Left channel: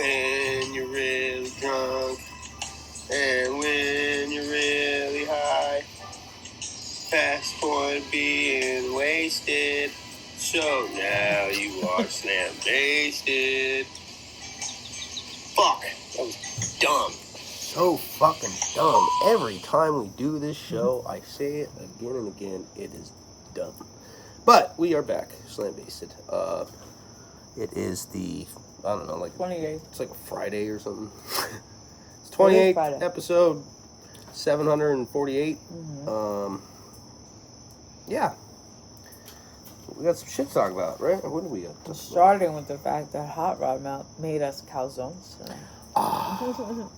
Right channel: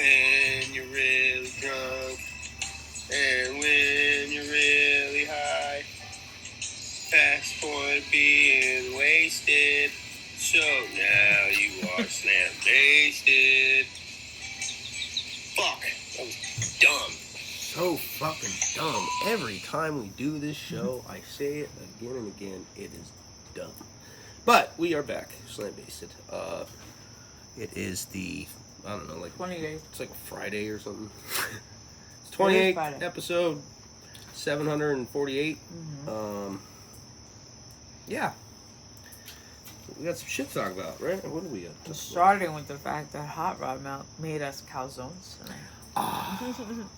when you're really drunk and when you're really high. Past point being wasted, so now you are slam wasted. Fuck, that was dumb. So fucking dumb. Every time we do this show, I say it again and again. It is dumb. But we are back, slam basted. It is the, I don't know, like 28th. It's like a Friday or something. It's 28th episode, 748. Yeah. We got some shit to talk about, right? What do we got? Starting with the fact that Hot Rod made us calzones tonight.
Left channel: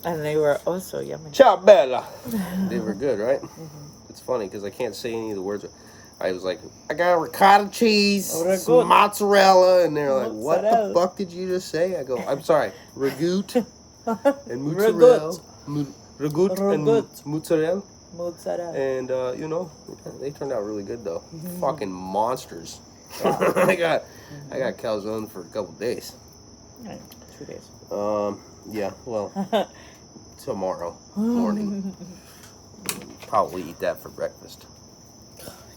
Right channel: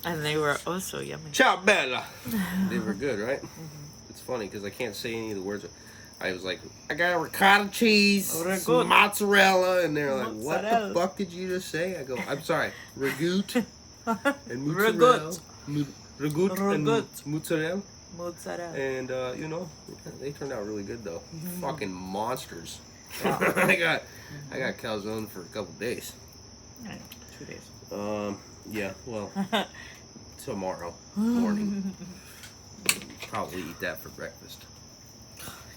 And they were oh so yummy. Ciao, Bella. They were good, right? It's funny because I can't say any of the words. I was like, I got ricotta cheese, some mozzarella, and they're like, what the fuck did you just say? I go, I'm sorry, ragout and mozzarella. Ragout and mozzarella. Mozzarella. And, you know, they turned out really good, though. Fucking monsters. Yeah. I got calzone for a couple days. 2 days. Yeah, well, tomorrow morning. Probably eat that for breakfast.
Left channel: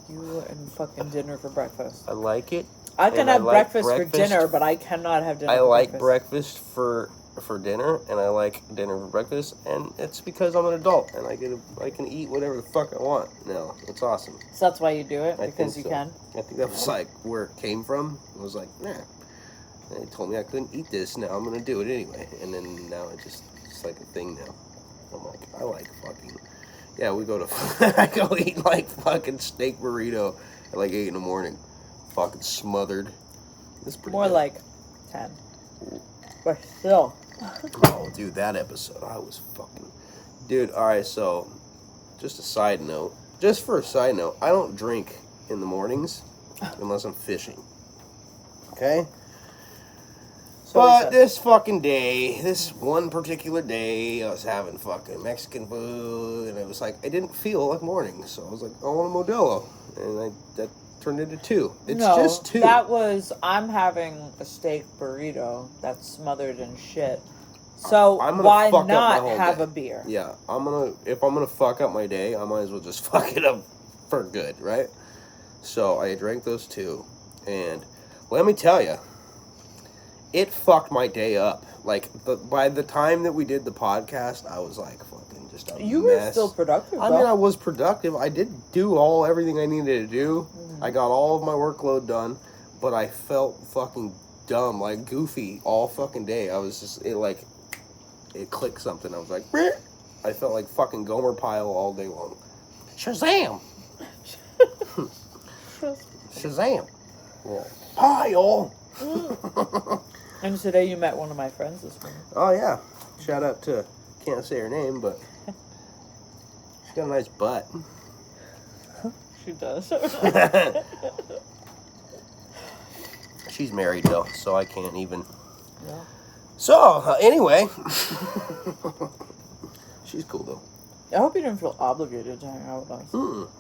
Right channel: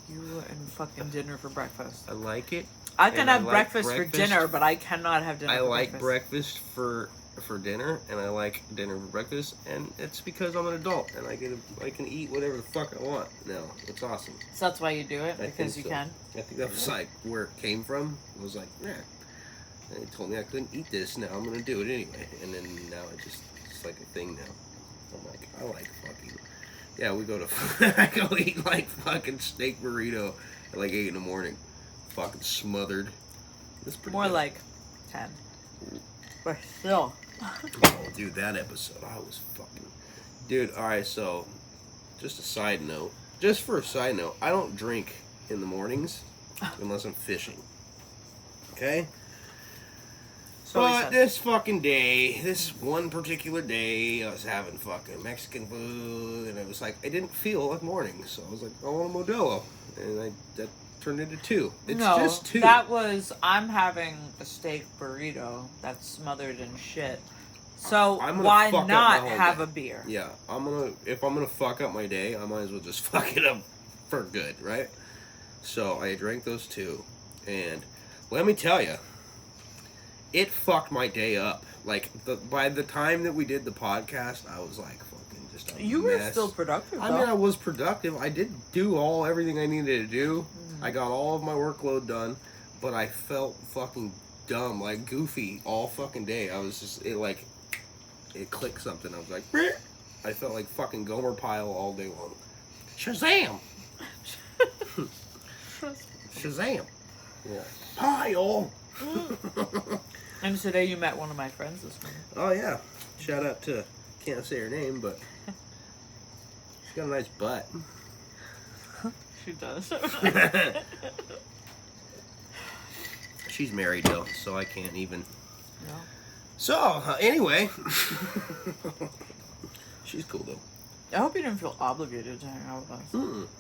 You and fucking dinner for breakfast. I like it. I can have breakfast for dinner, but I cannot have dinner for breakfast. I like breakfast for dinner, and I like dinner for breakfast, and it's because I'm an adult, and I can eat whatever the fuck I want now. It's awesome. So that's why you do it? Because you can? I think that was like where it came from. It was like, nah. They told me I couldn't eat this, now I'm gonna do it anyway. And then now it's like a thing now. I'm like, I like fucking... Yeah, we go to... I go eat like fucking steak burrito at like 8 in the morning. Fucking smothered. It's pretty more good. like 10. But still. Oh, dude, that episode, I was fucking... Dude, alright, so, just a side note. Just for a side note, I don't drink in the mornings unless I'm fishing. Okay? But this fucking day, this one particular day, I was having fucking Mexican food, and it was like, I didn't feel like morning, so I was like, I want a Modelo, and that turned into 2. It's just 2. That was, I'm having a steak burrito that's smothered in shit. So why not have a beer? Yeah, if I'm gonna fuck up my day, I might as well just fuck it up for good, right? So I drank those 2, and let me tell you, it fucked my day up. Like, by the time that we did the podcast, I was like fucking just a You mess. were still productive, though. I mean, I was productive. I did do everything I needed to do. I got all of my workload done, but I felt fucking dumb, like goofy all fucking day. I was just, it clicked something. I was like, bleh. I felt like fucking Gomer Pyle all day long. Shazam! Shazam! Yeah. Pyle! And today you met one of my friends this morning. Oh, yeah. Shout out to, can't say her name, but she's got a nice butt. She does. She's married, though, so I can't even. Yeah. So, anyway. She's cool, though. I hope you didn't feel obligated to hang out with us.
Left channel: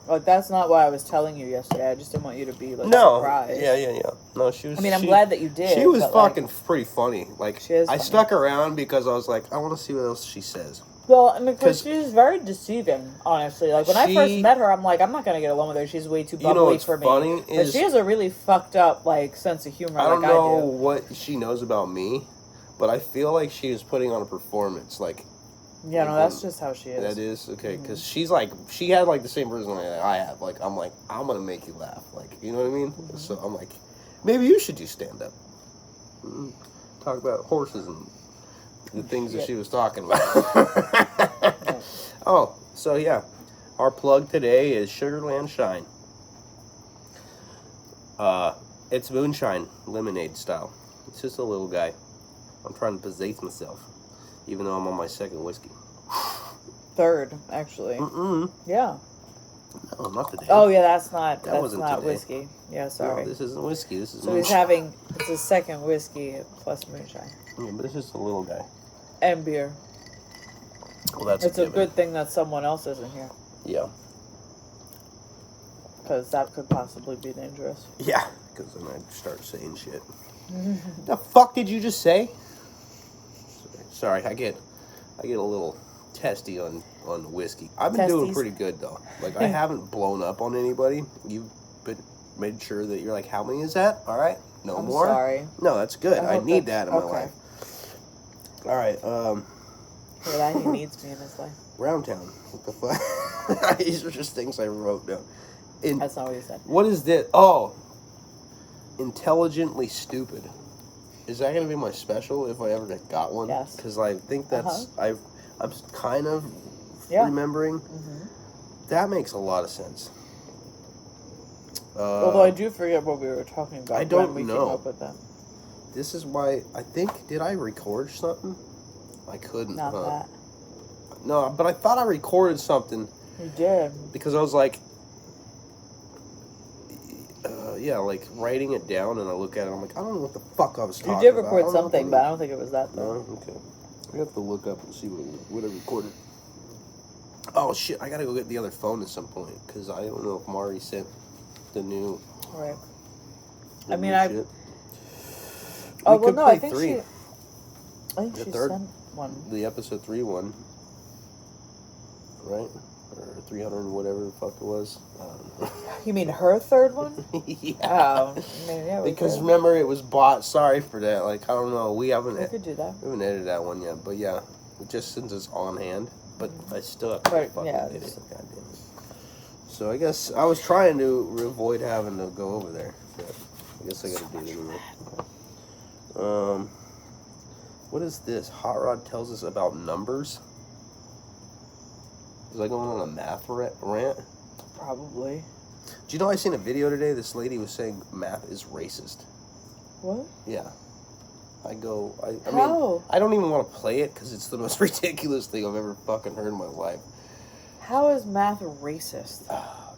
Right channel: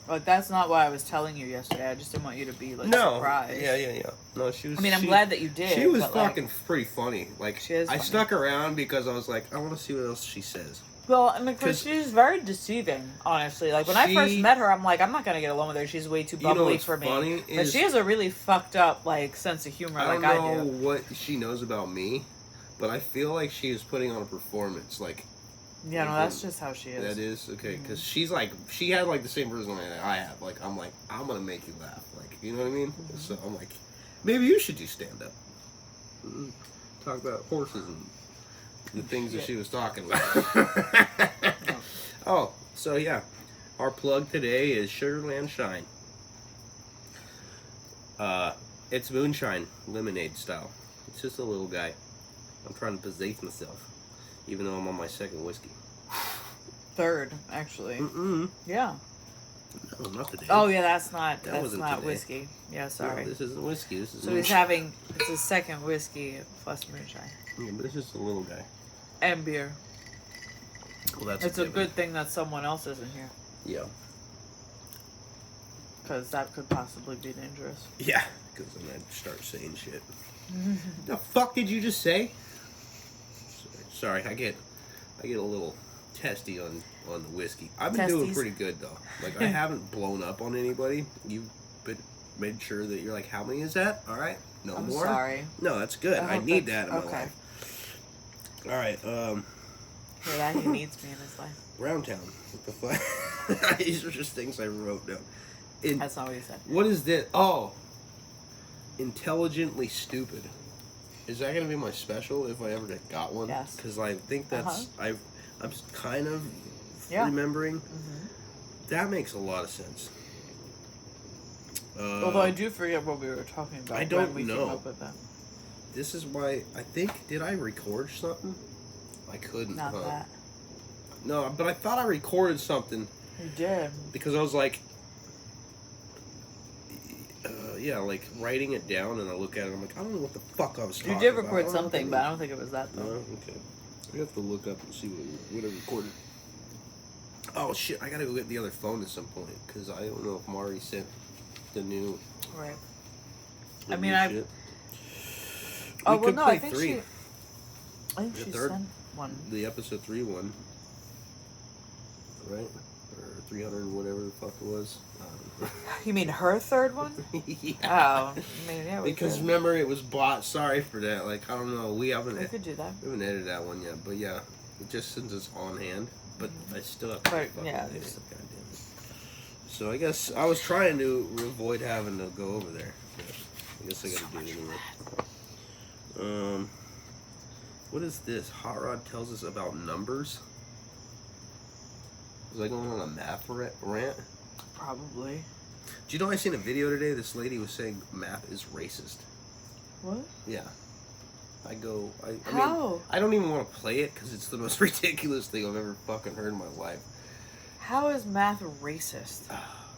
Like, that's not why I was telling you yesterday. I just didn't want you to be, surprised. Yeah. No, she was... I mean, I'm glad that you did. She was fucking pretty funny. Like, she is I funny. stuck around because I was like, I want to see what else she says. Well, I mean, because she's very deceiving, honestly. Like, when I first met her, I'm like, I'm not going to get along with her. She's way too bubbly for me. Funny is, but she has a really fucked up, sense of humor I don't know what she knows about me, but I feel like she is putting on a performance, Yeah, no, that's just how she is. That is? Okay, because she had, the same personality that I have. Like, I'm going to make you laugh. Like, you know what I mean? So, I'm like, maybe you should do stand-up. Talk about horses and the things that she was talking about. Oh, so, yeah. Our plug today is Sugarland Shine. It's moonshine, lemonade style. It's just a little guy. I'm trying to possess myself, even though I'm on my second whiskey. 3rd, actually. Yeah. No, not today. Oh, yeah, that's not today. whiskey. Yeah, sorry. No, this isn't whiskey. This is so he's having, it's his second whiskey plus moonshine. Yeah, but this is a little guy. And beer. Well, that's It's a good thing that someone else isn't here. Yeah. Because that could possibly be dangerous. Yeah, because then I'd start saying shit. The fuck did you just say? Sorry, I get a little testy on the whiskey. I've been doing pretty good though. Like I haven't blown up on anybody. You've been made sure that you're like, how many is that? All right, no I'm more. Sorry. No, that's good. I need that in my life. All right. For that he needs me in his life. Round Town. What the fuck? These are just things I wrote down. That's not what you said. What is this? Oh, intelligently stupid. Is that gonna be my special if I ever got one? Yes. Because I think that's I'm kind of remembering. Mm-hmm. That makes a lot of sense. Although I do forget what we were talking about. I don't when we know. Came up with that. This is why I think, did I record something? I couldn't. Not that. No, but I thought I recorded something. You did. Because I was like, yeah, like writing it down, and I look at it, I'm like, I don't know what the fuck I was talking about. You did record something, but I don't think it was that though. No? Okay. I have to look up and see what I recorded. Oh shit, I gotta go get the other phone at some point, because I don't know if Mari sent the new... Right. I mean, Oh, well, no, I think she The third, sent one. The episode 3 one. Right? Or 300 and whatever the fuck it was. You mean her third one? Yeah. Oh, I mean, yeah. Because remember, it was bought. Sorry for that. Like, I don't know. We could do that. We haven't edited that one yet. But yeah, just since it's on hand. But I still have to fucking edit it. Goddamn it. So I guess I was trying to avoid having to go over there. But I guess I gotta do it anyway. What is this? Hot Rod tells us about numbers. Was I going on a math rant? Probably. Do you know I seen a video today? This lady was saying math is racist. What? Yeah. I mean, How? I don't even want to play it because it's the most ridiculous thing I've ever fucking heard in my life. How is math racist?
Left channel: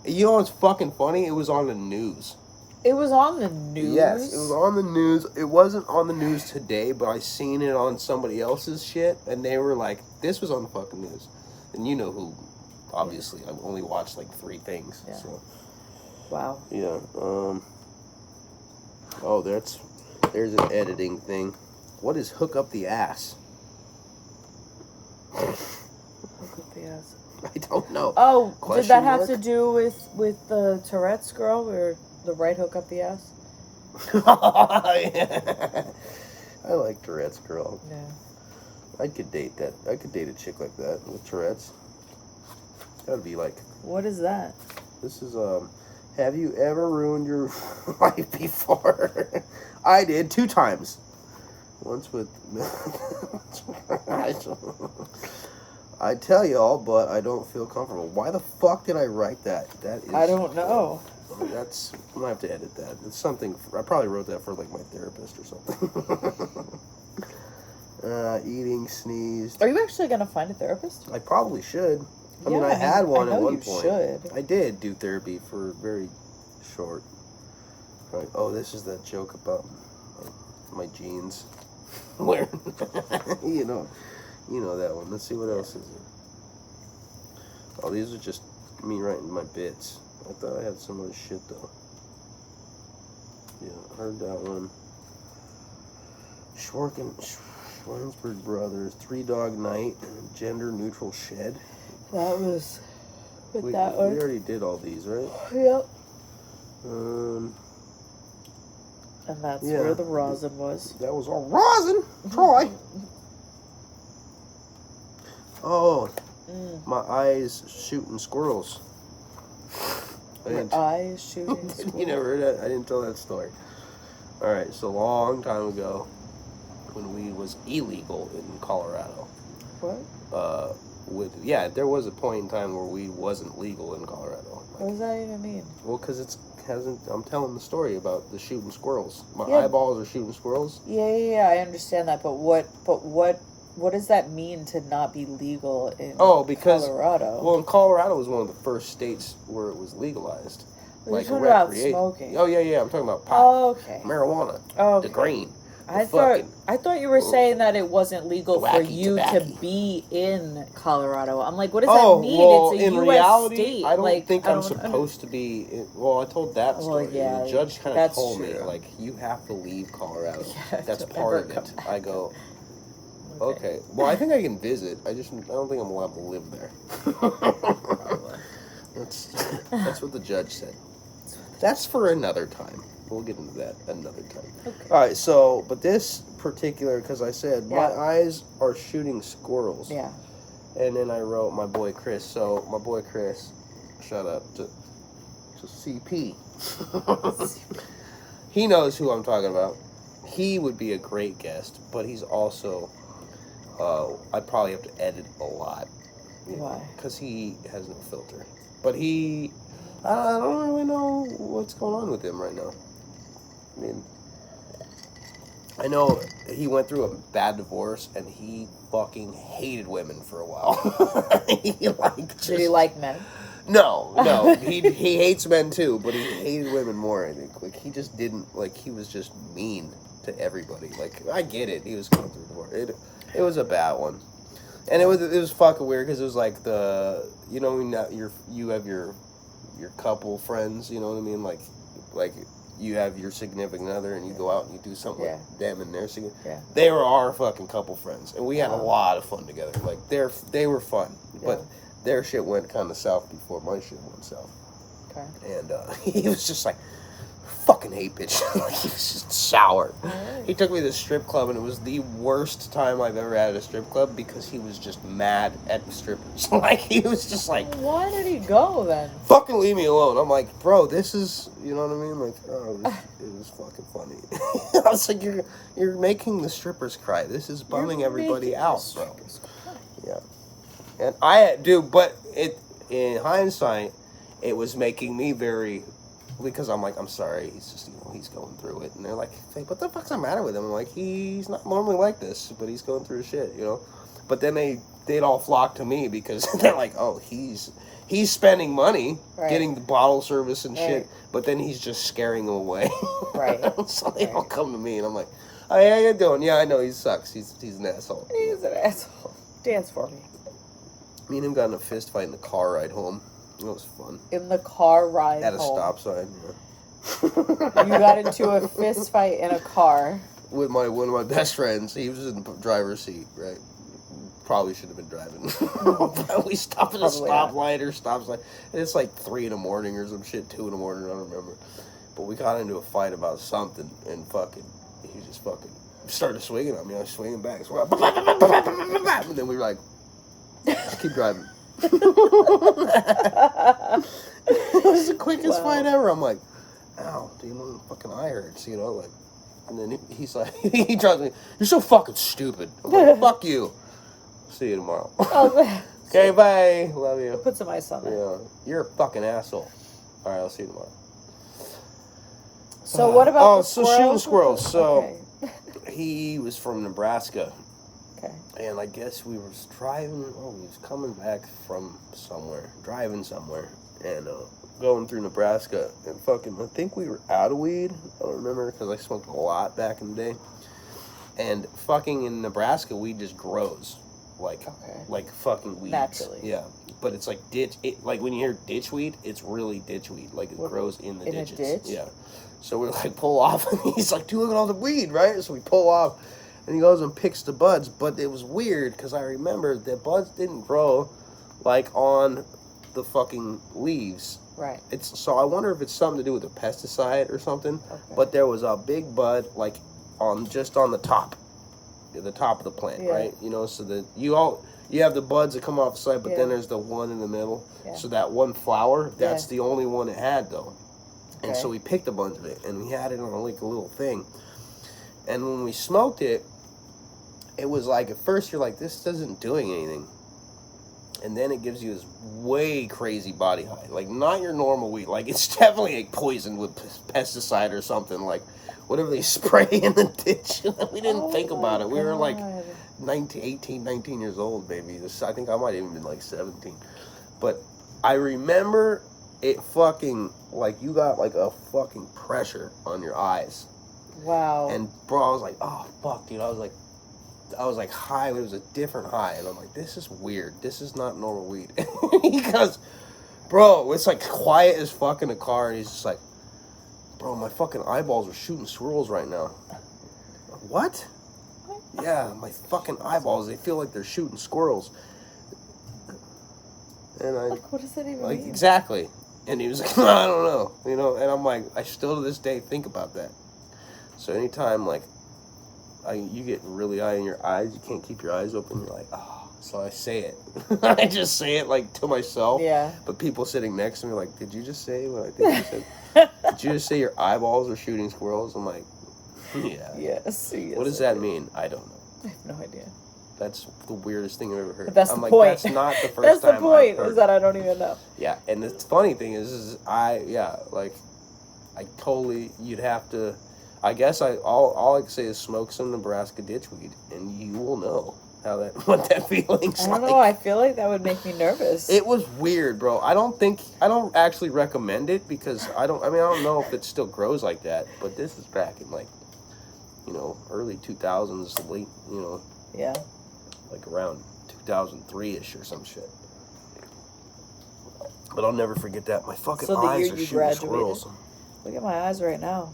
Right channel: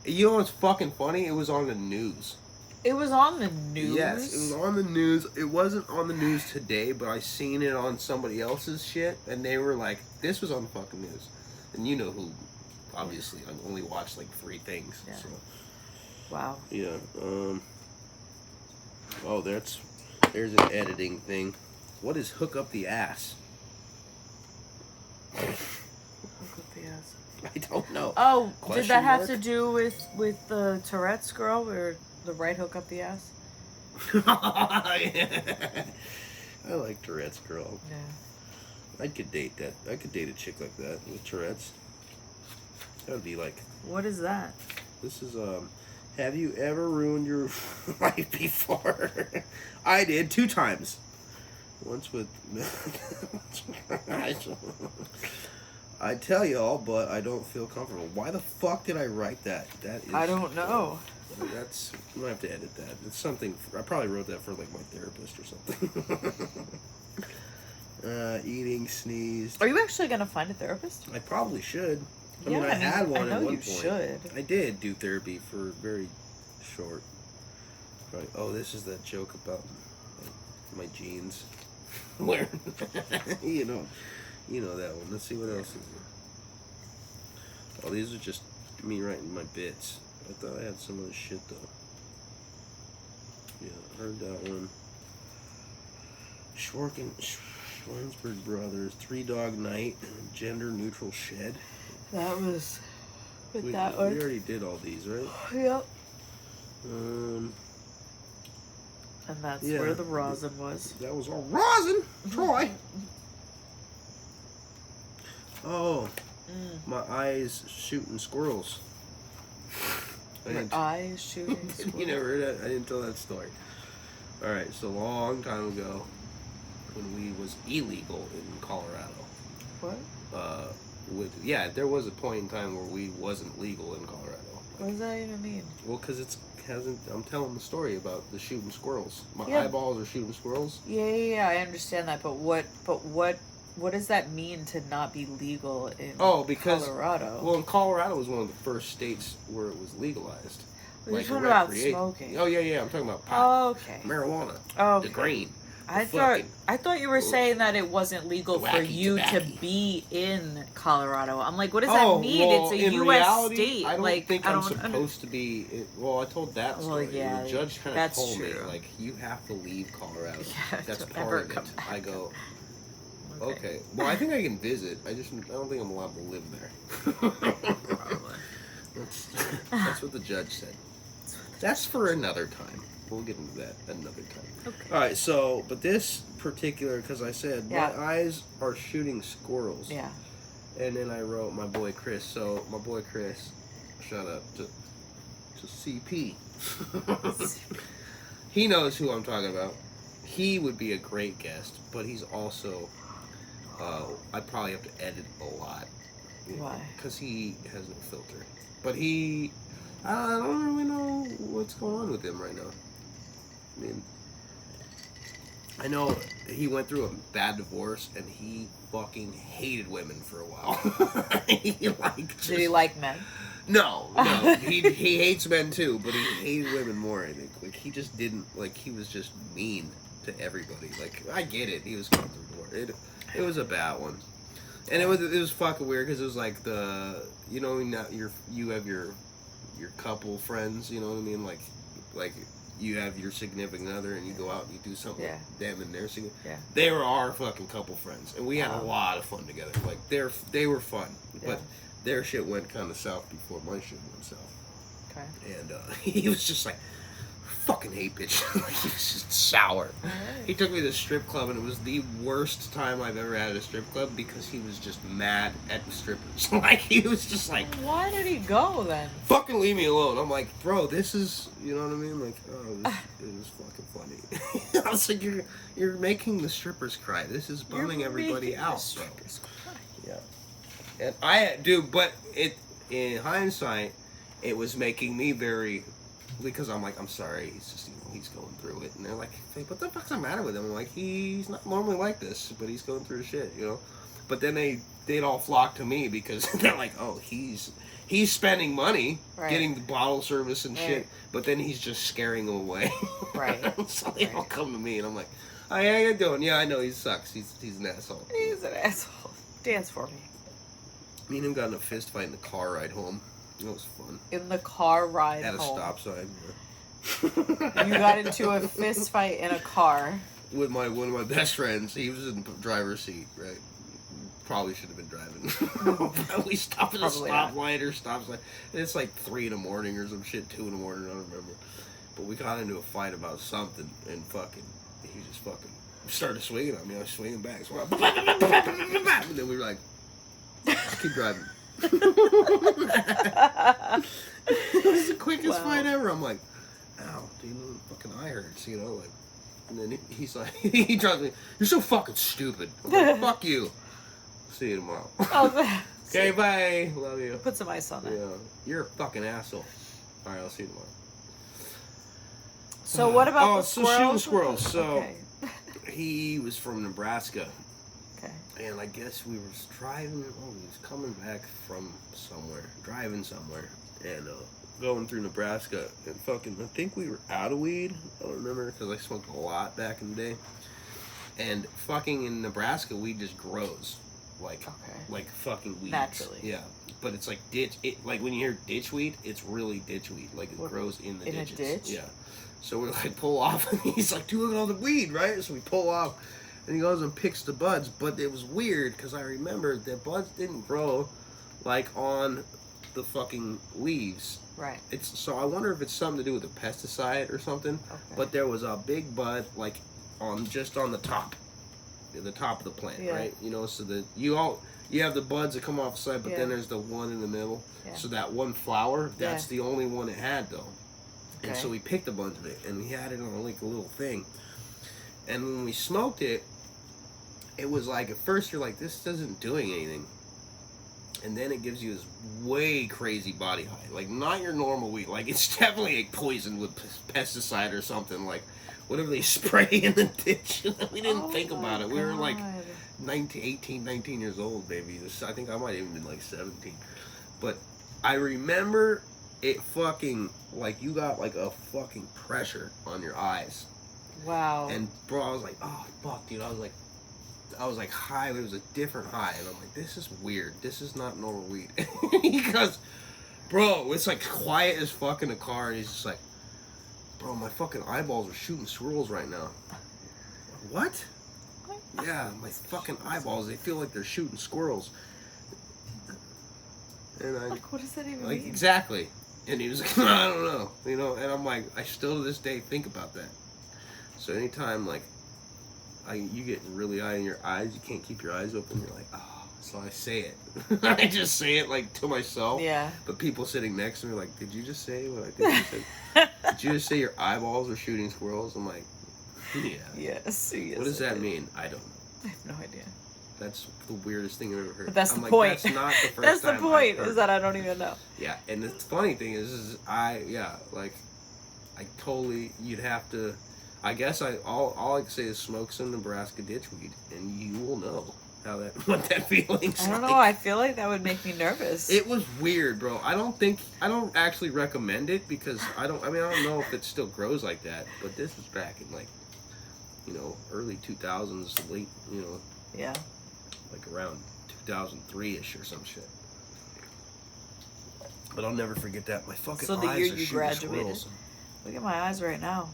You know what's fucking funny? It was on the news. It was on the news? Yes, it was on the news. It wasn't on the news today, but I seen it on somebody else's shit, and they were like, this was on the fucking news. And you know who, obviously. I've only watched like 3 things. Yeah. So. Wow. Yeah. Oh, there's an editing thing. What is hook up the ass? Hook up the ass. I don't know. Oh, Question did that have mark? to do with the Tourette's girl where the right hook up the ass? Yeah. I like Tourette's girl. Yeah. I could date that. I could date a chick like that with Tourette's. That would be like. What is that? This is have you ever ruined your life before? I did 2 times. Once with. I tell y'all, but I don't feel comfortable. Why the fuck did I write that? That is. I don't know. That's. I'm gonna have to edit that. It's something. I probably wrote that for like my therapist or something. Eating, sneezed. Are you actually gonna find a therapist? I probably should. I mean, I had one at one point. Should. I did do therapy for very short. Right. Oh, this is that joke about my jeans. Where? you know that one. Let's see what else is there. Oh, these are just me writing my bits. I thought I had some other shit though. Yeah, I heard that one. Schwartzberg Brothers, 3 Dog Night, Gender Neutral Shed. That was with We that one. already did all these, right? Yep. And that's where the rosin was. That was all rosin, Troy. Oh, my eyes shooting squirrels. My eyes shooting squirrels. You never heard that? I didn't tell that story. All right, so a long time ago, when we was illegal in Colorado. What? There was a point in time where we wasn't legal in Colorado. What does that even mean? Well, because I'm telling the story about the shooting squirrels. My eyeballs are shooting squirrels. Yeah, I understand that, but what does that mean to not be legal in Colorado? Well, Colorado was one of the first states where it was legalized. You're talking about smoking. Oh yeah, I'm talking about pot. Oh, okay. Marijuana. Oh, the green. I thought you were saying that it wasn't legal for you to be in Colorado. I'm like, what does that mean? Well, it's a in U.S. reality, state. I don't think I'm supposed to be. I told that story. Well, yeah, the judge kind of told true. me, like, you have to leave Colorado. Yeah, that's part of it. I go, Okay. Well, I think I can visit. I don't think I'm allowed to live there. That's what the judge said. That's for another time. We'll get into that another time. Okay. All right. So, but this particular, because I said my eyes are shooting squirrels. Yeah. And then I wrote my boy Chris. So my boy Chris, shout out to CP. He knows who I'm talking about. He would be a great guest, but he's also, I'd probably have to edit a lot. Why? Because he has no filter. But I don't really know what's going on with him right now. I mean, I know he went through a bad divorce and he fucking hated women for a while. Did he like men? No. He hates men too, but he hated women more, I think. Like, he just didn't, like, he was just mean to everybody. Like, I get it. He was going through divorce. It was a bad one. And it was fucking weird because it was like you have your couple friends, you know what I mean? Like you have your significant other and you go out and you do something with them and their significant. Yeah. They were our fucking couple friends and we had a lot of fun together. Like they were fun, but their shit went kind of south before my shit went south. Okay. And he was just like, fucking hate bitch. He was just sour. Right. He took me to the strip club and it was the worst time I've ever had at a strip club because he was just mad at the strippers. Like, he was just like, why did he go then? Fucking leave me alone. I'm like, bro, this is, you know what I mean? Like, this is fucking funny. I was like, you're making the strippers cry. This is bumming everybody out, bro. Yeah. And but in hindsight, it was making me very, because I'm like, I'm sorry, he's just, he's going through it. And they're like, what the fuck's the matter with him? I'm like, he's not normally like this, but he's going through shit, you know? But then they'd all flock to me because they're like, oh, he's spending money getting the bottle service and shit, but then he's just scaring them away. Right. So they all come to me and I'm like, oh, yeah, how you doing? Yeah, I know, he sucks. He's an asshole. He's an asshole. Dance for me. Me and him got in a fist fight in the car ride home. It was fun. In the car ride at a home. stop sign. Yeah. You got into a fist fight in a car with one of my best friends. He was in the driver's seat, right? Probably should have been driving. We stopped at a stoplight or stop sign. And it's like 3 a.m. or some shit, 2 a.m. I don't remember. But we got into a fight about something, and he just started swinging on me. I was swinging back. So and then we were like, just keep driving. It was the quickest fight ever. I'm like, ow, dude, my fucking eye hurts, you know, like. And then he's like, he drives me, you're so fucking stupid. I'm like, fuck you. See you tomorrow. Okay, bye. Love you. Put some ice on that. Yeah, you're a fucking asshole. All right, I'll see you tomorrow. So what about the squirrels? So shooting squirrels. So he was from Nebraska. Okay. And I guess we were driving, we was coming back from somewhere, driving somewhere, and going through Nebraska, and I think we were out of weed, I don't remember, because I smoked a lot back in the day, and fucking in Nebraska, weed just grows, like fucking weeds. Naturally. Yeah, but it's like like when you hear ditch weed, it's really ditch weed, like it grows in the ditches. In a ditch? Yeah. So we like pull off, and he's like, dude, look at all the weed, right? So we pull off, and he goes and picks the buds, but it was weird because I remember the buds didn't grow like on the fucking leaves. Right. So I wonder if it's something to do with a pesticide or something. Okay. But there was a big bud like on the top of the plant, right? You know, so that you have the buds that come off the side, but then there's the one in the middle. Yeah. So that one flower, that's the only one it had though. Okay. And so we picked a bunch of it and we had it on like a little thing. And when we smoked it, it was like, at first you're like, this isn't doing anything. And then it gives you this way crazy body high. Like, not your normal weed. Like, it's definitely like poisoned with pesticide or something. Like, whatever they spray in the ditch. We didn't think about it. We were like 19 years old, maybe. I think I might have even been like 17. But I remember it fucking, like, you got like a fucking pressure on your eyes. Wow. And bro, I was like, oh, fuck, dude. I was like high, but it was a different high. And I'm like, this is weird. This is not normal weed. He goes, bro, it's like quiet as fuck in the car. And he's just like, bro, my fucking eyeballs are shooting swirls right now. What? Yeah, my fucking eyeballs, they feel like they're shooting squirrels. And I... Like, what does that even like, mean? exactly. And he was like, I don't know. You know, and I'm like, I still to this day think about that. So anytime, like, you get really eye in your eyes, you can't keep your eyes open, you're like, oh. So I say it. I just say it, like, to myself. Yeah. But people sitting next to me are like, did you just say what I think you said? Did you just say your eyeballs are shooting squirrels? I'm like, yeah. Yes. What does that mean? I don't know. I have no idea. That's the weirdest thing I've ever heard. But that's I'm the like, point. That's not the first that's the time point, I've heard is that I don't even know. Yeah, and the funny thing is I totally, you'd have to, I guess all I can say is smoke some Nebraska ditchweed, and you will know what that feeling's I don't like. know, I feel like that would make me nervous. It was weird, bro. I don't actually recommend it because I don't know if it still grows like that, but this is back in like, early 2000s, late, Yeah. like around 2003-ish or some shit. But I'll never forget that. My fucking So the eyes year are you shooting graduated? squirrels. Look at my eyes right now.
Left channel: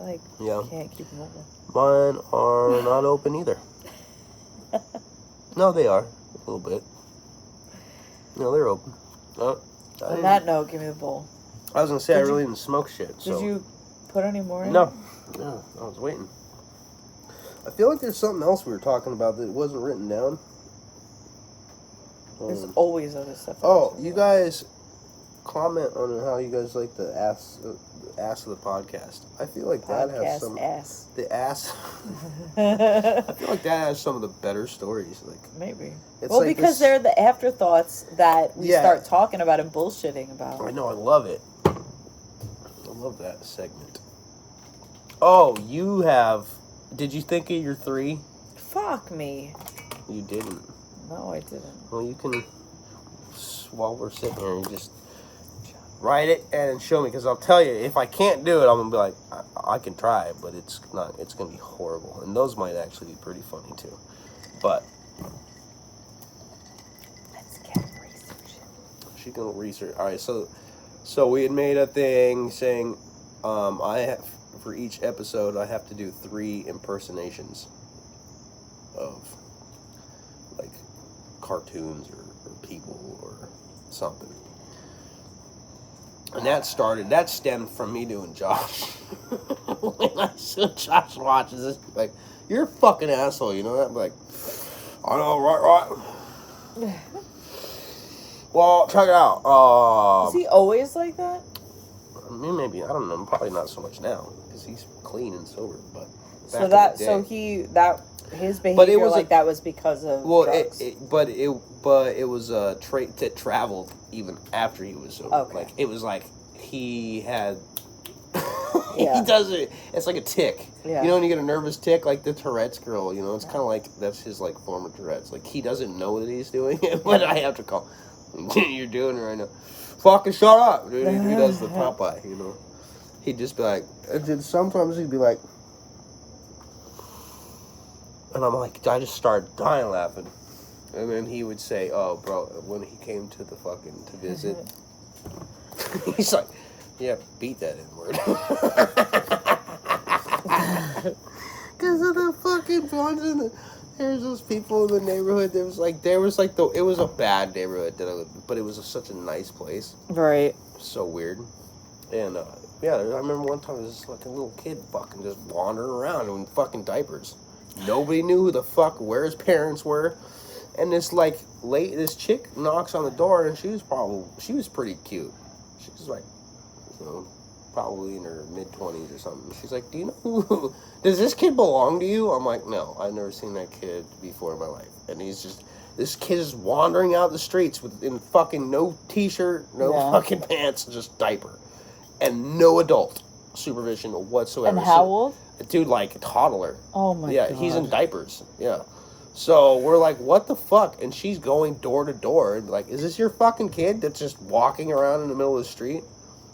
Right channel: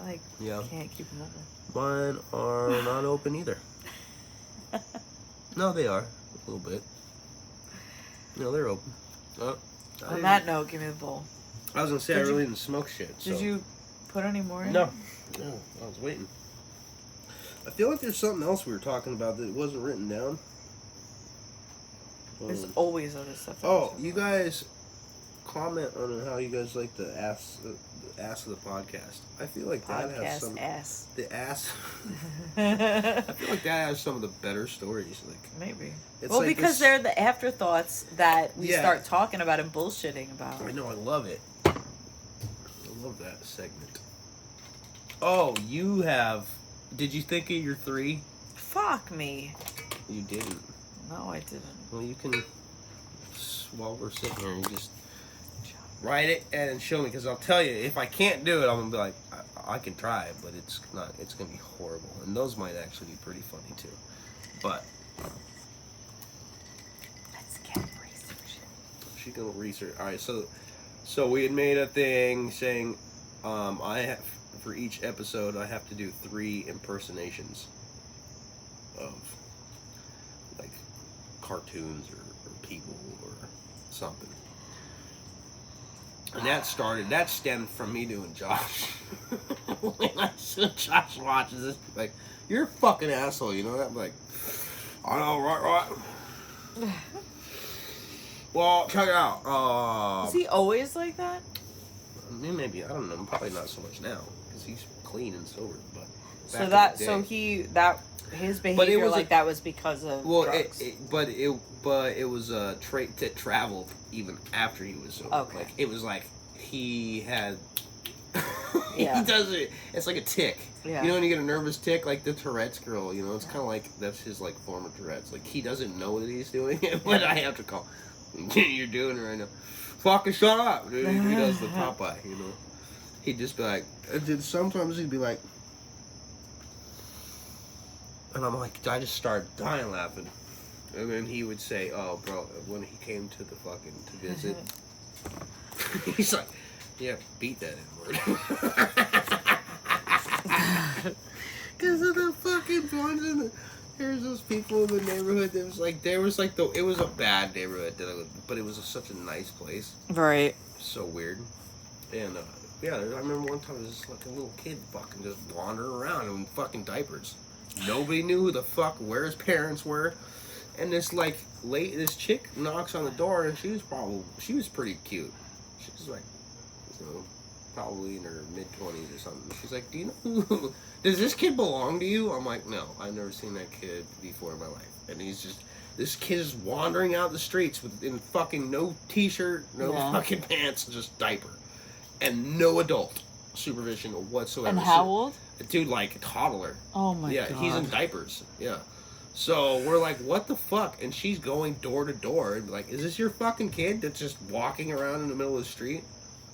I Yeah. can't keep them open. Mine are not open either. No, they are. A little bit. No, they're open. On that note, give me the bowl. I was going to say, I really didn't smoke shit. Did you put any more in? No, I was waiting. I feel like there's something else we were talking about that wasn't written down. There's always other stuff. Oh, you guys comment on how you guys like the ass of the podcast. I feel like that has some ass. The ass. I feel like that has some of the better stories. Like maybe. It's well, like because they're the afterthoughts that we Yeah. start talking about and bullshitting about. I know, I love it. I love that segment. Oh, you have. Did you think of your 3? Fuck me. You didn't. No, I didn't. Well, you can, while we're sitting here, you just write it and show me. Because I'll tell you, if I can't do it, I'm going to be like, I can try it, but it's going to be horrible. And those might actually be pretty funny, too. But let's get research. She's going to research. All right, so we had made a thing saying, I have, for each episode, I have to do 3 impersonations of, like, cartoons or people or something. And that stemmed from me doing Josh. When I said Josh watches this, like, you're a fucking asshole, you know that? I'm like, I know, right. Well, check it out. Is he always like that? I mean, maybe, I don't know, probably not so much now, because he's clean and sober, but his behavior that was because of drugs. It was a trait that traveled even after he was sober. Okay. Like, it was like he had Yeah. he does it, it's like a tick. Yeah. You know when you get a nervous tick, like the Tourette's girl, it's kind of like, that's his like form of Tourette's. Like, he doesn't know that he's doing it, but I have to call, you're doing it right now. Fucking shut up, dude. He does the Popeye, He'd just be like, and then sometimes he'd be like, and I'm like, I just started dying laughing. And then he would say, oh, bro, when he came to to visit, he's like, yeah, beat that N-word. Because of the fucking ones there's those people in the neighborhood that it was a bad neighborhood but it was such a nice place. Right. So weird. And, I remember one time there was this fucking little kid fucking just wandering around in fucking diapers. Nobody knew who the fuck, where his parents were. And this chick knocks on the door, and she was pretty cute. She was like, probably in her mid-20s or something. She's like, do you know does this kid belong to you? I'm like, no, I've never seen that kid before in my life. And this kid is wandering out the streets in fucking no t-shirt, no fucking pants, just diaper. And no adult supervision whatsoever. And how old? Dude, like a toddler. Oh my god. Yeah, he's in diapers. Yeah. So we're like, what the fuck? And she's going door to door and like, is this your fucking kid that's just walking around in the middle of the street?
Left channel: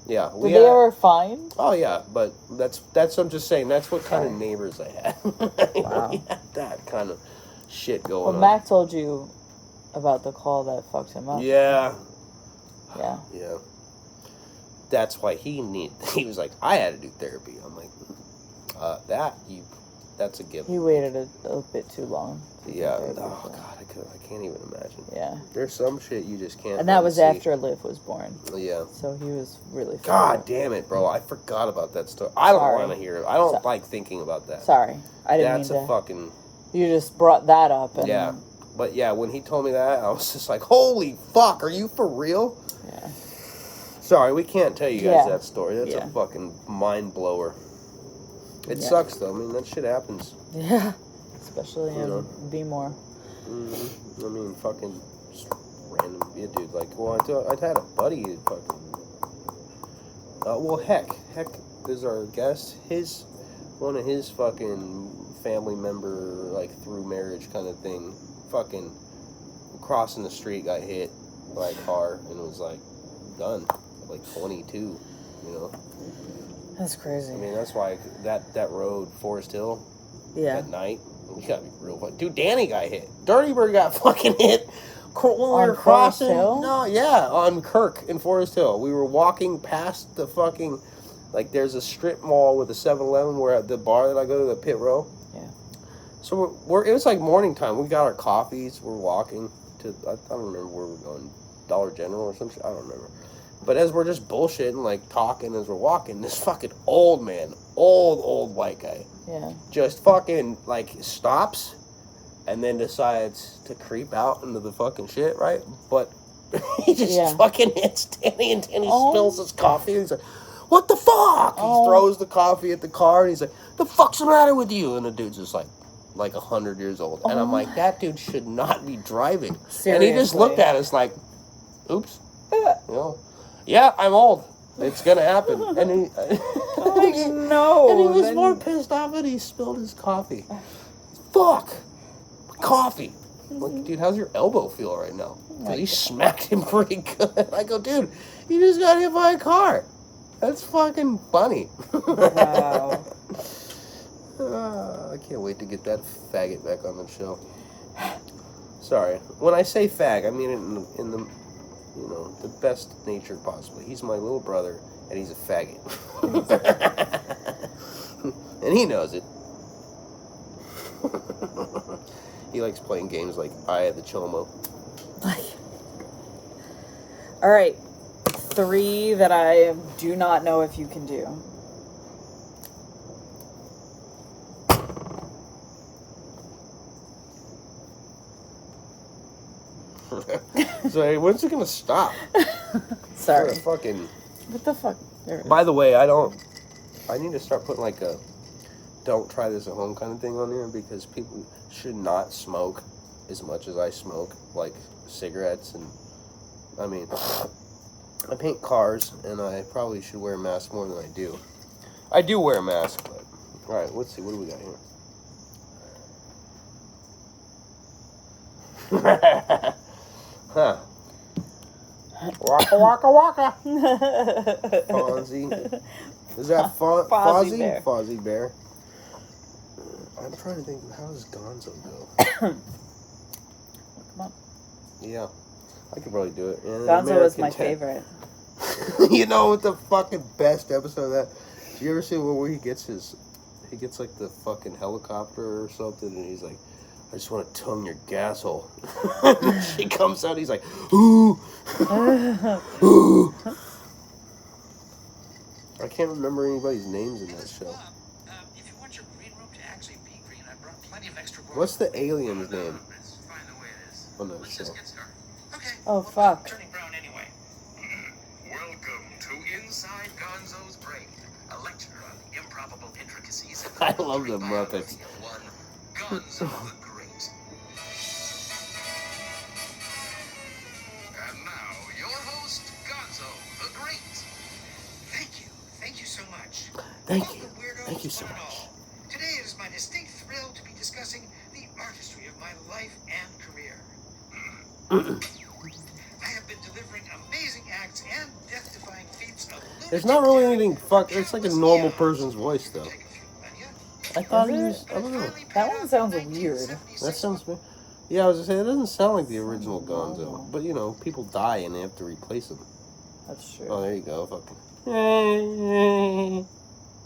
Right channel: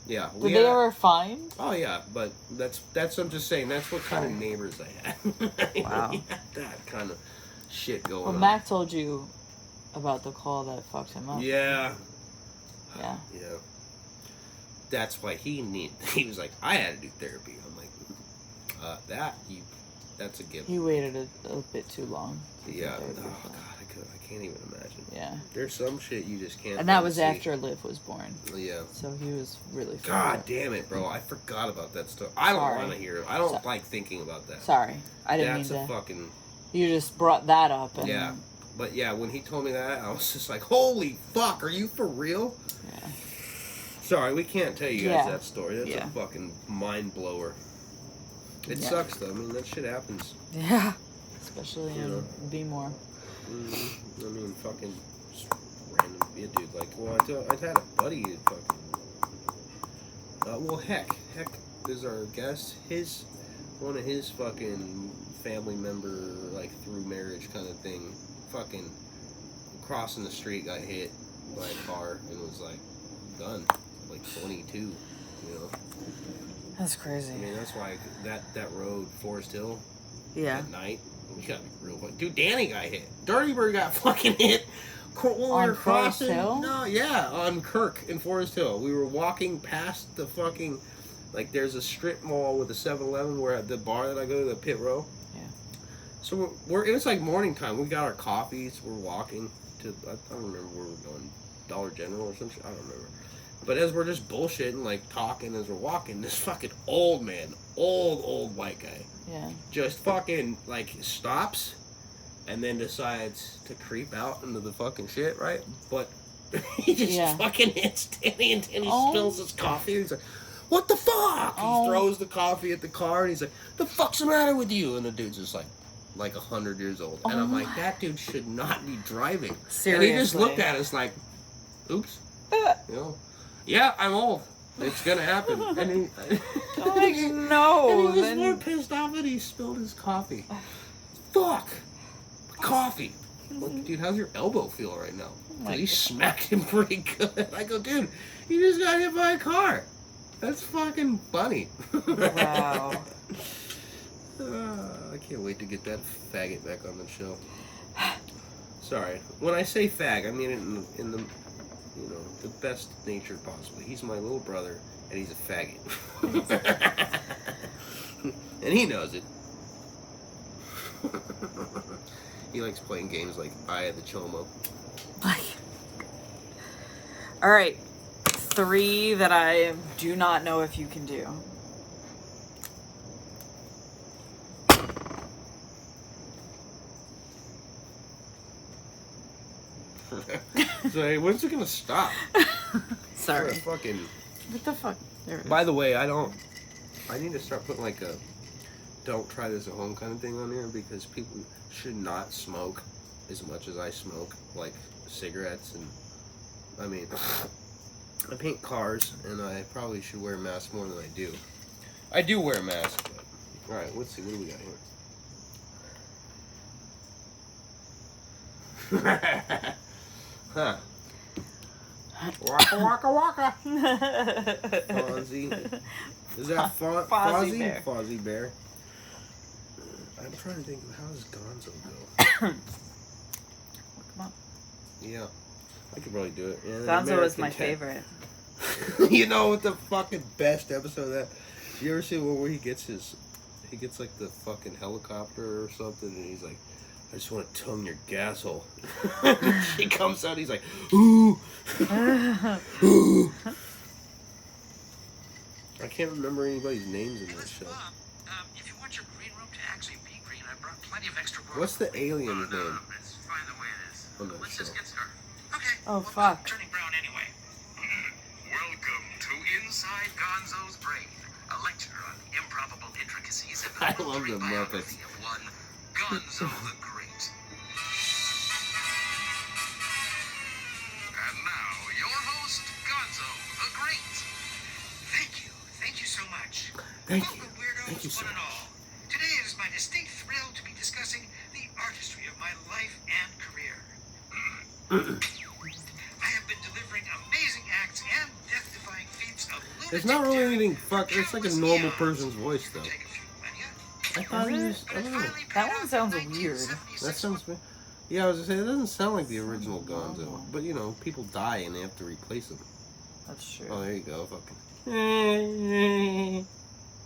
Yeah. Did they ever find? Oh yeah, but that's what I'm just saying. That's what kind of neighbors I had. Wow. We had that kind of shit going on. Well, Mac told you about the call that fucked him up. Yeah. Yeah. Yeah. That's why he was like, I had to do therapy. I'm like, That's a gift. He waited a bit too long. Yeah. Oh God, I can't even imagine. Yeah. There's some shit you just can't. And that was after Liv was born. Yeah. So he was really. God damn it, bro! I forgot about that story. I don't want to hear it. I don't like thinking about that. Sorry, I didn't mean to. That's a fucking. You just brought that up. And yeah, but yeah, when he told me that, I was just like, "Holy fuck! Are you for real?" Yeah. Sorry, we can't tell you guys that story. That's a fucking mind blower. It sucks though. I mean, that shit happens. Yeah. Especially in B-more. Mm-hmm. I mean, fucking just random. Yeah, dude. Like, well, I had a buddy who fucking. Well, heck is our guest. One of his fucking family member, like through marriage kind of thing, fucking crossing the street, got hit by a car and was like done, like 22. You know. That's crazy. I mean, that's why that road, Forest Hill. Yeah. At night, we gotta be real. Dude, Danny got hit. Dirty Bird got fucking hit when we were crossing. Hill? No, yeah, on Kirk in Forest Hill. We were walking past the fucking, like, there's a strip mall with a 7-Eleven. We're at the bar that I go to, the Pit Row. Yeah. So it was like morning time. We got our coffees. We're walking to, I don't remember where we're going, Dollar General or some shit. I don't remember. But as we're just bullshitting, like talking as we're walking, this fucking old man, old white guy, just fucking like stops, and then decides to creep out into the fucking shit, right? But he just fucking hits Danny, and Danny spills his coffee, and he's like, "What the fuck?" He throws the coffee at the car, and he's like, "The fuck's the matter with you?" And the dude's just like 100 years old, and I'm like, that dude should not be driving. Seriously. And he just looked at us like, "Oops," you know. Yeah, I'm old. It's gonna happen. And he, no. And he was more pissed off that he spilled his coffee. Fuck, coffee. Like, dude, how's your elbow feel right now? He smacked him pretty good. I go, dude, you just got hit by a car. That's fucking funny. Wow. I can't wait to get that faggot back on the show. Sorry, when I say fag, I mean it in the. You know, the best nature possibly. He's my little brother, and he's a faggot. And he knows it. He likes playing games like Eye of the Chomo. All right. 3 that I do not know if you can do. So when's it gonna stop? Sorry. What the fuck? By the way, I need to start putting like a don't try this at home kind of thing on here, because people should not smoke as much as I smoke, like cigarettes. And I mean, I paint cars, and I probably should wear a mask more than I do. I do wear a mask, but all right, let's see, what do we got here? Huh. Waka waka waka. Fonzie. Is that Fozzie? Bear. Fozzie Bear. I'm trying to think, how does Gonzo go? Come on. Yeah. I could probably do it. Gonzo is my favorite. You know what the fucking best episode of that? You ever see where he gets like the fucking helicopter or something, and he's like, "I just want to tongue your gasshole." She comes out, he's like, "Ooh." Ooh. I can't remember anybody's names in that show. If you want your green room to actually be green, I brought plenty of extra work. What's the alien's name? It's fine the way it is. On that Let's show. just get started. Okay. Oh, fuck. Turning brown anyway. Welcome to Inside Gonzo's Brain, a lecture on improbable intricacies of the I love the biography Muppets. of one Gonzo the Great. And now, your host, Gonzo the Great. Thank you so much. Thank you. Welcome, weirdos, Thank you so one and much. all. Today it is my distinct thrill to be discussing the artistry of my life and career. I have been delivering amazing acts and death-defying feats of lunatic It's not really daring anything for it's like a countless normal eons. person's voice, though. Take a few millennia, I thought he Is was, I don't know. That one sounds weird. That sounds weird. Yeah, I was gonna say, it doesn't sound like the original Gonzo. But, you know, people die and they have to replace them. That's true. Oh, there you go. Fucking.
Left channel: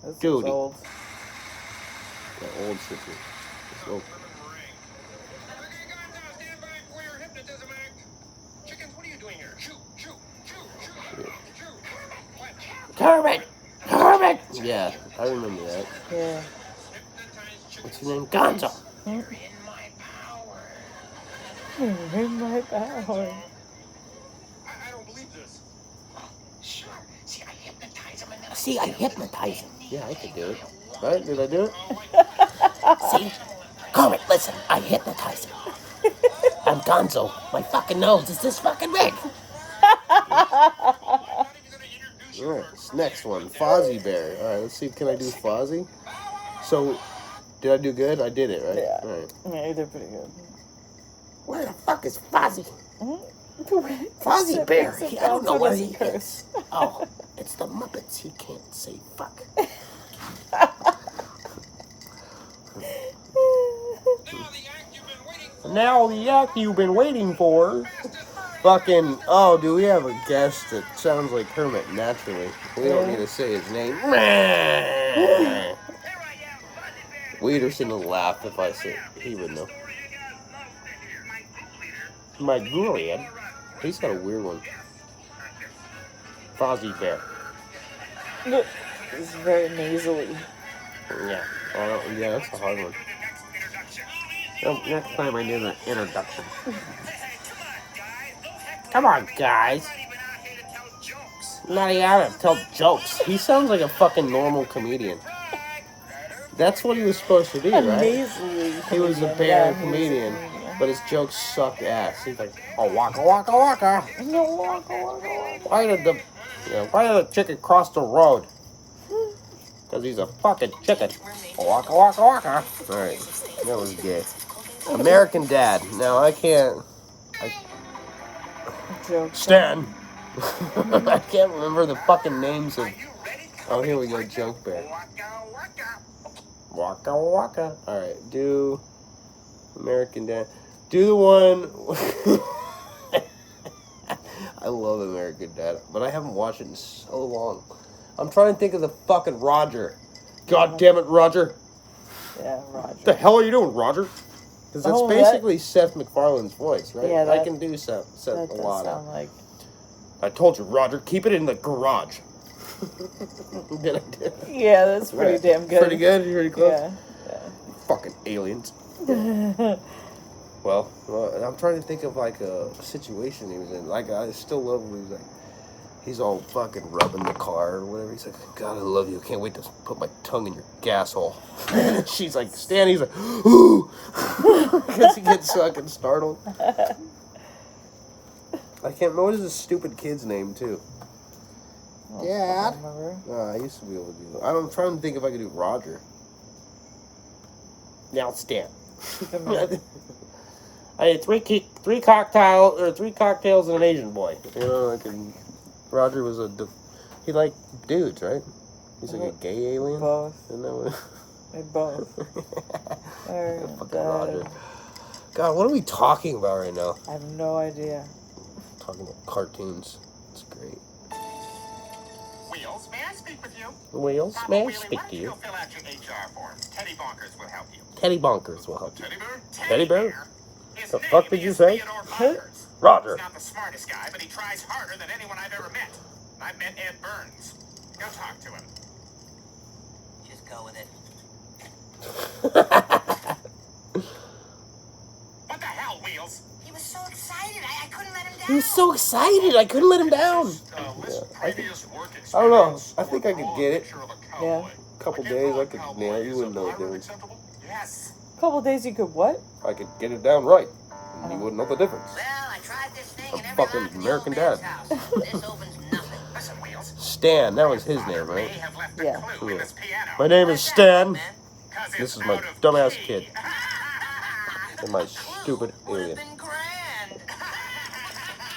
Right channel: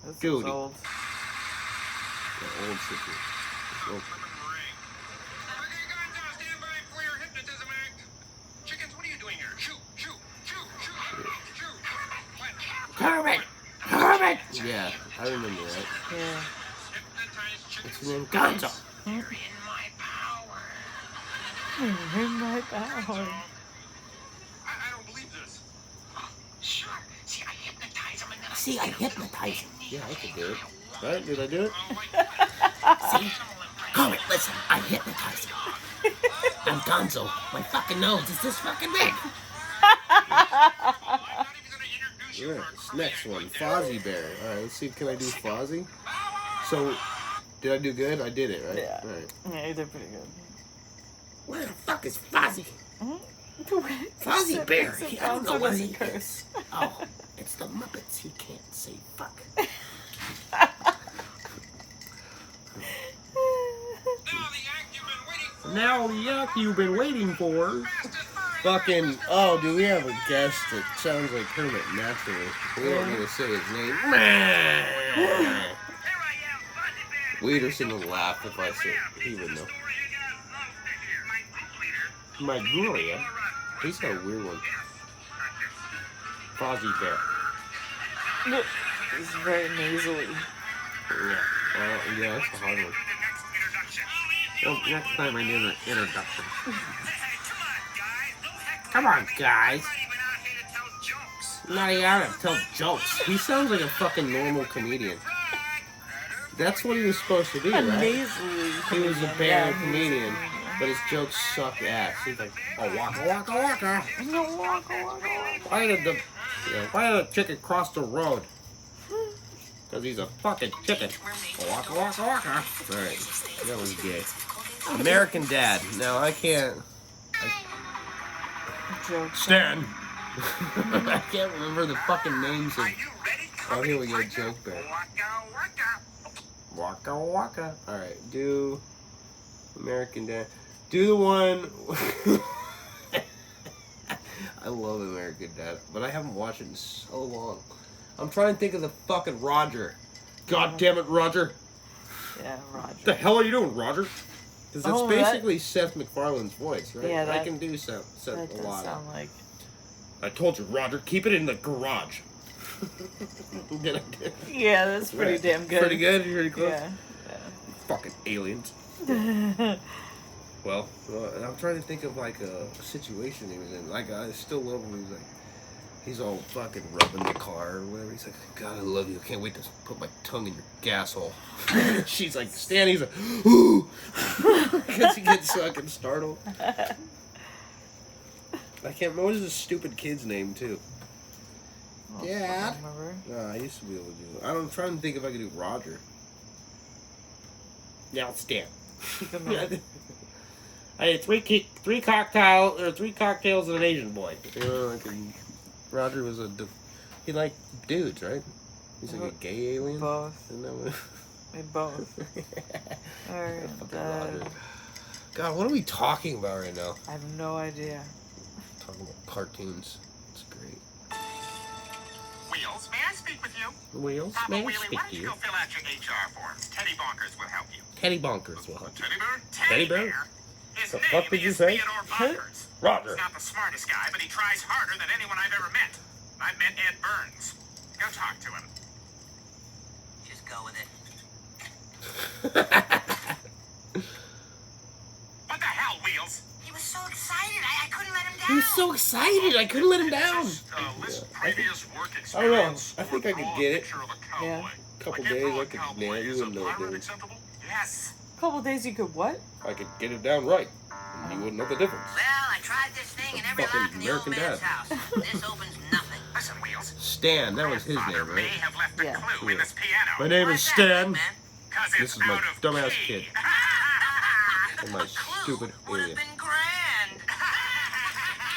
That's Goody. old. That old shit. Oh. Okay, Gonzo, stand by for your hypnotism act. Chickens, what are you doing here? Shoot, shoot, shoot, shoot, shoot. What? Kermit! Kermit! Yeah, I remember that. Yeah. What's his name? Gonzo! You're in my power. In my power. I don't believe this. Sure. See, I hypnotize him and then See, I hypnotize him. Yeah, I could do it. Right? Did I do it? See? Kermit, listen, I hypnotize him. I'm Gonzo. My fucking nose is this fucking big. Alright, this next one. Fozzie Bear. Alright, let's see. Can I do Fozzie? So, did I do good? I did it, right? Yeah. Alright. Yeah, you did pretty good. Where the fuck is Fozzie? Fozzie Fozzie Bear. I don't know where he is. curse. Oh, it's the Muppets. He can't say fuck. Now the act you've been waiting for. Fucking, oh, do we have a guest that sounds like Kermit naturally? We don't need to say his name. Wieterson will laugh if I say it. He would know. My Gurian. He's got a weird one. Fozzie Bear. It's very nasally. Yeah. Yeah, that's a hard one. Well, next time I do the introduction. Come on, guys. Not even out to tell jokes. He sounds like a fucking normal comedian. That's what he was supposed to be, right? Nasally. He was a bear comedian, but his jokes suck ass. He's like, oh, waka waka waka. Why did the chicken cross the road? Because he's a fucking chicken. Waka waka waka. Alright, that was gay. American Dad. Now I can't. Stan. I can't remember the fucking names of. Oh, here we go, Junk Bear. Waka waka. Alright, do American Dad. Do the one. I love American Dad, but I haven't watched it in so long. I'm trying to think of the fucking Roger. God damn it, Roger. Yeah, Roger. What the hell are you doing, Roger? Because that's basically Seth MacFarlane's voice, right? Yeah, I can do Seth that a does lot. sound like. I told you, Roger, keep it in the garage. Good idea. Yeah, that's pretty damn good. Pretty good? Pretty close? Yeah. Fucking aliens. Well, I'm trying to think of like a situation he was in. Like, I still love him. He's all fucking rubbing the car or whatever. He's like, God, I love you. I can't wait to put my tongue in your gas hole. She's like, Stan, he's like, ooh. Because he gets fucking startled. I can't remember. What is this stupid kid's name, too? Oh, Dad? I remember. I used to be able to do that. I'm trying to think if I could do Roger. Now it's Stan. I had three cocktails and an Asian boy. You know, like Roger was he liked dudes, right? He's like a gay alien. Both. Isn't that what? They both. Fucking Roger. God, what are we talking about right now? I have no idea. Talking about cartoons. It's great. Wheels, may I speak with you? Wheels, Papa may I Wheelie, speak why to don't you? go fill out your HR forms? Teddy Bonkers will help you. Teddy Bonkers will help you. Teddy Bear? Teddy Bear? His The name fuck did you is say? Theodore Bonkers. Roger. He's not the smartest guy, but he tries harder than anyone I've ever met. I've met Ed Burns. Go talk to him. Just go with it. What the hell, Wheels? He was so excited. I couldn't let him down. He was so excited. I couldn't let him down. Previous work I don't know. experience I think I could get it. picture of a Yeah. cowboy. Couple Like, days, I Ed could. Cowboy Yeah, you is wouldn't a know the pirate difference. acceptable? Yes. A couple days you could what? I could get it down right. And you wouldn't know the difference. Well, I tried this thing in A every fucking lock in the American old man's Dad. house. This opens nothing. Listen, Wheels. Stan, that was his Grandfather name, may right? have left a Yeah. clue in this piano. My name Why is is that, Stan. man? 'Cause This it's is my out of dumbass key. kid. And my stupid Would have alien. been grand.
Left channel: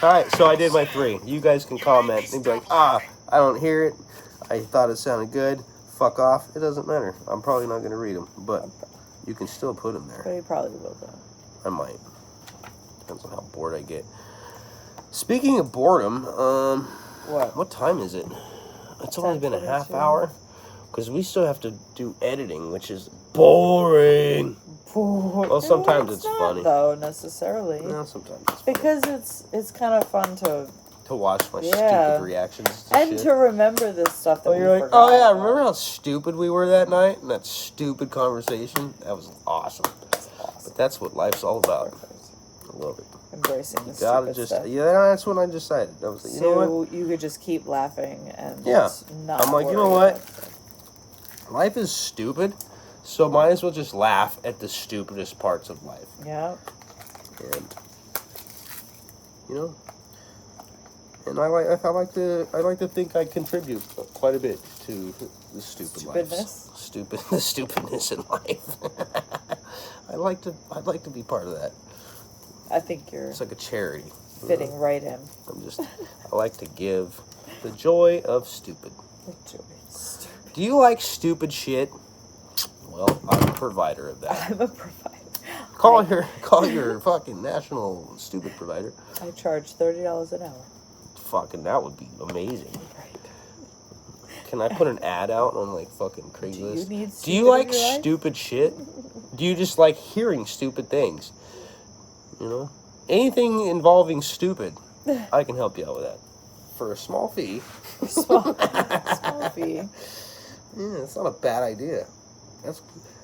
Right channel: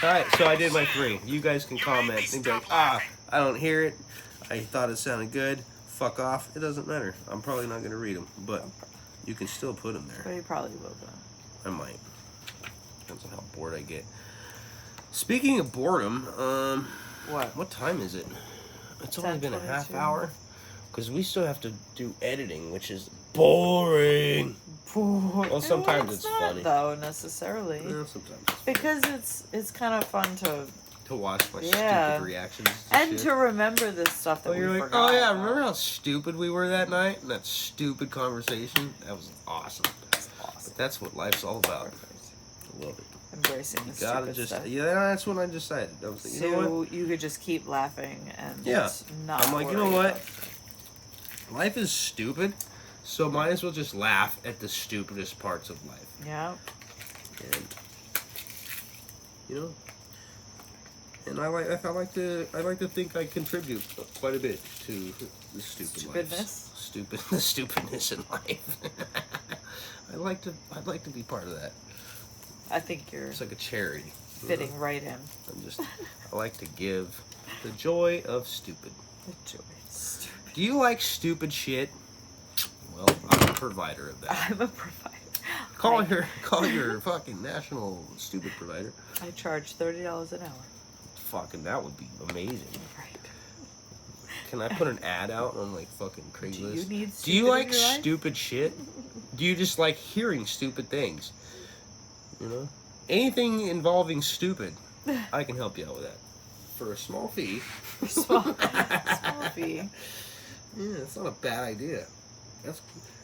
Alright, so I did my 3. You guys can comment and be like, I don't hear it. I thought it sounded good. Fuck off. It doesn't matter. I'm probably not going to read them, but you can still put them there. But you probably will though. I might. Depends on how bored I get. Speaking of boredom, what time is it? It's only been a half 10:22. hour. Because we still have to do editing, which is boring. Well, sometimes it's not, funny. though, necessarily. No, sometimes it's funny. Because it's kind of fun to watch my stupid reactions to and shit. to remember this stuff that we you're like, forgot. oh yeah, remember how stupid we were that night and that stupid conversation? That was awesome. That's awesome. But that's what life's all about. I love it. Embracing the Gotta stupid stuff. yeah, that's what I decided. I was like, you know what? You could just keep laughing and Yeah. not I'm like, you know worry what? about it. Life is stupid, so might as well just laugh at the stupidest parts of life. Yeah. And and I like to think I contribute quite a bit to the Stupidness? the stupidness in life. I'd like to be part of that. I think you're It's like a charity. fitting right in. I like to give the joy of stupid. Stupid. Do you like stupid shit? Well, I'm a provider of that. I'm a provider. Call your fucking national stupid provider. I charge $30 an hour. Fucking that would be amazing. Right. Can I put an ad out on like fucking Craigslist? Do you need Do you stupid like in your life? stupid shit? Do you just like hearing stupid things? Anything involving stupid, I can help you out with that for a small fee. Small fee. Yeah, it's not a bad idea.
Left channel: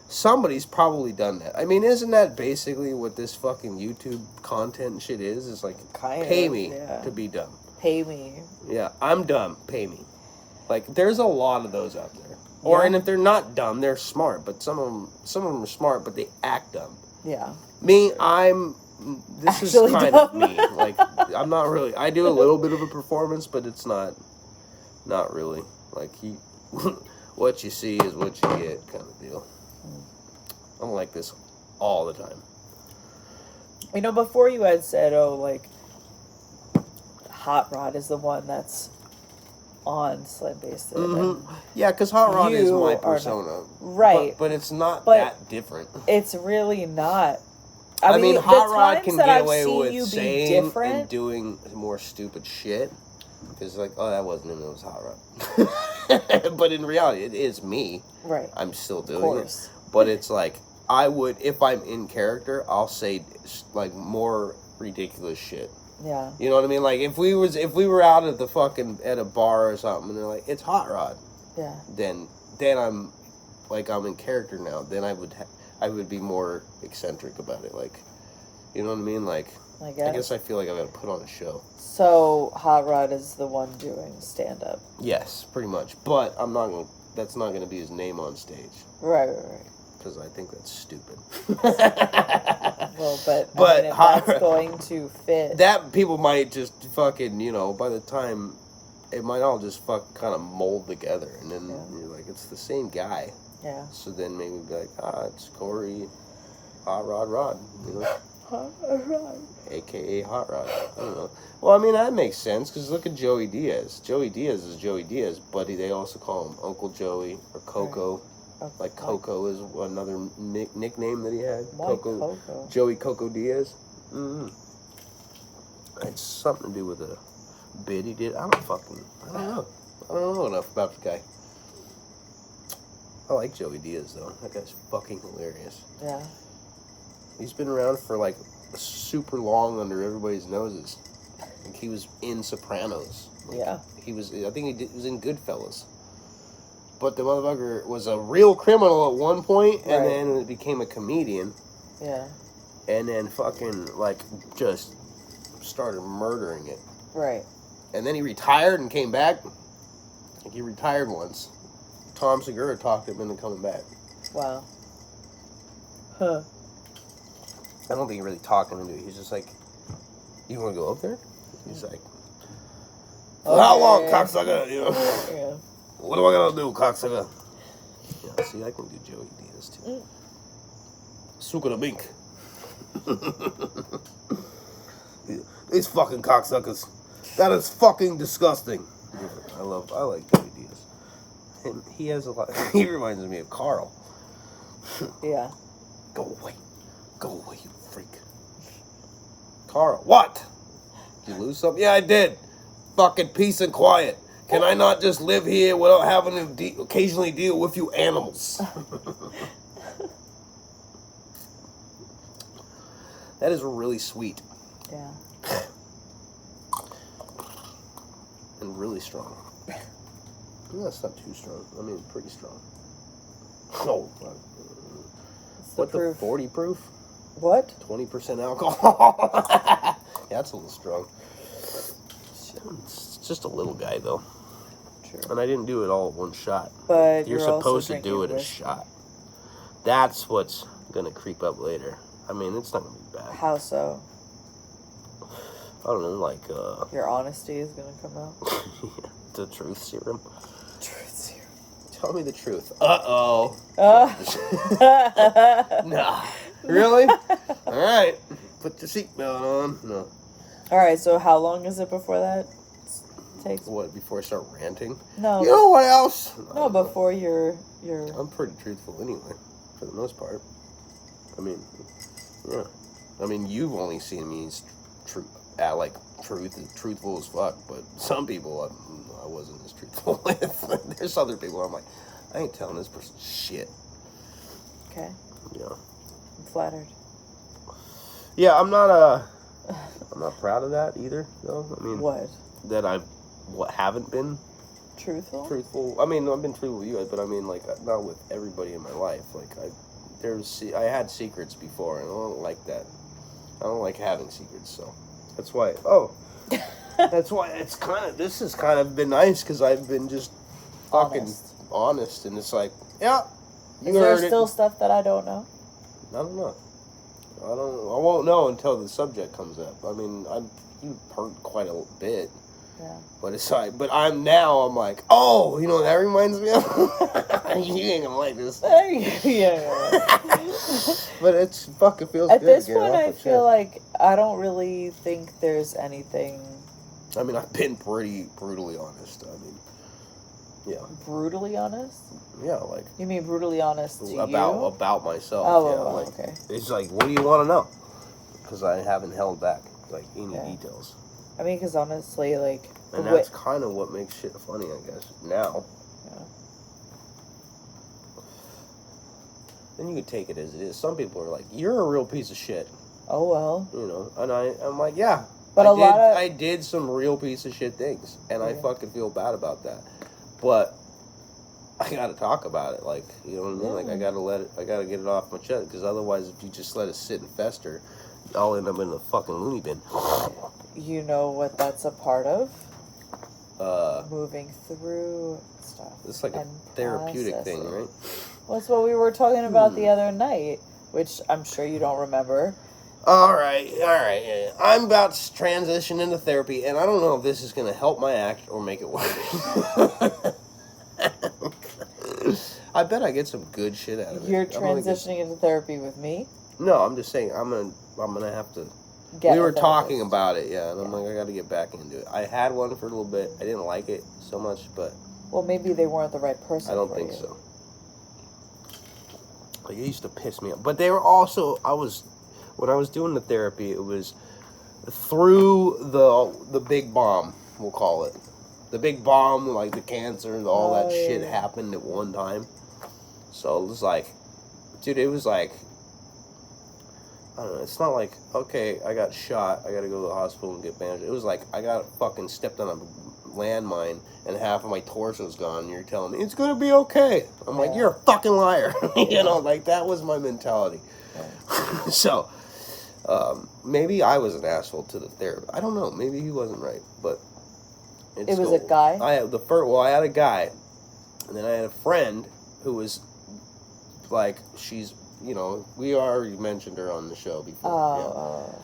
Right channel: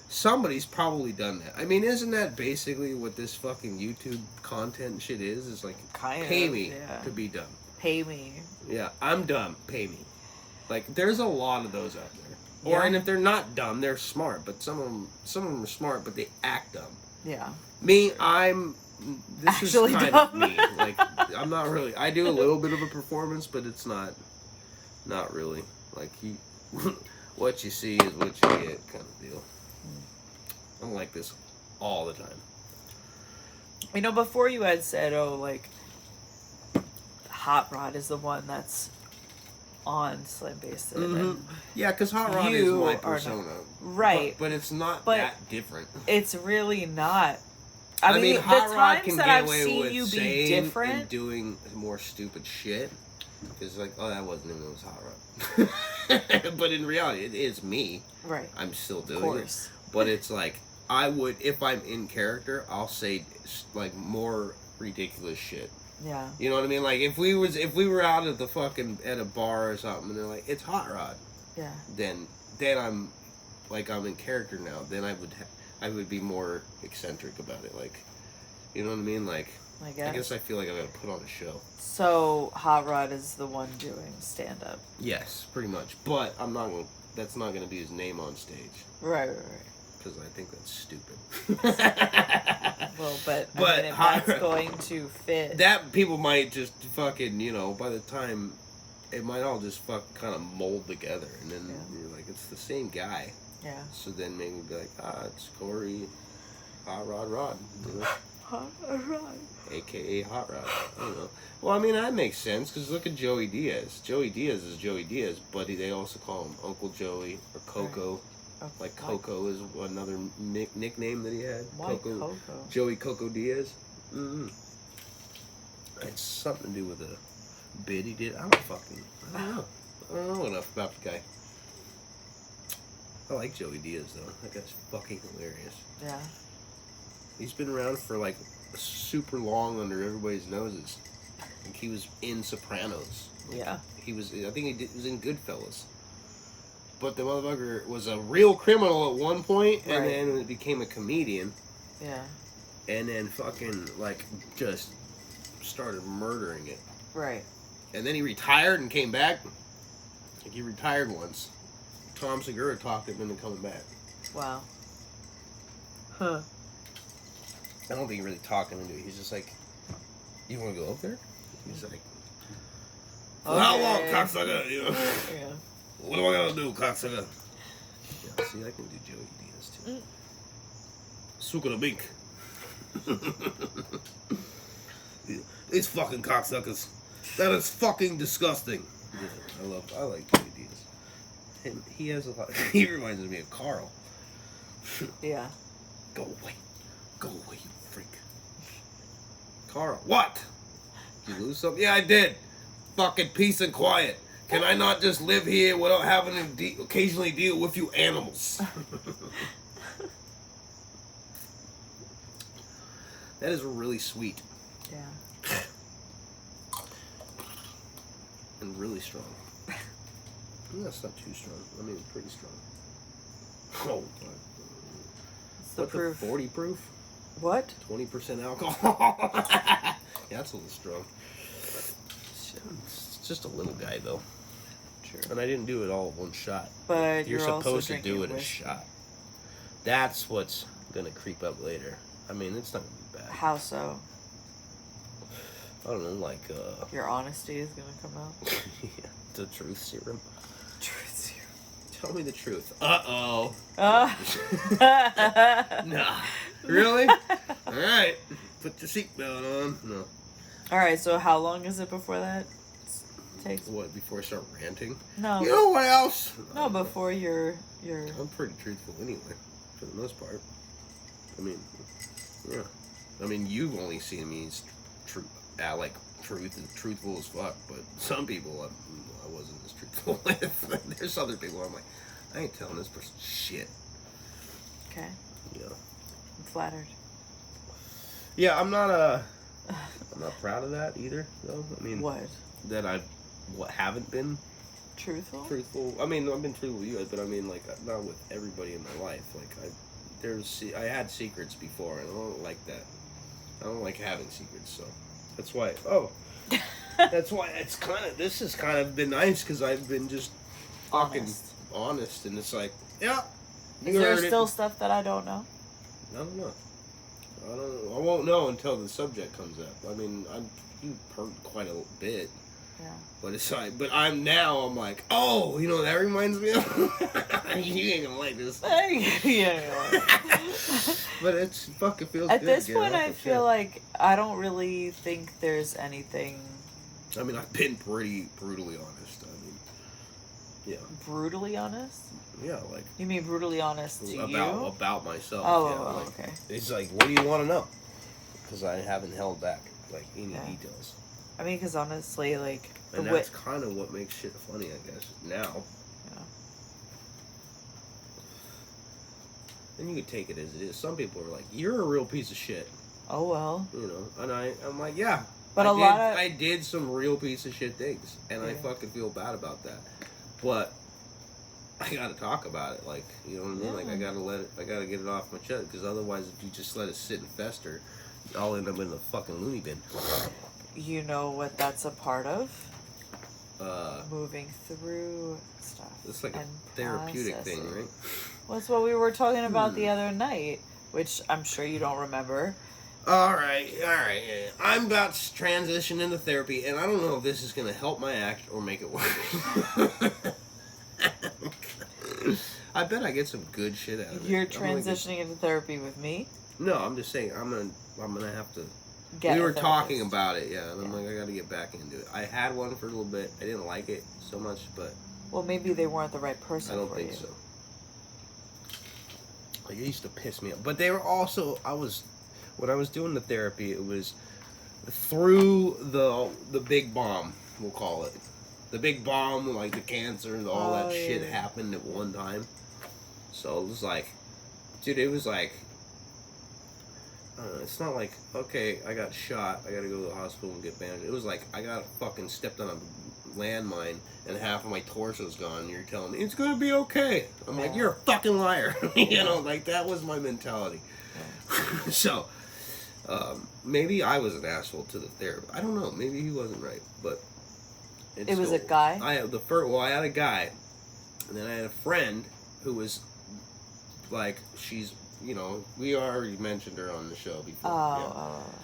Somebody's probably done that. I mean, isn't that basically what this fucking YouTube content and shit is? It's like, pay me to be dumb. Pay me. Yeah, I'm dumb. Pay me. Like, there's a lot of those out there. And if they're not dumb, they're smart. But some of them are smart, but they act dumb. Yeah. Me, this Actually is kind dumb. of me. Like, I'm not really. I do a little bit of a performance, but it's not really. Like, what you see is what you get, kind of deal. I'm like this all the time. Before you had said, Hot Rod is the one that's on Slim Basic. Yeah, because Hot Rod is my persona. Not, right. But it's not that different. It's really not. I mean, Hot Rod can get I've away seen with you be saying different and doing more stupid shit. Because, like, oh, that wasn't him, it was Hot Rod. But in reality, it is me. Right. I'm still doing it. But it's like, I would, if I'm in character, I'll say, like, more ridiculous shit. Yeah. You know what I mean? Like, if we were out at a bar or something, and they're like, it's Hot Rod. Yeah. Then I'm in character now. Then I would be more eccentric about it. Like, you know what I mean? Like, I guess I feel like I've got to put on a show. So Hot Rod is the one doing stand up. Yes, pretty much. But that's not gonna be his name on stage. Right. Because I think that's stupid. Well, but I mean, if that's going to fit. That people might just fucking, by the time, it might all just kind of mold together. And then you're like, it's the same guy. Yeah. So then maybe be like, it's Corey Hot Rod. Hot Rod. AKA Hot Rod. I don't know. Well, I mean, that makes sense, because look at Joey Diaz. Joey Diaz is Joey Diaz, but they also call him Uncle Joey or Coco. Right. Like Coco is another nickname that he had. Why Coco? Joey Coco Diaz. It's something to do with a bit he did. I don't know. I don't know enough about the guy. I like Joey Diaz, though. That guy's fucking hilarious. Yeah. He's been around for, like, super long under everybody's noses. Like, he was in Sopranos. Like, I think he was in Goodfellas. But the motherfucker was a real criminal at one point, and then became a comedian. Yeah. And then fucking, like, just started murdering it. Right. And then he retired and came back. Like, he retired once. Tom Segura talked him into coming back. Wow. Huh. I don't think he really talked him into it. He's just like, you want to go up there? He's like, how long, cocksucker? Yeah. What do I gotta do, cocksucker? Yeah, see, I can do Joey Diaz too. Suka the Mink. These fucking cocksuckers. That is fucking disgusting. Yeah, I like Joey Diaz. And he has a lot. He reminds me of Carl. Yeah. Go away, you freak. Carl, what? Did you lose something? Yeah, I did. Fucking peace and quiet. Can I not just live here without having to occasionally deal with you animals? That is really sweet. Yeah. And really strong. That's not too strong. I mean, pretty strong. Oh, fuck. What's the What, proof? the 40 proof? What? 20% alcohol. Yeah, that's a little strong. It's just a little guy, though. True. And I didn't do it all at one shot. But You're also supposed to do it drinking a whiskey. shot. That's what's gonna creep up later. I mean, it's not gonna be bad. How so? I don't know, like, Your honesty is gonna come out. the truth serum. Truth serum. Tell me the truth. Uh-oh. Nah. Really? Alright. Put your seatbelt on. No. All right. So how long is it before that takes? What, before I start ranting? No. You know what else? No, before your. I'm pretty truthful anyway, for the most part. I mean, yeah. I mean, you've only seen me as truthful as fuck, but some people I wasn't as truthful with. There's other people I'm like, I ain't telling this person shit. Okay. Yeah. I'm flattered. Yeah, I'm not proud of that either, though. I mean, What? that I haven't been Truthful? truthful. I mean, I've been truthful with you guys, but I mean, like, not with everybody in my life. Like, I had secrets before, and I don't like that. I don't like having secrets, so that's why. Oh, that's why this has kind of been nice because I've been just fucking honest, and it's like, yeah, Is there still stuff that I don't know? I don't know. I won't know until the subject comes up. I mean, you've heard quite a bit. Yeah. But it's like, I'm like, oh, you know what that reminds me of? You ain't gonna like this. Yeah. But it's fucking feels At good. this to get point, off I the feel chest. like I don't really think there's anything I mean, I've been pretty brutally honest. I mean, yeah, brutally honest. yeah, like You mean brutally honest to you? about myself. Oh, yeah, oh, like, okay. It's like, what do you want to know? Because I haven't held back like any Yeah. details, I mean, because honestly, like, and that's kind of what makes shit funny, I guess. Now. Yeah. And you could take it as it is. Some people are like, "You're a real piece of shit," Oh well. you know, and I'm like, "Yeah." But I did some real piece of shit things, and I Yeah. fucking feel bad about that. But I gotta talk about it, like, you know what I mean? Yeah. Like, I gotta get it off my chest, because otherwise, if you just let it sit and fester, I'll end up in the fucking loony bin. You know what that's a part of? Uh, Moving through stuff. it's like a and therapeutic thing, processing. right? Well, that's what we were talking about the other night, which I'm sure you don't remember. All right. Yeah. I'm about to transition into therapy, and I don't know if this is gonna help my act or make it worse. I bet I get some good shit out of it. You're I'm gonna get- transitioning into therapy with me. No, I'm just saying I'm gonna have to. Get We a were therapist. talking about it, yeah, and I'm like, I got to get back into it. I had one for a little bit. I didn't like it so much, but Well, maybe they weren't the right person. I don't for think you. so. Like, it used to piss me off, but they were also. When I was doing the therapy, it was through the big bomb. We'll call it the big bomb, like the cancer, all that shit yeah. happened at one time. So it was like, dude, it was like. I don't know, it's not like, okay, I got shot, I gotta go to the hospital and get bandaged. It was like, I got fucking stepped on a landmine and half of my torso's gone, and you're telling me, it's gonna be okay. I'm like, you're a fucking liar. You know, like, that was my mentality. Yeah. So, maybe I was an asshole to the therapist. I don't know, maybe he wasn't right, but... It was a guy? I had a guy, and then I had a friend who was, like, she's... You know, we already mentioned her on the show before. Oh.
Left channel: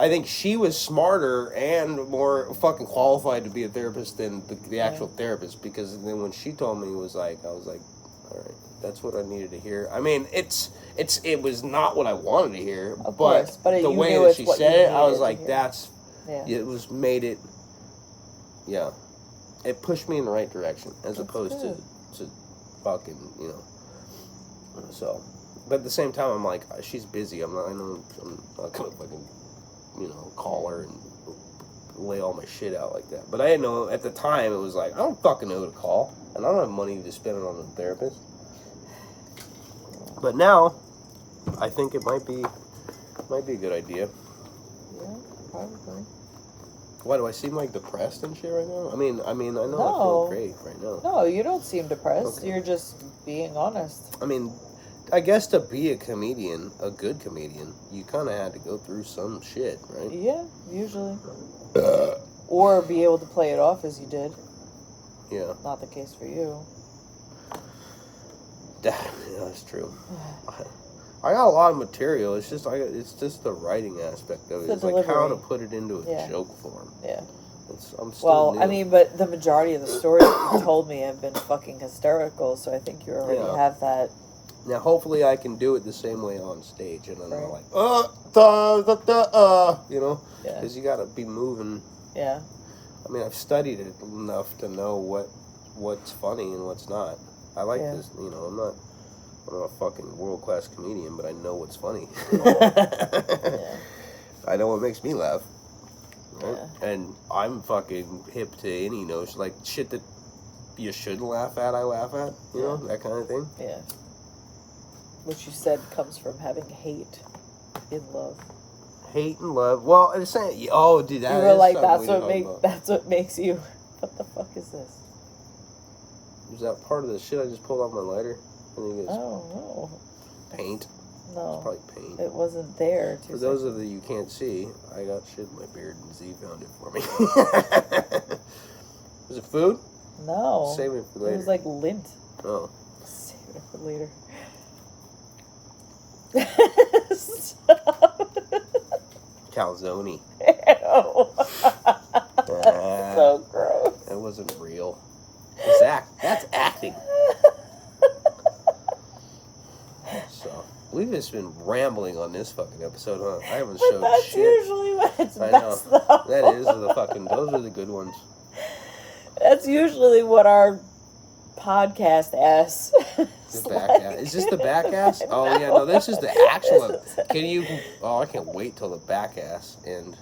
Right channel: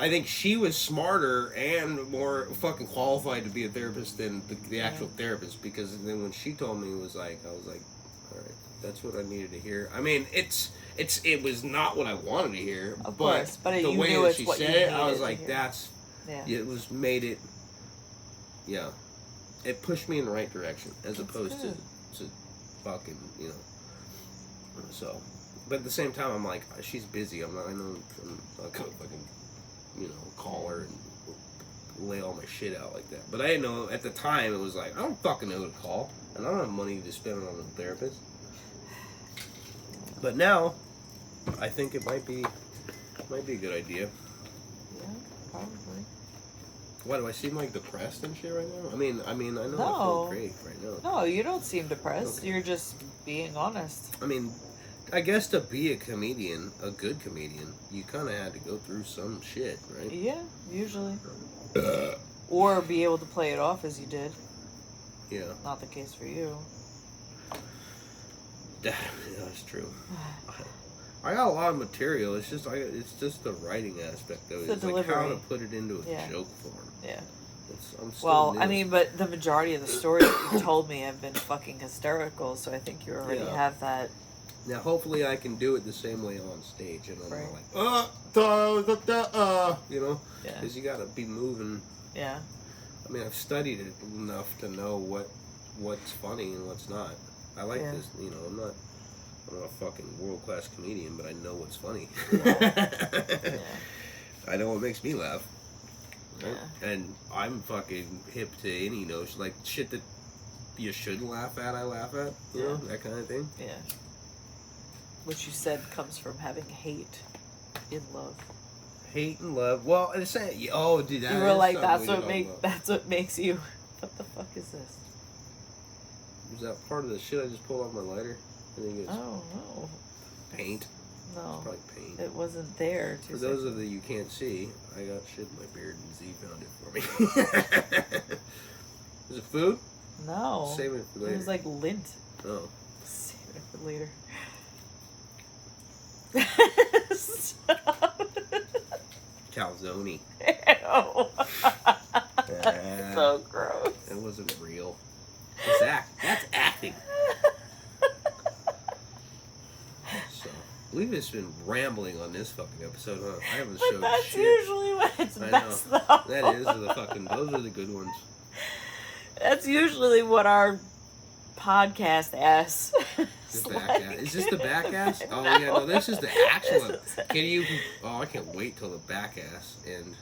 I think she was smarter and more fucking qualified to be a therapist than the actual therapist, because then when she told me, I was like, all right, that's what I needed to hear. I mean, it was not what I wanted to hear, Of course, but the you way knew that it's she what said you it, I was needed to like, hear. It pushed me in the right direction as That's opposed good. to fucking, you know. So, but at the same time, I'm like, she's busy. I'm not gonna fucking, you know, call her and lay all my shit out like that. But I didn't know at the time. It was like, I don't fucking know who to call, and I don't have money to spend on a therapist. But now, I think it might be Might be a good idea. Yeah, probably. Why do I seem like depressed and shit right now? I mean, I know I No. feel great right now. No, you don't seem depressed. Okay. You're just being honest. I mean, I guess to be a comedian, a good comedian, you kind of had to go through some shit, right? Yeah, usually. Or be able to play it off as you did. Yeah. Not the case for you. Yeah, that's true. I got a lot of material. It's just the writing aspect of it. The It's like how to delivery. put it into a Yeah. joke form. Yeah. I'm still Well, new. I mean, but the majority of the stories that you told me have been fucking hysterical, so I think you already Yeah. have that. Now, hopefully, I can do it the same way on stage, and I'm Right. not like, you know, Yeah. because you got to be moving. Yeah. I mean, I've studied it enough to know what's funny and what's not. I like Yeah. this, you know. I'm not a fucking world-class comedian, but I know what's funny. Yeah. I know what makes me laugh. Right? Yeah. And I'm fucking hip to any notion, like shit that you should laugh at, I laugh at, you know, that kind of thing. Yeah. Which you said comes from having hate in love. Hate and love. Well, it's saying, oh, dude, that You were is like, something that's what makes you. What the fuck is this? Was that part of the shit I just pulled off my lighter? I think it's Oh no. paint. No. It's probably paint. It wasn't there. For those of you can't see, I got shit in my beard and Z found it for me. Is it food? No. Save it for later. It was like lint. Oh. Save it for later. Calzone. Ew. So gross. That wasn't real. That's acting. So, we've just been rambling on this fucking episode, huh? I haven't But showed that's shit. usually what it's I know. best though. That is the fucking, those are the good ones. That's usually what our podcast ass. The back ass. Is this the back ass? Oh yeah, no, this is the actual one. Can you? Oh, I can't wait till the back ass and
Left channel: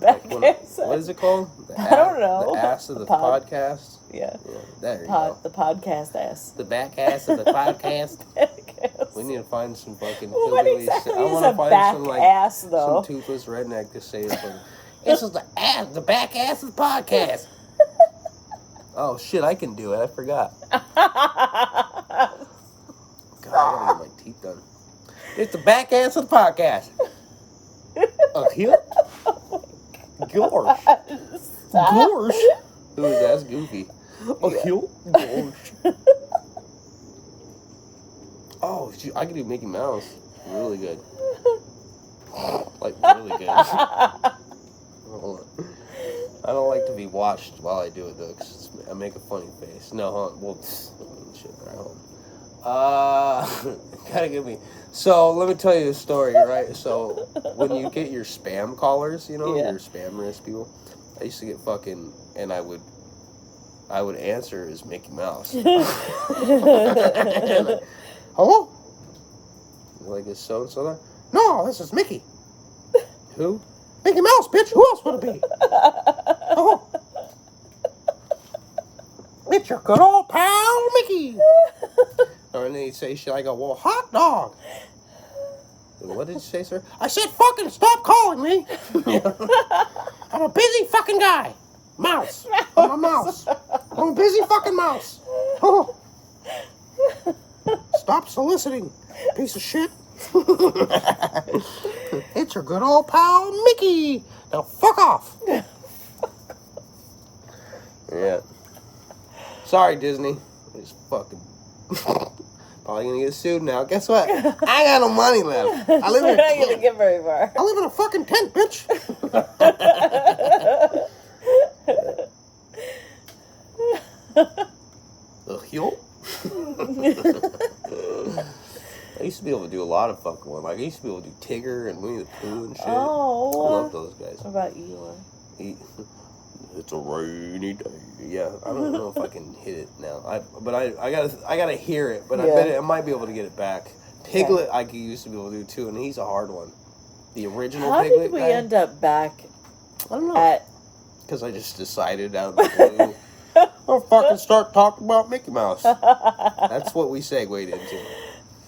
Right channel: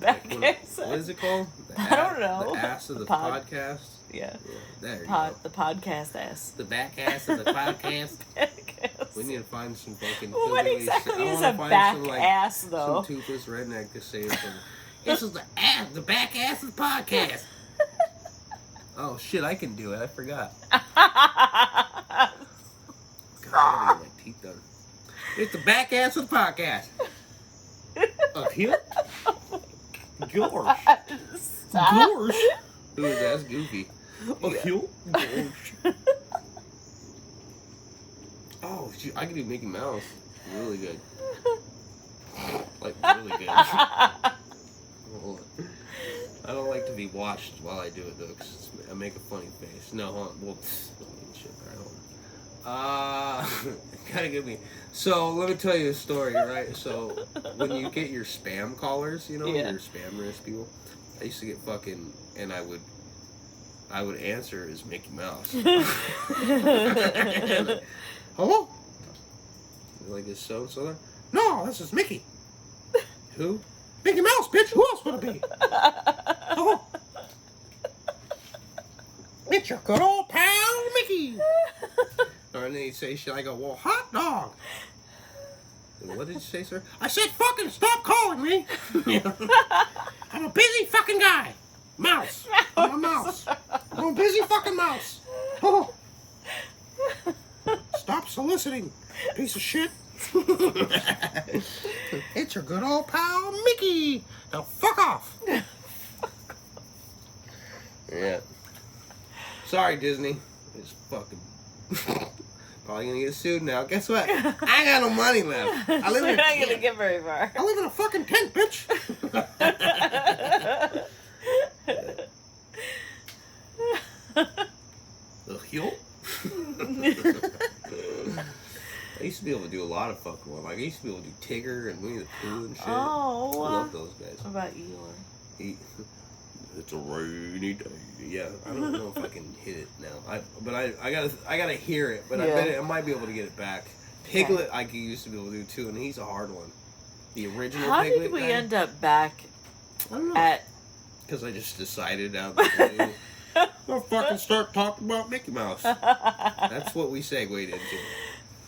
Back ass. what is it called? I don't know. The ass of the Pod. podcast. Yeah. Yeah, there you go. The podcast ass. The back ass of the podcast. Podcast. We need to find some fucking. What hillbilly exactly shit. I is wanna a find back some, like, ass though? Some toothless redneck to say it for. This is the back ass of the podcast. Oh shit! I can do it. I forgot. God, I gotta get my teeth done. It's the back ass of the podcast. Here? Gorge. Stop. Gorge? Who is that? That's Goofy. Here? Gorge. Oh, shoot, I can do Mickey Mouse. Really good. Like, really good. Hold on. I don't like to be watched while I do it, though, because I make a funny face. No, hold on. Well, shit, right, hold on. Gotta give me... So, let me tell you a story, right? So, when you get your spam callers, you know, Yeah. your spam risk people, I used to get fucking... And I would answer as Mickey Mouse. Hello? Like, is so-and-so there? No, this is Mickey. Who? Mickey Mouse, bitch. Who else would it be? Oh. It's your good old pal, Mickey. Or and then he'd say shit. I go, well, hot dog. And what did you say, sir? I said, fucking stop calling me. I'm a busy fucking guy. Mouse. I'm a mouse. I'm a busy fucking mouse. Oh. Stop soliciting, piece of shit. It's your good old pal, Mickey. Now fuck off. Yeah. Sorry, Disney. It's fucking... Probably gonna get sued now. Guess what? I got no money left. I live We're in not a gonna tent. get very far. I live in a fucking tent, bitch. Yo. I used to be able to do a lot of fucking one. Like, I used to be able to do Tigger and Winnie the Pooh and shit. Oh. I love those guys. What about Eeyore? It's a rainy day. Yeah, I don't know if I can hit it now. I gotta hear it, but I Yeah. bet I might be able to get it back. Piglet, I used to be able to do too, and he's a hard one. The original How Piglet did we guy, end up back I don't know. at? Because I just decided out of the blue, I'll fucking start talking about Mickey Mouse. That's what we segued into.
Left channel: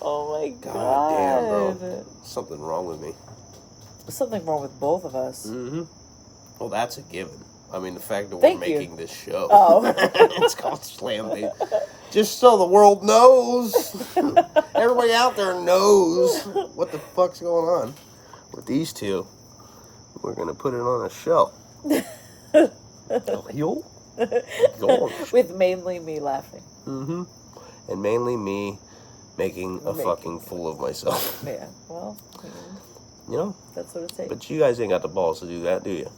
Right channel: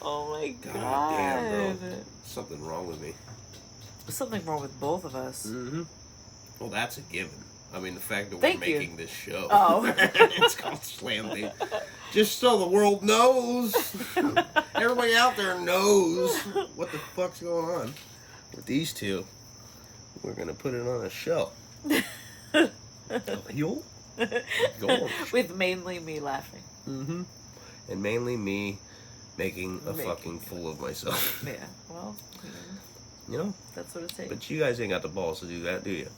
Oh my god! God damn, bro. Something wrong with me. There's something wrong with both of us. Mm-hmm. Well, that's a given. I mean, the fact that Thank we're you. making this show. Oh. It's called Slam Baby. Just so the world knows. Everybody out there knows what the fuck's going on with these two. We're going to put it on a show. Yo. With mainly me laughing. Mm-hmm. And mainly me making a fucking fool of myself. Yeah, well, You know? that's what it takes. But you guys ain't got the balls to do that, do you?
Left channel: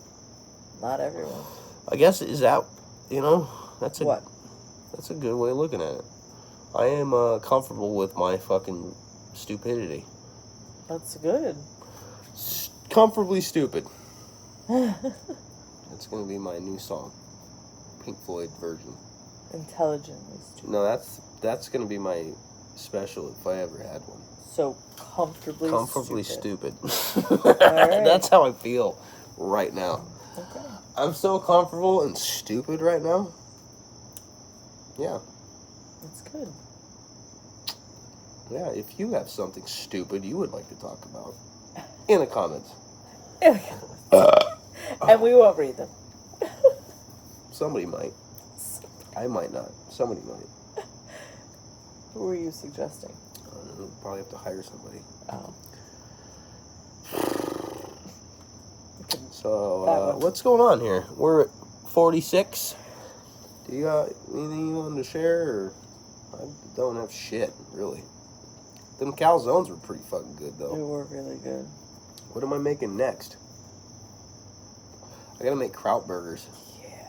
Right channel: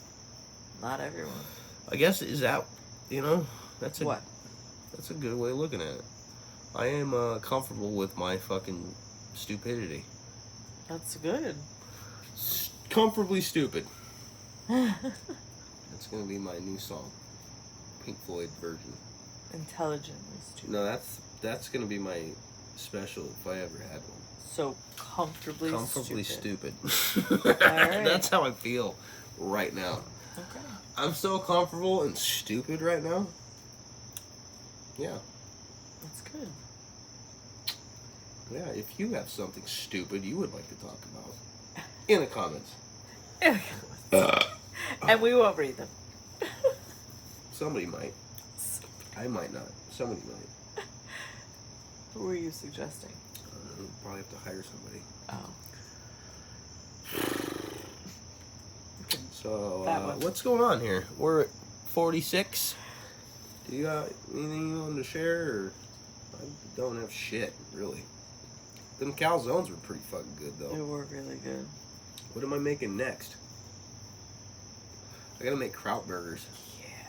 Not everyone. I guess, is that, you know, that's a... What? That's a good way of looking at it. I am comfortable with my fucking stupidity. That's good. Comfortably stupid. That's going to be my new song. Pink Floyd version. Intelligently stupid. No, that's going to be my special if I ever had one. So comfortably stupid. Alright. That's how I feel right now. Okay. I'm so comfortable and stupid right now. Yeah. That's good. Yeah, if you have something stupid you would like to talk about, in the comments. And we won't read them. Somebody might. I might not. Somebody might. Who were you suggesting? We'll probably have to hire somebody. Oh. So, what's going on here? We're at 46. Do you got anything you want to share? Or I don't have shit, really. Them calzones were pretty fucking good, They though. were really good. What am I making next? I gotta make kraut burgers. Yeah.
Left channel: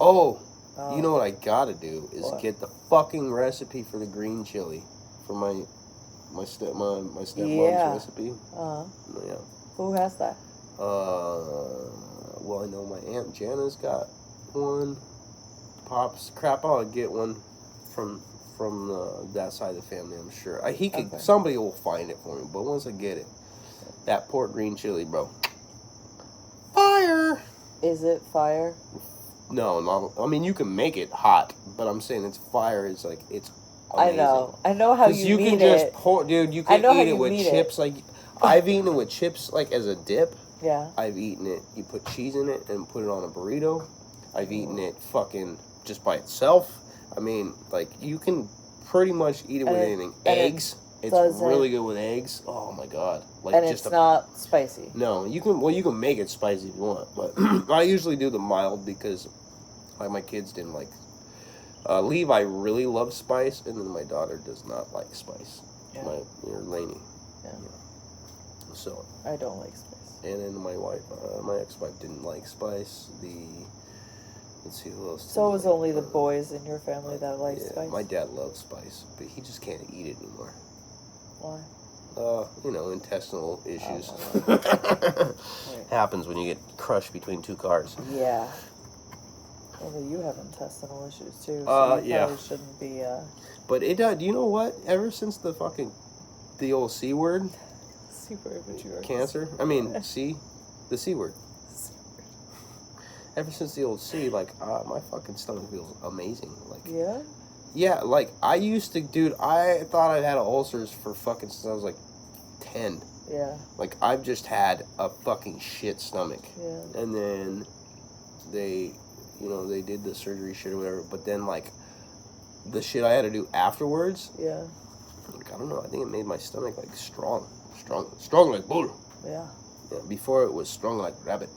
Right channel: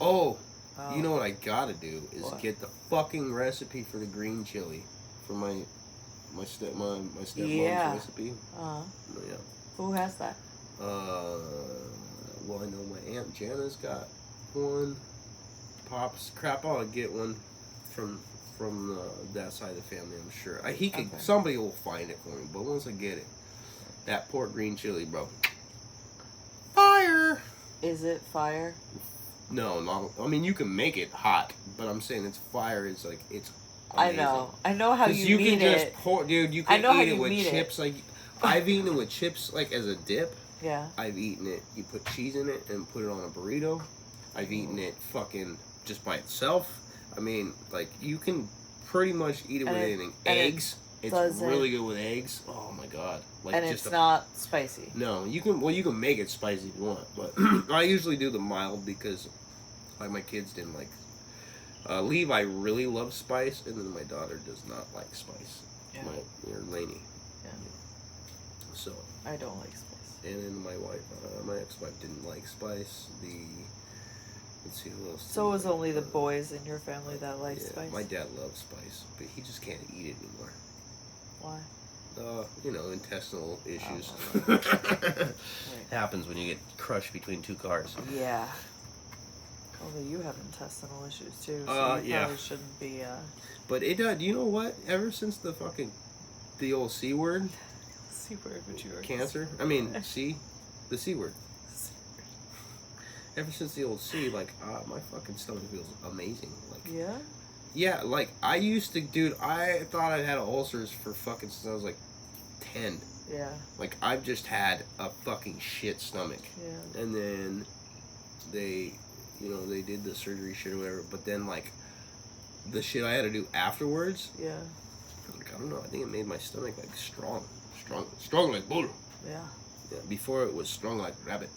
Oh, you know what I gotta do is What? get the fucking recipe for the green chili for my stepmom's Yeah. recipe. Yeah. Who has that? Well, I know my Aunt Jana's got one. Pops, crap, I'll get one from that side of the family, I'm sure. Somebody will find it for me, but once I get it, that pork green chili, bro. Fire! Is it fire? No, I mean, you can make it hot, but I'm saying it's fire. It's like, it's amazing. I know how you can mean just it. pour, dude, you can know how eat it you with mean chips. Like, I've eaten it with chips, like, as a dip. Yeah. I've eaten it, you put cheese in it and put it on a burrito. I've eaten it fucking just by itself. I mean, like, you can pretty much eat it with anything. Eggs. It's really good with eggs. Oh my god! Like, and just it's not spicy. No, you can. Well, you can make it spicy if you want, but I usually do the mild because, like, my kids didn't like. Levi really loves spice, and then my daughter does not like spice. Yeah. Lainey. Yeah. So. I don't like spice. And then my wife, my ex-wife, didn't like spice. Let's see who else. So it was only the boys in your family that like spice? My dad loves spice, but he just can't eat it anymore. Why? Intestinal issues. Right. Happens when you get crushed between two cars. Yeah. Well, you have intestinal issues too, so you probably shouldn't be, But it does, you know what? Ever since the old C word. C word, but you are. Cancer? I mean, the C word. Ever since the old C, like, my fucking stomach feels amazing. Like, yeah? Yeah, like, I used to, dude, I thought I'd had ulcers for fucking since I was, like, 10. Yeah. Like, I've just had a fucking shit stomach. Yeah. And then they did the surgery shit or whatever, but then, like, the shit I had to do afterwards, Yeah. like, I don't know, I think it made my stomach, like, strong like bull. Yeah. Yeah, before it was strong like rabbit.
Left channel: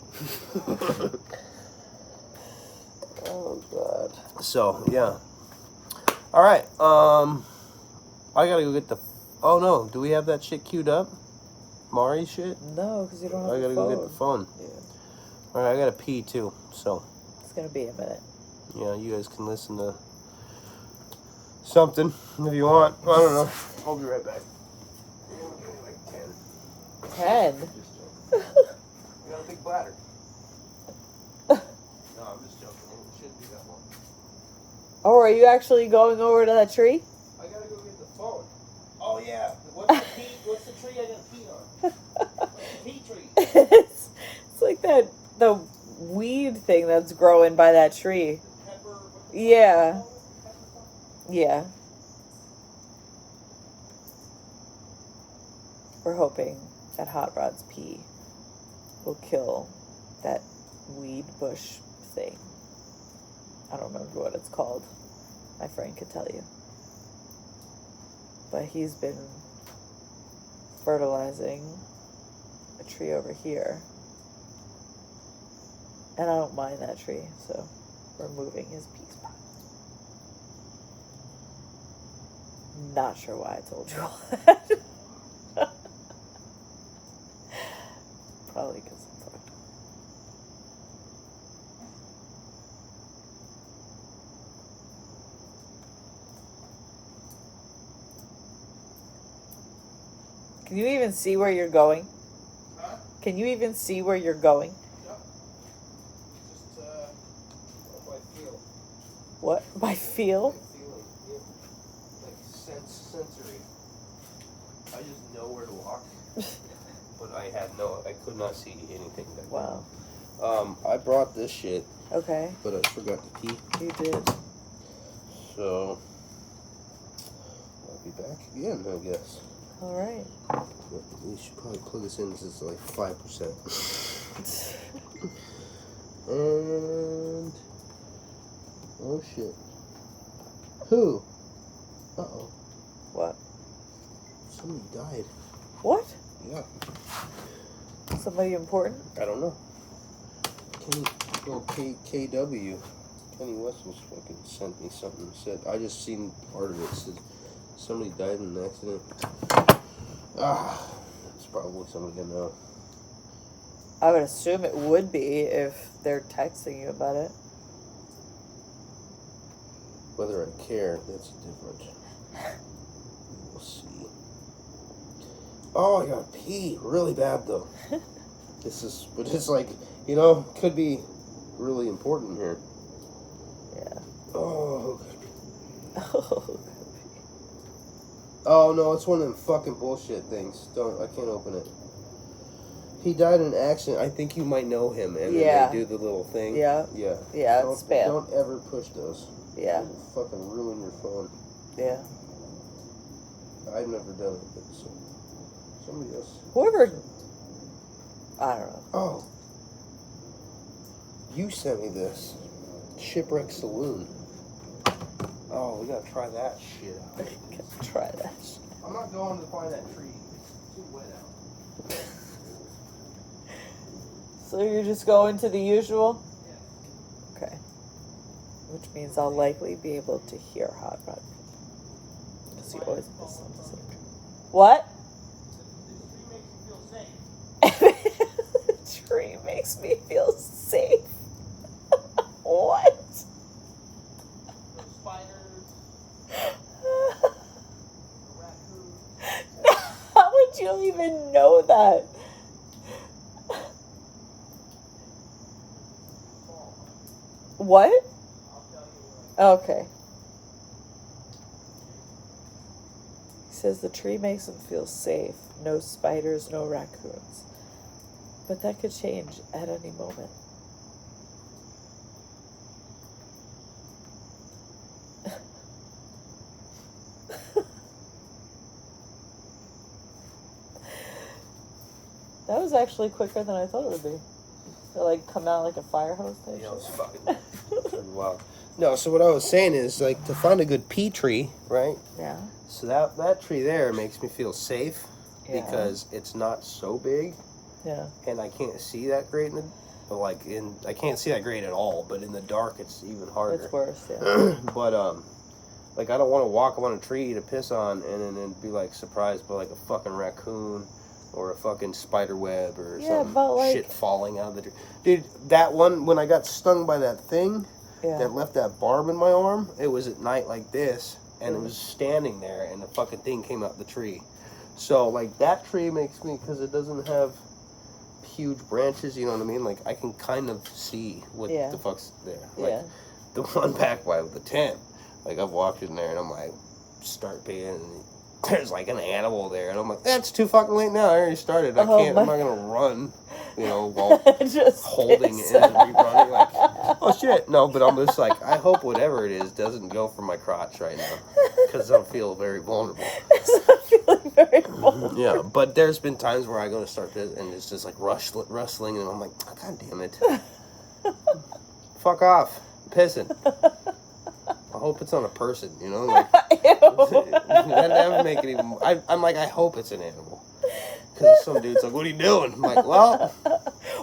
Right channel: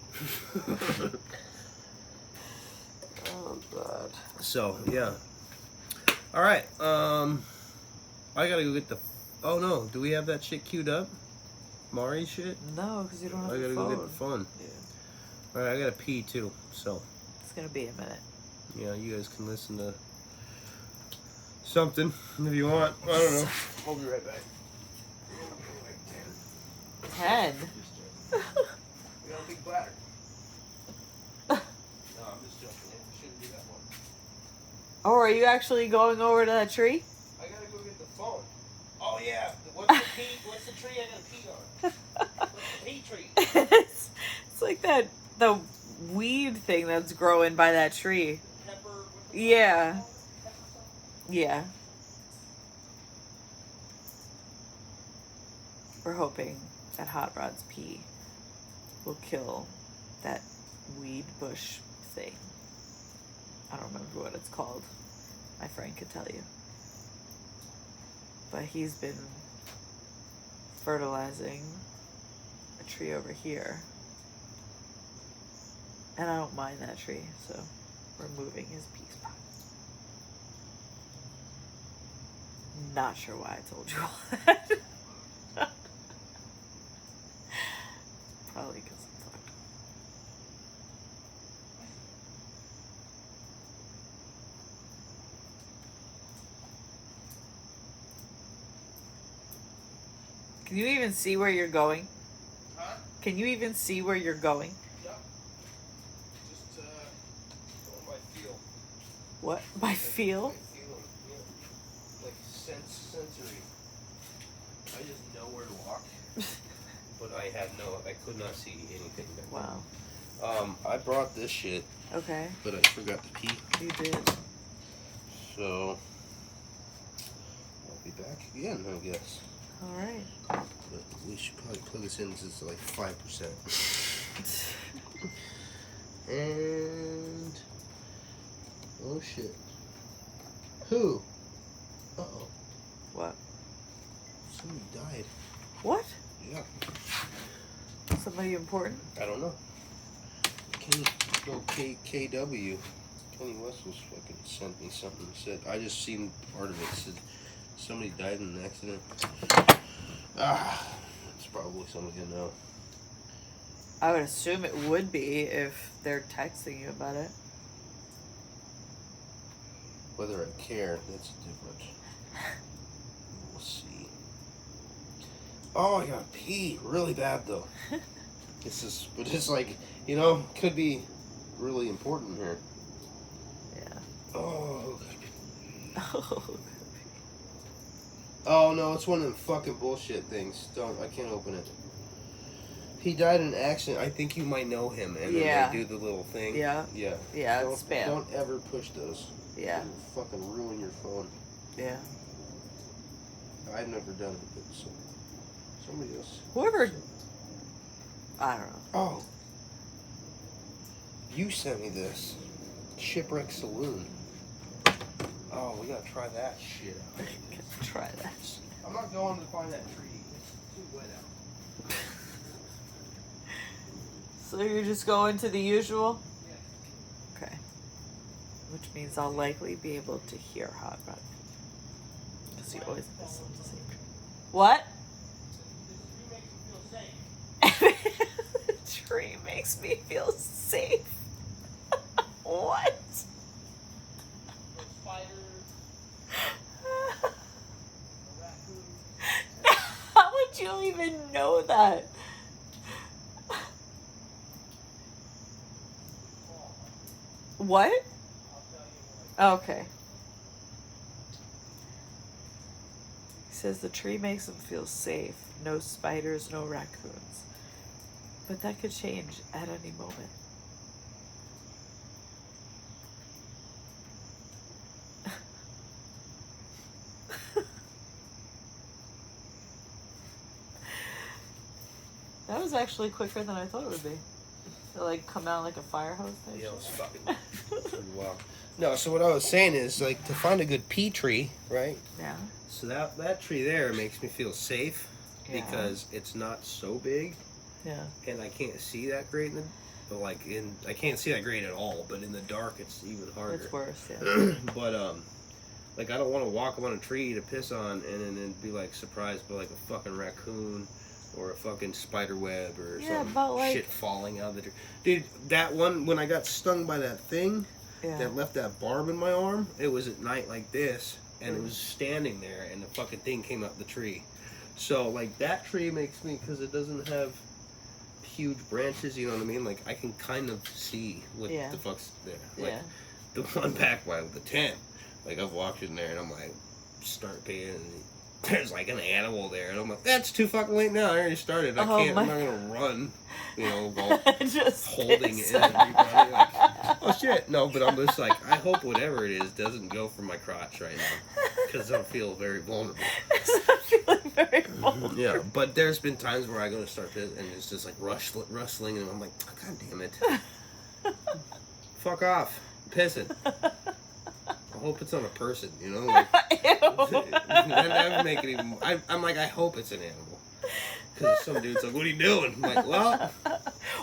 Oh, God. So, yeah. Alright, I gotta go get the... Oh, no, do we have that shit queued up? Mari's shit? No, because you don't have I gotta the phone. go get the phone. Yeah. Alright, I gotta pee, too, so... It's gonna be a minute. Yeah, you guys can listen to something if you want. I don't know. I'll be right back. 10? You got a big bladder. No, I'm just joking. It shouldn't be that long. Oh, are you actually going over to that tree? I gotta go get the phone. Oh yeah. What's the tree I gotta pee on? What's the pee tree? It's like the weed thing that's growing by that tree. Pepper. Yeah. Yeah. We're hoping that Hot Rod's pee will kill that weed bush thing. I don't remember what it's called. My friend could tell you. But he's been fertilizing a tree over here. And I don't mind that tree, so we're moving his pee spot. Not sure why I told you all that. Probably because I'm fucked. Can you even see where you're going? Huh? Can you even see where you're going? Yeah. Just, what I feel. What? By feel? Like sensory. I just know where to walk. But I could not see anything back there. Wow. I brought this shit, Okay. but I forgot to pee. You did. So, I'll be back again, I guess. Alright. But we should probably plug this in since it's like 5%. And, oh shit. Who? Uh-oh. What? Somebody died. What? Yeah. Somebody important? I don't know. KW. Kenny Wessels fucking sent me something. Said I just seen part of it. Said somebody died in an accident. It's probably somebody I know. I would assume it would be if they're texting you about it. Whether I care, that's different. Let's see. Oh, I gotta pee really bad though. But it's like, could be really important here. Yeah. Oh. Oh. Oh no, it's one of them fucking bullshit things. I can't open it. He died in an accident. I think you might know him, and Yeah. then they do the little thing. Yeah. Yeah. Yeah, it's spam. Don't ever push those. Yeah. It'll fucking ruin your phone. Yeah. I've never done it, but somebody else. Whoever. I don't know. Oh. You sent me this. Shipwreck Saloon. Oh, we gotta try that shit out. Try that. I'm not going to find that tree. It's too wet out. So you're just going to the usual? Okay. Which means I'll likely be able to hear Hot Rod. Because you always miss on the same tree. What? The tree makes me feel safe. What? How would you even know that? What? Okay. He says the tree makes him feel safe. No spiders, no raccoons. But that could change at any moment. That was actually quicker than I thought it would be. It come out like a fire hose type. Yeah, it's fucking wild. No, so what I was saying is to find a good pea tree, right? Yeah. So that tree there makes me feel safe Yeah. because it's not so big Yeah. and I can't see that great I can't see that great at all, but in the dark it's even harder. It's worse, yeah. But I don't want to walk up on a tree to piss on and then be surprised by a fucking raccoon or a fucking spider web or some shit falling out of the tree. Dude, that one, when I got stung by that thing that left that barb in my arm, it was at night like this, and it was standing there, and the fucking thing came out the tree. So, that tree makes me, because it doesn't have huge branches, you know what I mean? I can kind of see what the fuck's there. The one back by the tent, I've walked in there, and I'm start peeing, and there's like an animal there, and I'm like, that's too fucking late now. I already started. I'm not gonna run, while Just holding piss. it and running. Like, oh shit, no. But I'm just like, I hope whatever it is doesn't go for my crotch right now, because I feel very vulnerable. I'm feeling very vulnerable. Yeah, but there's been times where I go to start this, and it's just like rustling, and I'm like, oh, god damn it, fuck off, I'm pissing. I hope it's on a person, like. That would make it even. I'm like, I hope it's an animal, because some dude's like, "What are you doing?" I'm like, well,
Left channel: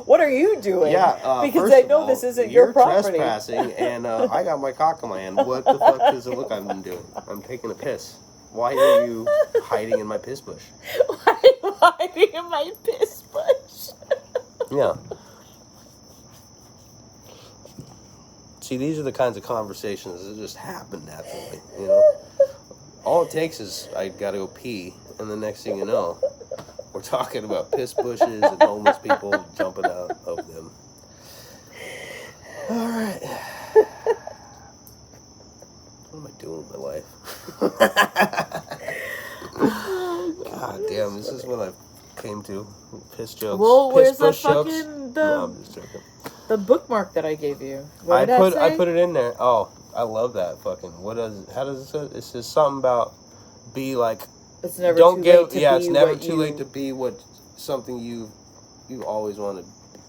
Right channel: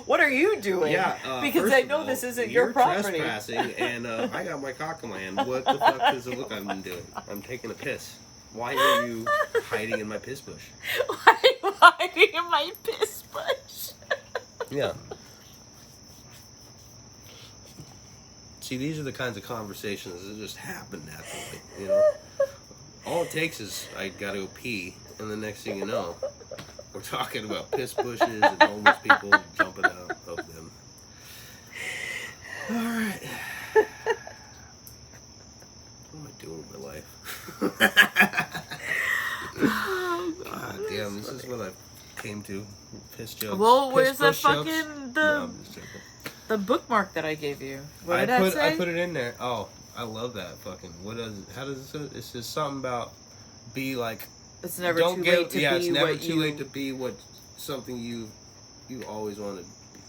What are you doing? yeah, because first I of know all, this isn't you're your property. trespassing, and I got my cock in my hand. What the fuck does it look I've been doing? I'm taking a piss. Why are you hiding in my piss bush? Why are you hiding in my piss bush? Yeah. See, these are the kinds of conversations that just happen naturally, All it takes is I gotta go pee, and the next thing you know, we're talking about piss bushes and homeless people jumping out of them. Alright. What am I doing with my life? God damn, this is what I came to. Piss jokes. Well, Piss where's the bush jokes. fucking No, I'm just joking. the bookmark that I gave you? What did that say? I put it in there. Oh, I love that fucking. How does it say? It says something about be like. It's never Don't too get. late to Yeah, be it's never what too you... late to be what something you always want to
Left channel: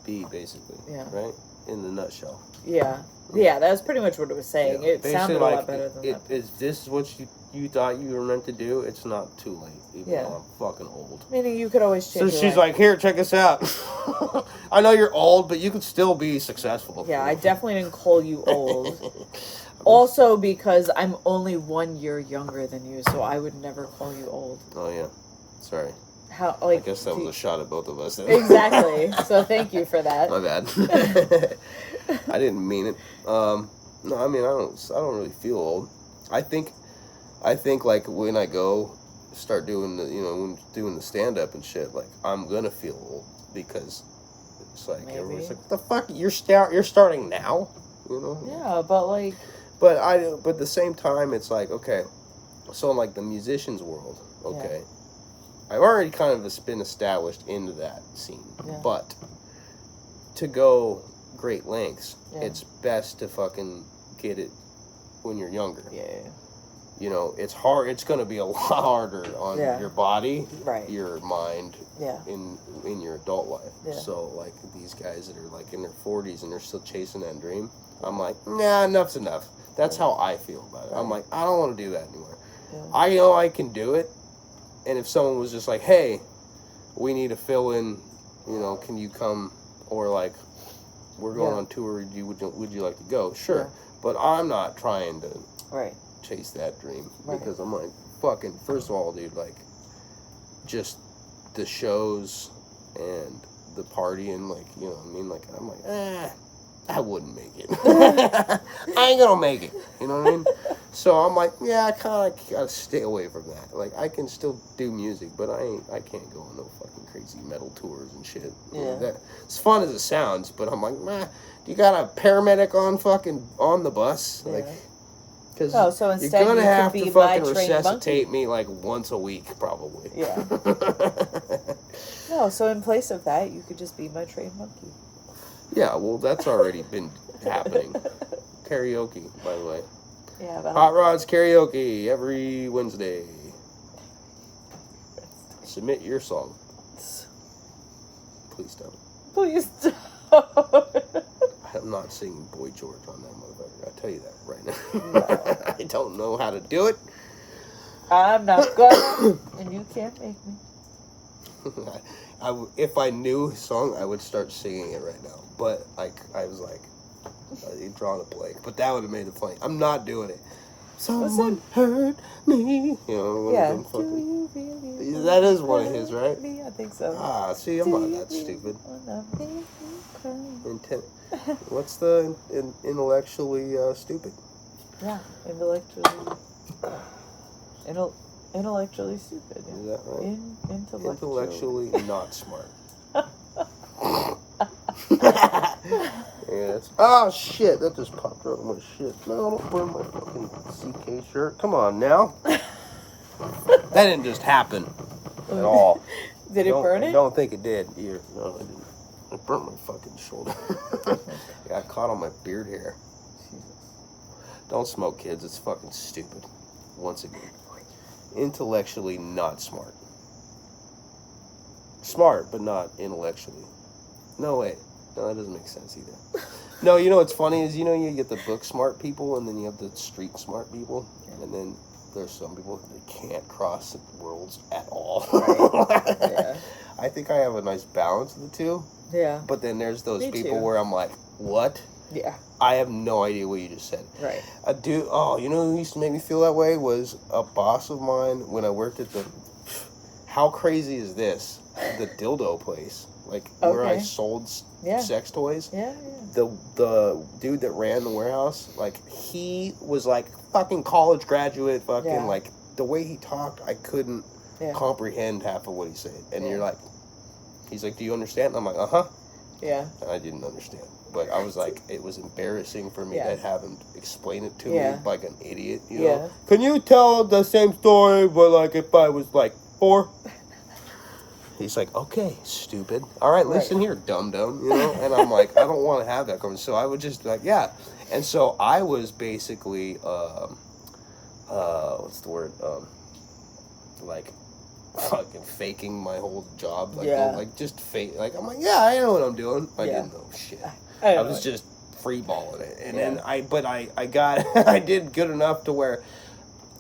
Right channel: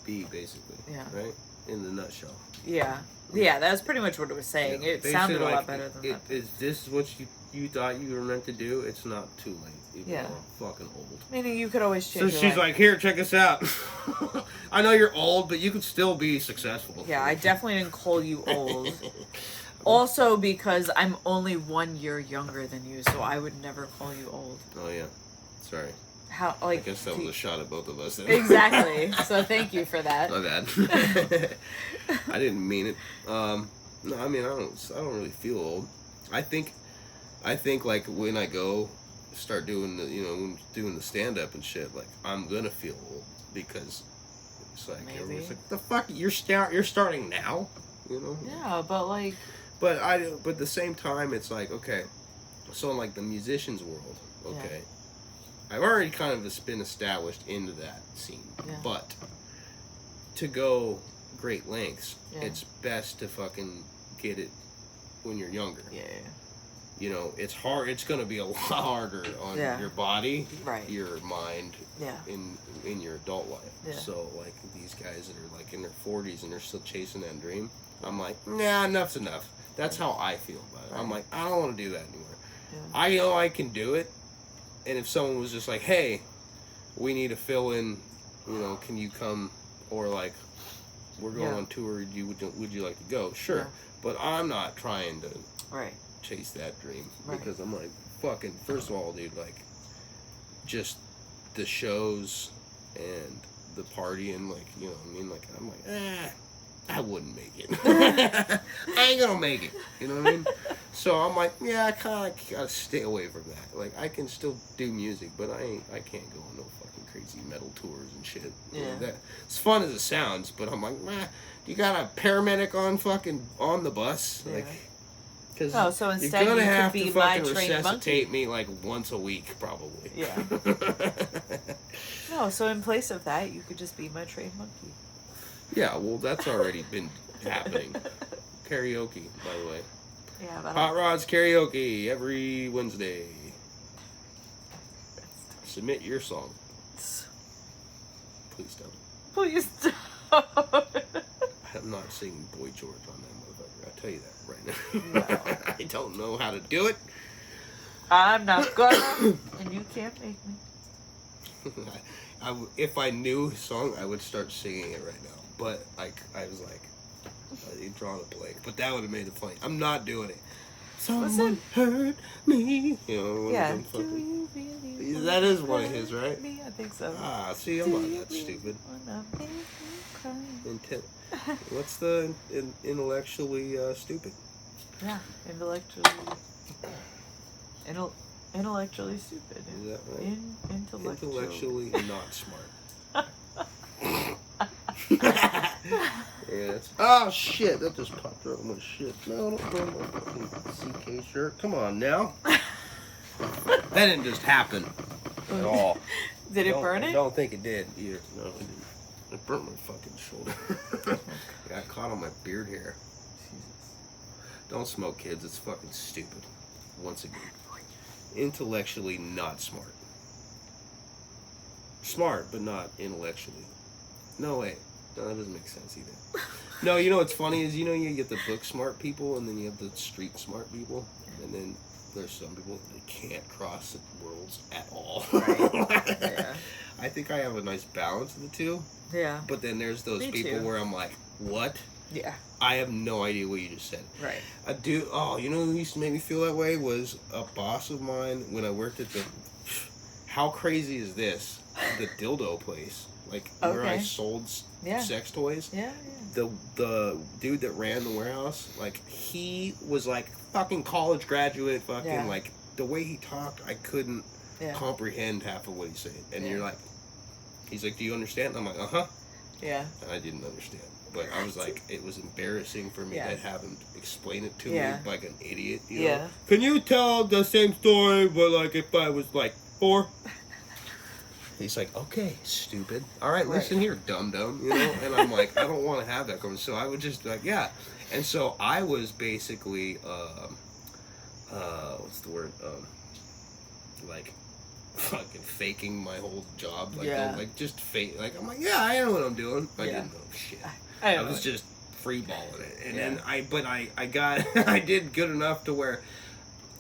be, basically. Yeah. Right. In the nutshell. Yeah. Yeah, that was pretty much what it was saying. Yeah. It sounded Basically, a lot better than that. Is this what you thought you were meant to do? It's not too late. Even Yeah. though I'm fucking old. Meaning you could always change So your she's life. like, here, check this out. I know you're old, but you could still be successful. Yeah, I definitely didn't call you old. Also because I'm only 1 year younger than you, so I would never call you old. Oh yeah, sorry. How I guess that was a shot at both of us. Then. Exactly. So thank you for that. My bad. I didn't mean it. No, I mean I don't really feel old. I think like when I go start doing when doing the stand up and shit, like I'm gonna feel old because it's like Maybe. everyone's like, the fuck you're starting now, Yeah, but like But at the same time, it's like, okay, so in like the musicians world, okay, I've already kind of been established into that scene, but to go great lengths, it's best to fucking get it when you're younger. It's hard. It's going to be a lot harder on your body, your mind, in your adult life. So like these guys that are like in their 40s and they're still chasing that dream, I'm like, nah, enough's enough. That's how I feel about it. I'm like, I don't want to do that anymore. I know I can do it, and if someone was just like, hey, we need to fill in, can you come, or like, we're going on tour, would you like to go? Sure. But I'm not trying to chase that dream, because I'm like, fucking, first of all, dude, like, just the shows and the partying, like, you know what I mean? Like, I'm like, I wouldn't make it. I ain't gonna make it. You know what I mean? So I'm like, yeah, I kind of gotta stay away from that. Like, I can still do music, but I can't go on no fucking crazy metal tours and shit. That it's fun as it sounds, but I'm like, you got a paramedic on the bus, like, because so instead you're gonna you have could to be my fucking trained resuscitate me like once a week, probably. Yeah. No, so in place of that, you could just be my trained monkey. Yeah, well, that's already been happening. Karaoke, by the way. Yeah, but Hot Rods Karaoke every Wednesday. Submit your song. Please don't. Please don't. I'm not singing Boy George on that motherfucker. I'll tell you that right now. I don't know how to do it. I'm not gonna, and you can't make me. If I knew his song, I would start singing it right now. But I was like, drawing a blank. But that would have made it funny. I'm not doing it. Someone hurt me. You know, one of them fucking. Do you really That is one of his, right? me? I think so. Ah, see, I'm not that stupid. What's the intellectually stupid? Yeah, intellectually stupid. Yeah. Is that right? Intellectually. Not smart. Yeah, oh shit, that just popped out of my shit. No, don't wear my fucking CK shirt. Come on now. That didn't just happen at all. Did it Don't- burn I it? don't think it did either. No, it didn't. It burnt my fucking shoulder. It got caught on my beard hair. Don't smoke, kids. It's fucking stupid. Once again, intellectually not smart. Smart, but not intellectually. No way. No, that doesn't make sense either. No, you know what's funny is, you get the book smart people and then you have the street smart people. And then there's some people that can't cross worlds at all. Right. Yeah. I think I have a nice balance of the two. Yeah. But then there's those Me people too. where I'm like, what? Yeah. I have no idea what you just said. Right. A dude, you know who used to make me feel that way was a boss of mine when I worked at the, how crazy is this? The dildo place. Like, where I Okay. sold Yeah. sex toys. Yeah. The dude that ran the warehouse, like, he was like fucking college graduate, fucking, Yeah. like, the way he talked, I couldn't Yeah. comprehend half of what he said. And Yeah. you're like, he's like, do you understand? And I'm like, uh-huh. Yeah. And I didn't understand. But I was like, it was embarrassing for me Yeah. to have him explain it to Yeah. me like an idiot. You Yeah. know? Can you tell the same story, but like if I was like 4? He's like, okay, stupid. All right, listen here, dum-dum. You know? And I'm like, I don't want to have that conversation. So I would just be like, yeah. And so I was basically, what's the word? Like, fucking faking my whole job. Like, Yeah. like just fake. Like, I'm like, yeah, I know what I'm doing. I Yeah. didn't know shit. I I was just free balling it, and then Yeah. I got I did good enough to where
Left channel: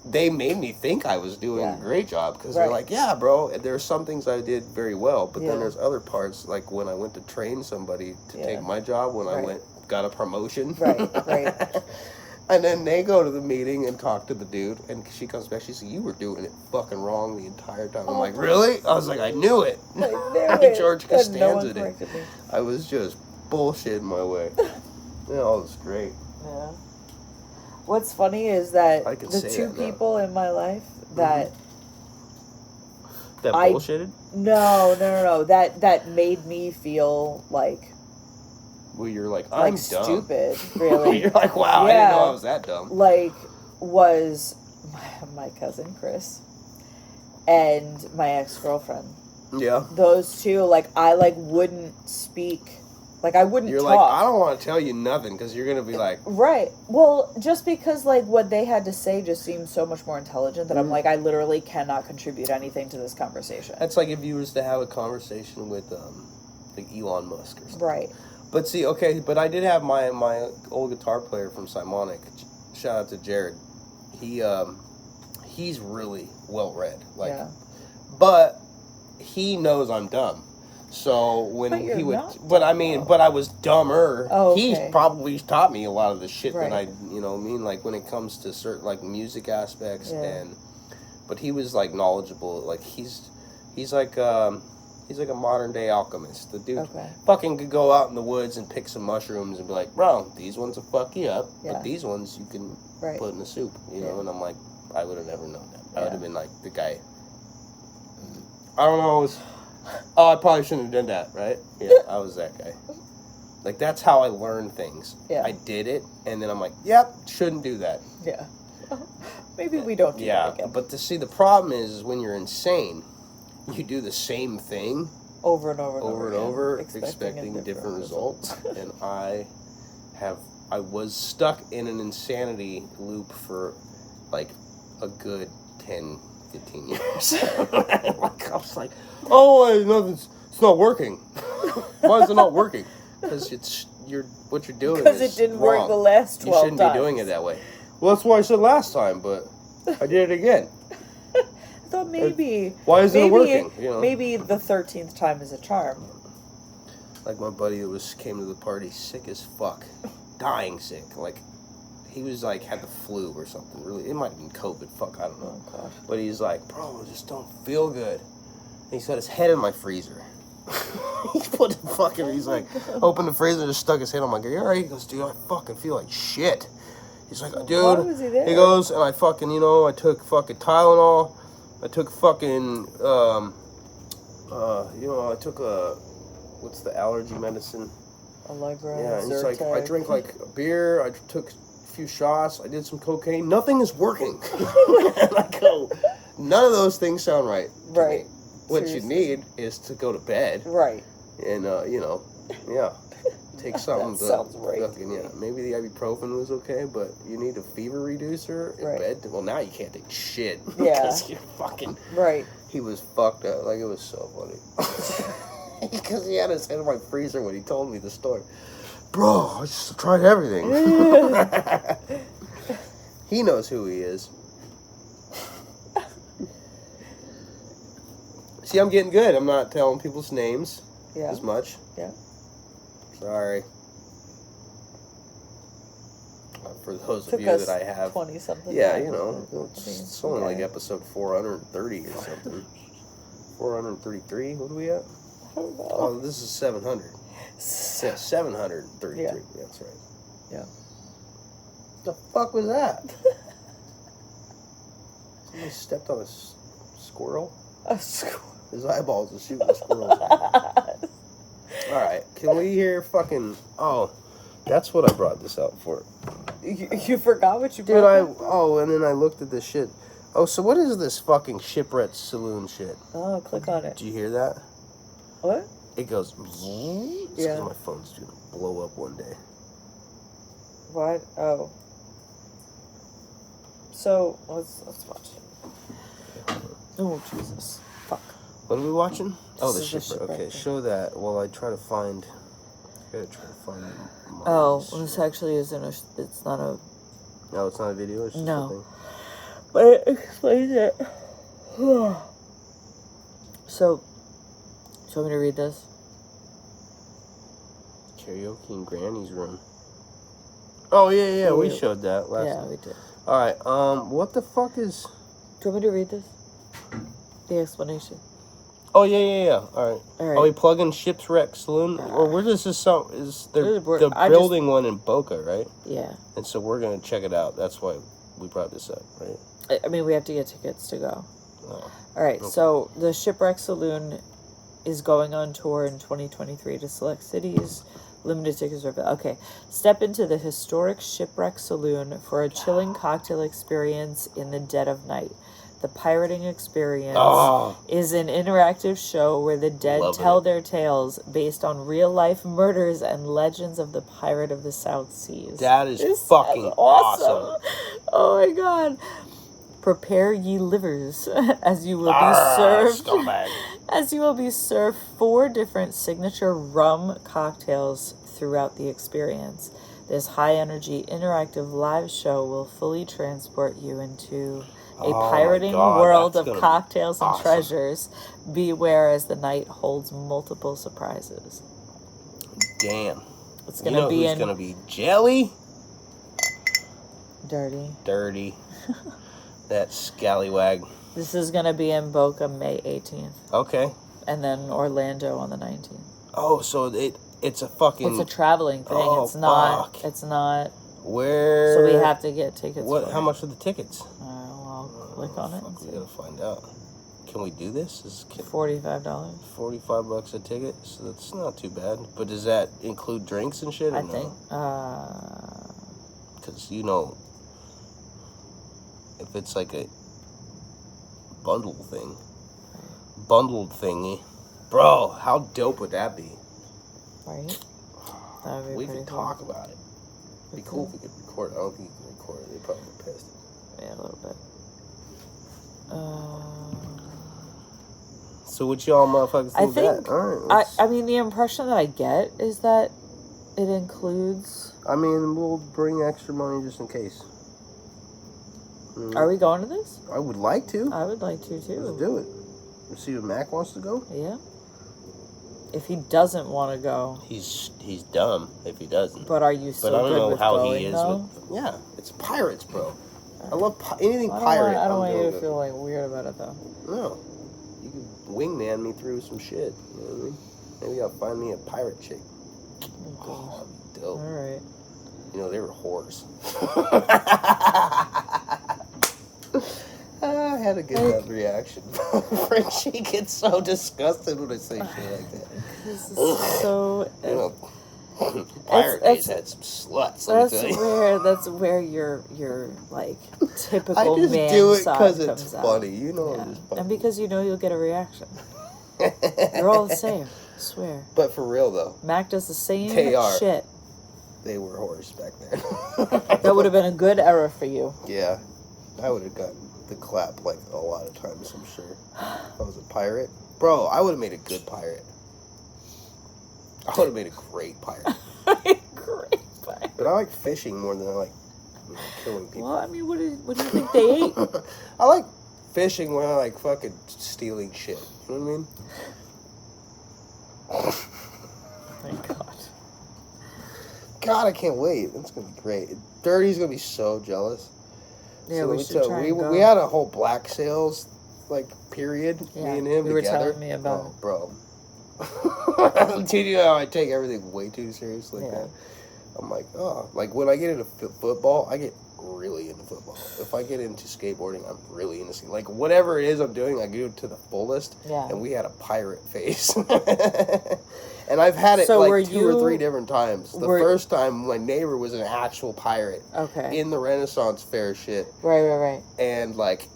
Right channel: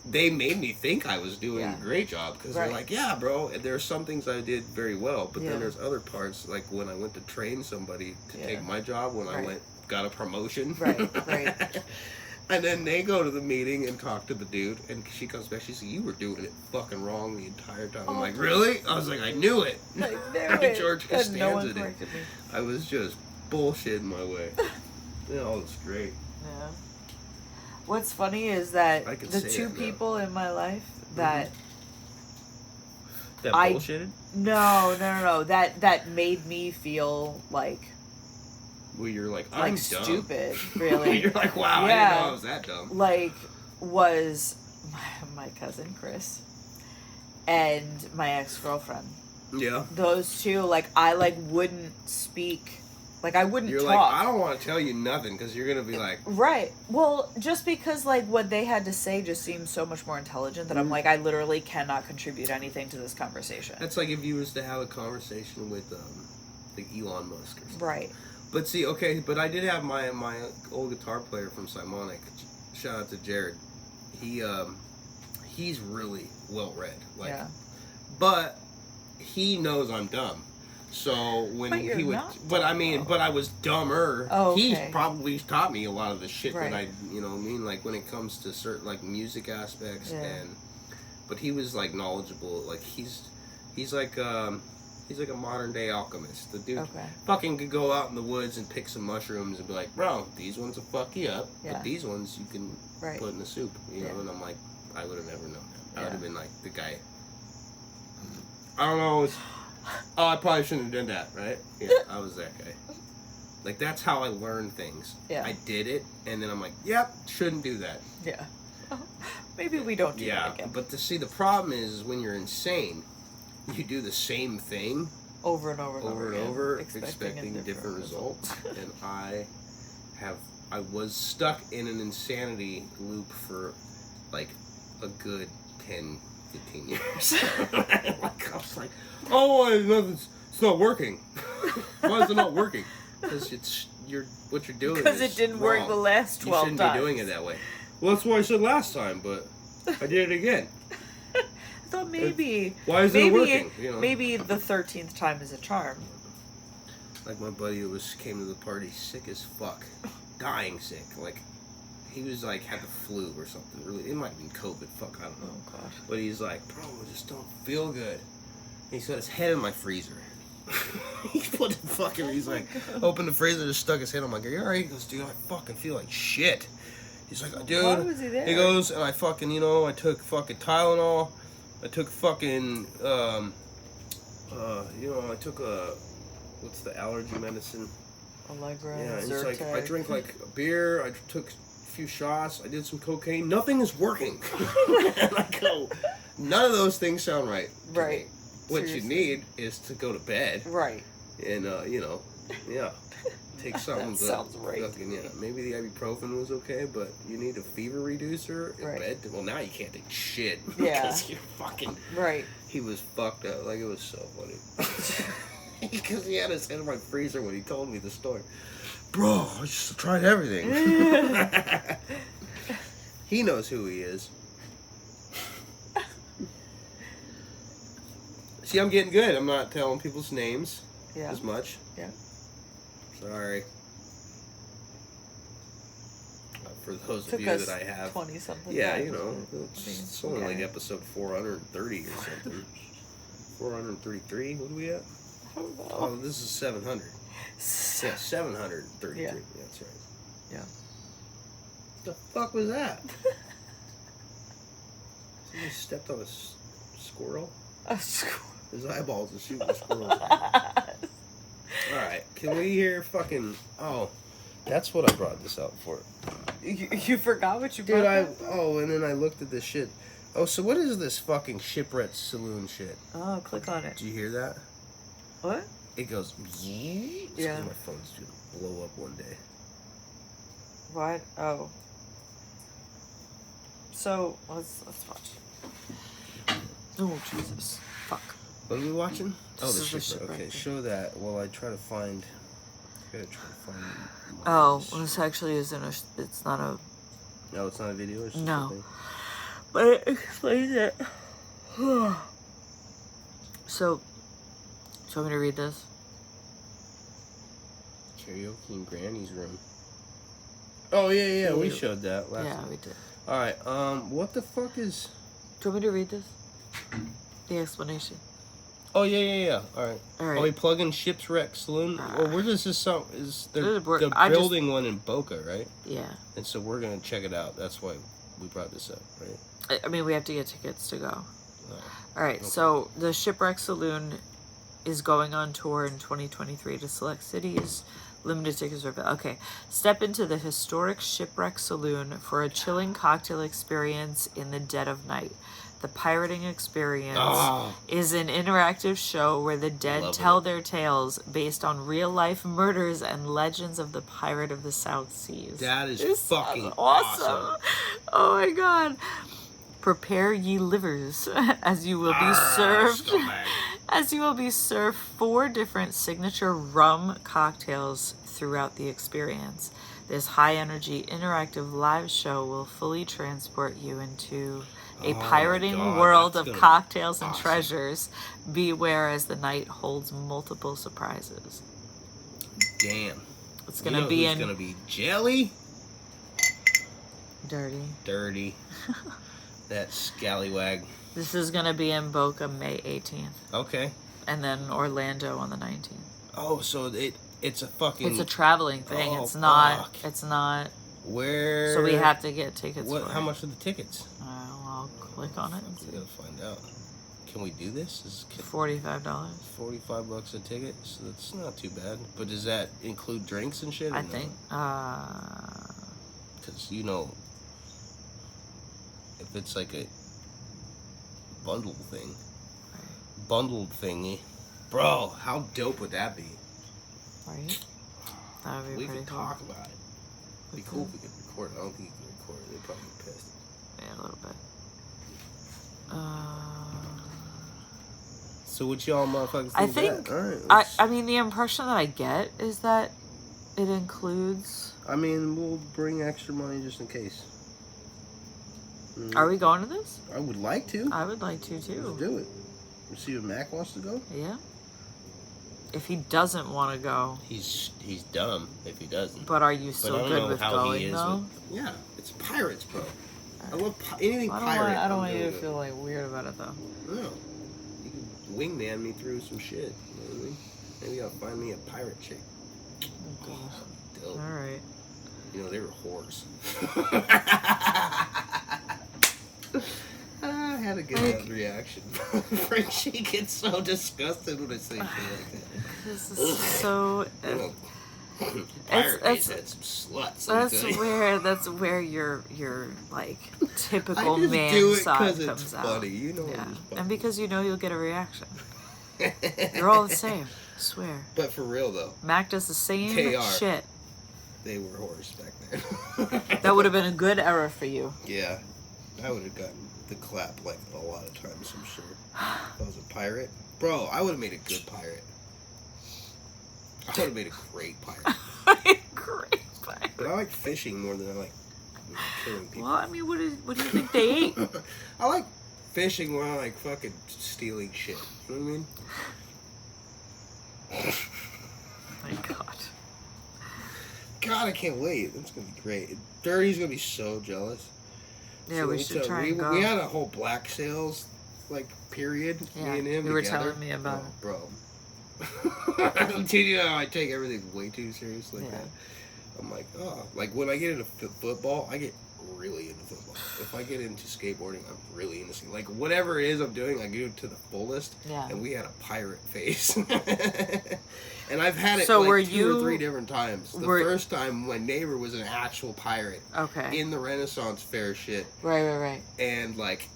they made me think I was doing Yeah. a great job because Right. they're like, yeah, bro. And there's some things I did very well, but Yeah. then there's other parts like when I went to train somebody to Yeah. take my job when I Right. got a promotion. Right, right. And then they go to the meeting and talk to the dude, and she comes back. She says, "You were doing it fucking wrong the entire time." I'm like, "Really?" I was like, "I knew it." George Costanza No one did. corrected me. I was just bullshitting my way. Yeah, it was great. Yeah. What's funny is that I can the say two that now. people in my life that That I- bullshitted? no that made me feel like Well, you're like, I'm dumb. stupid, really. You're like, wow, I didn't Yeah. know I was that dumb. Like was my cousin Chris and my ex-girlfriend. Yeah. Those two, like I wouldn't speak, like I wouldn't You're talk. like, I don't want to tell you nothing because you're going to be like, Right. Well, just because like what they had to say just seems so much more intelligent that I'm like, I literally cannot contribute anything to this conversation. that's like if you was to have a conversation with like Elon Musk or something. Right. But see, okay, but I did have my old guitar player from Simonic. Shout out to Jared. He's really well read. Like, Yeah. but he knows I'm dumb. So when But you're he would, not but I mean, but I was dumber. Oh, He's okay. probably taught me a lot of the shit that I, Right. you know, what I mean, like when it comes to certain like music aspects Yeah. but he was like knowledgeable. Like he's like a modern day alchemist. The dude Okay. fucking could go out in the woods and pick some mushrooms and be like, bro, these ones will fuck you up, Yeah. but these ones you can Right. put in the soup, you know. Yeah. And I'm like, I would have never known that. I Yeah. would have been like the guy. I don't know. I probably shouldn't have done that, right? Yeah, I was that guy. Like that's how I learned things. Yeah. I did it, and then I'm like, yep, shouldn't do that. Yeah. Maybe we don't do Yeah, that again. but But the problem is when you're insane, you do the same thing over and over and over and again, over, expecting a different results. And I was stuck in an insanity loop for like a good 10, 15 years. Like, I was like, oh, it's not working. Why is it not working? Because what you're doing Because is it didn't work wrong. the last 12 You shouldn't times. be doing it that way. Well, that's why I said last time, but I did it again. I thought maybe. Why isn't it working? You know? Maybe the 13th time is a charm. Like my buddy who came to the party sick as fuck, dying sick. Like he was like had the flu or something. Really, it might have been COVID. Fuck, I don't know. Oh gosh. But he's like, bro, I just don't feel good. And he's got his head in my freezer. He put the fucking. He's like, opened the freezer and just stuck his head. I'm like, are you alright? He goes, dude, I fucking feel like shit. He's like, dude. Why was he there? He goes, and I fucking, I took fucking Tylenol. I took fucking, I took what's the allergy medicine? Allegra. Yeah, and it's like I Zyrtec. drink like a beer. I took few shots. I did some cocaine. Nothing is working. And I go, none of those things sound right. to Right. me. What Seriously. you need is to go to bed Right. and, yeah, take something. That sounds right to fucking, me. yeah, maybe the ibuprofen was okay, but you need a fever reducer in Right. bed. Well, now you can't take shit. Yeah. Because you're fucking. Right. He was fucked up. Like, it was so funny. Because he had his head in my freezer when he told me the story. Bro, I just tried everything. He knows who he is. See, I'm getting good. I'm not telling people's names Yeah. as much. Yeah. Sorry. For those of Took you us that I have. 20 something. Yeah, times, you know, but, it's only like okay. episode 430 or something. 433? What are we at? I don't know. Oh, this is 700. Yeah, 733. Yeah. That's right. Yeah. The fuck was that? Somebody stepped on a squirrel? A squirrel. His eyeballs are shooting squirrels. Alright, can we hear fucking... Oh, that's what I brought this out for. You forgot what you Dude, brought? and then I looked at this shit. Oh, so what is this fucking Shipwreck Saloon shit? Oh, click on it. Did you hear that? What? It goes... It's 'cause Yeah. my phone's gonna blow up one day. What? Oh. So let's watch. Oh Jesus! Fuck. What are we watching? Oh, the This is the Shipwreck. Shipwreck Okay, thing. show that while I try to find... my Oh, shit. this actually isn't a. It's not a. No, it's not a video. It's just No. a thing. But it explains it. So, do you want me to read this? Karaoke in Granny's room. Oh yeah, we Yeah. showed that last. Yeah, we did. All right. What the fuck is? Do you want me to read this? The explanation. Oh yeah. All right. All right. Oh, we plug in Shipwreck Saloon. Or where does this sound? Is they're I just- building one in Boca, right? Yeah. And so we're gonna check it out. That's why we brought this up, right? I mean, we have to get tickets to go. Oh. All right, Okay. so the Shipwreck Saloon is going on tour in 2023 to select cities. Limited tickets are available. Okay, step into the historic Shipwreck Saloon for a chilling cocktail experience in the dead of night. The Pirating Experience Oh. is an interactive show where the dead Love tell it. their tales based on real-life murders and legends of the pirate of the South Seas. That is This fucking sounds awesome. Oh my god. Prepare ye livers as you will be served Scumbag. as you will be served 4 different signature rum cocktails throughout the experience. This high energy interactive live show will fully transport you into a Oh my pirating God, world that's of gonna be cocktails and awesome. treasures. Beware as the night holds multiple surprises. Damn. It's You gonna know be who's in gonna be jelly? dirty. Dirty. That scallywag. This is gonna be in Boca May 18th, Okay. and then Orlando on the 19th. Oh, so it's a fucking. It's a traveling thing. Oh, It's not. fuck. It's not. Where? So we have to get tickets. What? for How it. much are the tickets? I'll click on it. Fuck, And we see. gotta find out. Can we do this? $45. $45 a ticket, so that's not too bad. But does that include drinks and shit? Or I no? think. Because if it's like a bundled thingy, bro, how dope would that be? Right. That would be We pretty could cool. talk about it. It'd be cool if we could record it. I don't think you can record it. They'd probably be pissed. Yeah, a little bit. So what y'all motherfuckers think I of think. that? All right. I mean, the impression that I get is that it includes. I mean, we'll bring extra money just in case. Are we going to this? I would like to. I would like to Let's too. do it. Let's see if Mac wants to go. Yeah. If he doesn't want to go, He's dumb if he doesn't. but are you But I still don't good know with how going he is though? with. Yeah, it's pirates, bro. I love anything I pirate. don't want I'm you to good feel like weird about it though. with. No, you can wingman me through some shit. You know what I mean? Maybe I'll find me a pirate chick. Oh, dope. All right. You know, they were whores. I had a good reaction. Frenchie gets so disgusted when I say shit like that. This is so. You know, pirates. He's had some sluts. let me That's tell you. where your like I typical just man do it side because comes it's out. funny. You know, Yeah. it's funny. And because you know you'll get a reaction. They're all the same. I swear. But for real though, Mac does the same They are. shit. they were whores back then. That would have been a good era for you. Yeah, I would have gotten the clap like a lot of times. I'm sure. If I was a pirate, bro, I would have made a good pirate. I would have made a great pirate. Great. But I like fishing more than I like killing people. Well, I mean, what do you think they ate? I like fishing when I like fucking stealing shit. You know what I mean? Oh my God. God, I can't wait. That's gonna be great. Dirty's gonna be so jealous. Yeah, So we let me should tell- try we, and go. we had a whole black sails like period. Yeah, Me and him you were together. telling me about it. bro. Dude, you know I take everything way too serious like Yeah. that. I'm like, oh, like when I get into football, I get really into football. If I get into skateboarding, I'm really into like whatever it is I'm doing, I do it to the fullest. Yeah. And we had a pirate face, and I've had it So were like two or you- three different times. The first time, my neighbor was an actual pirate Okay. in the Renaissance fair shit, Right. and like,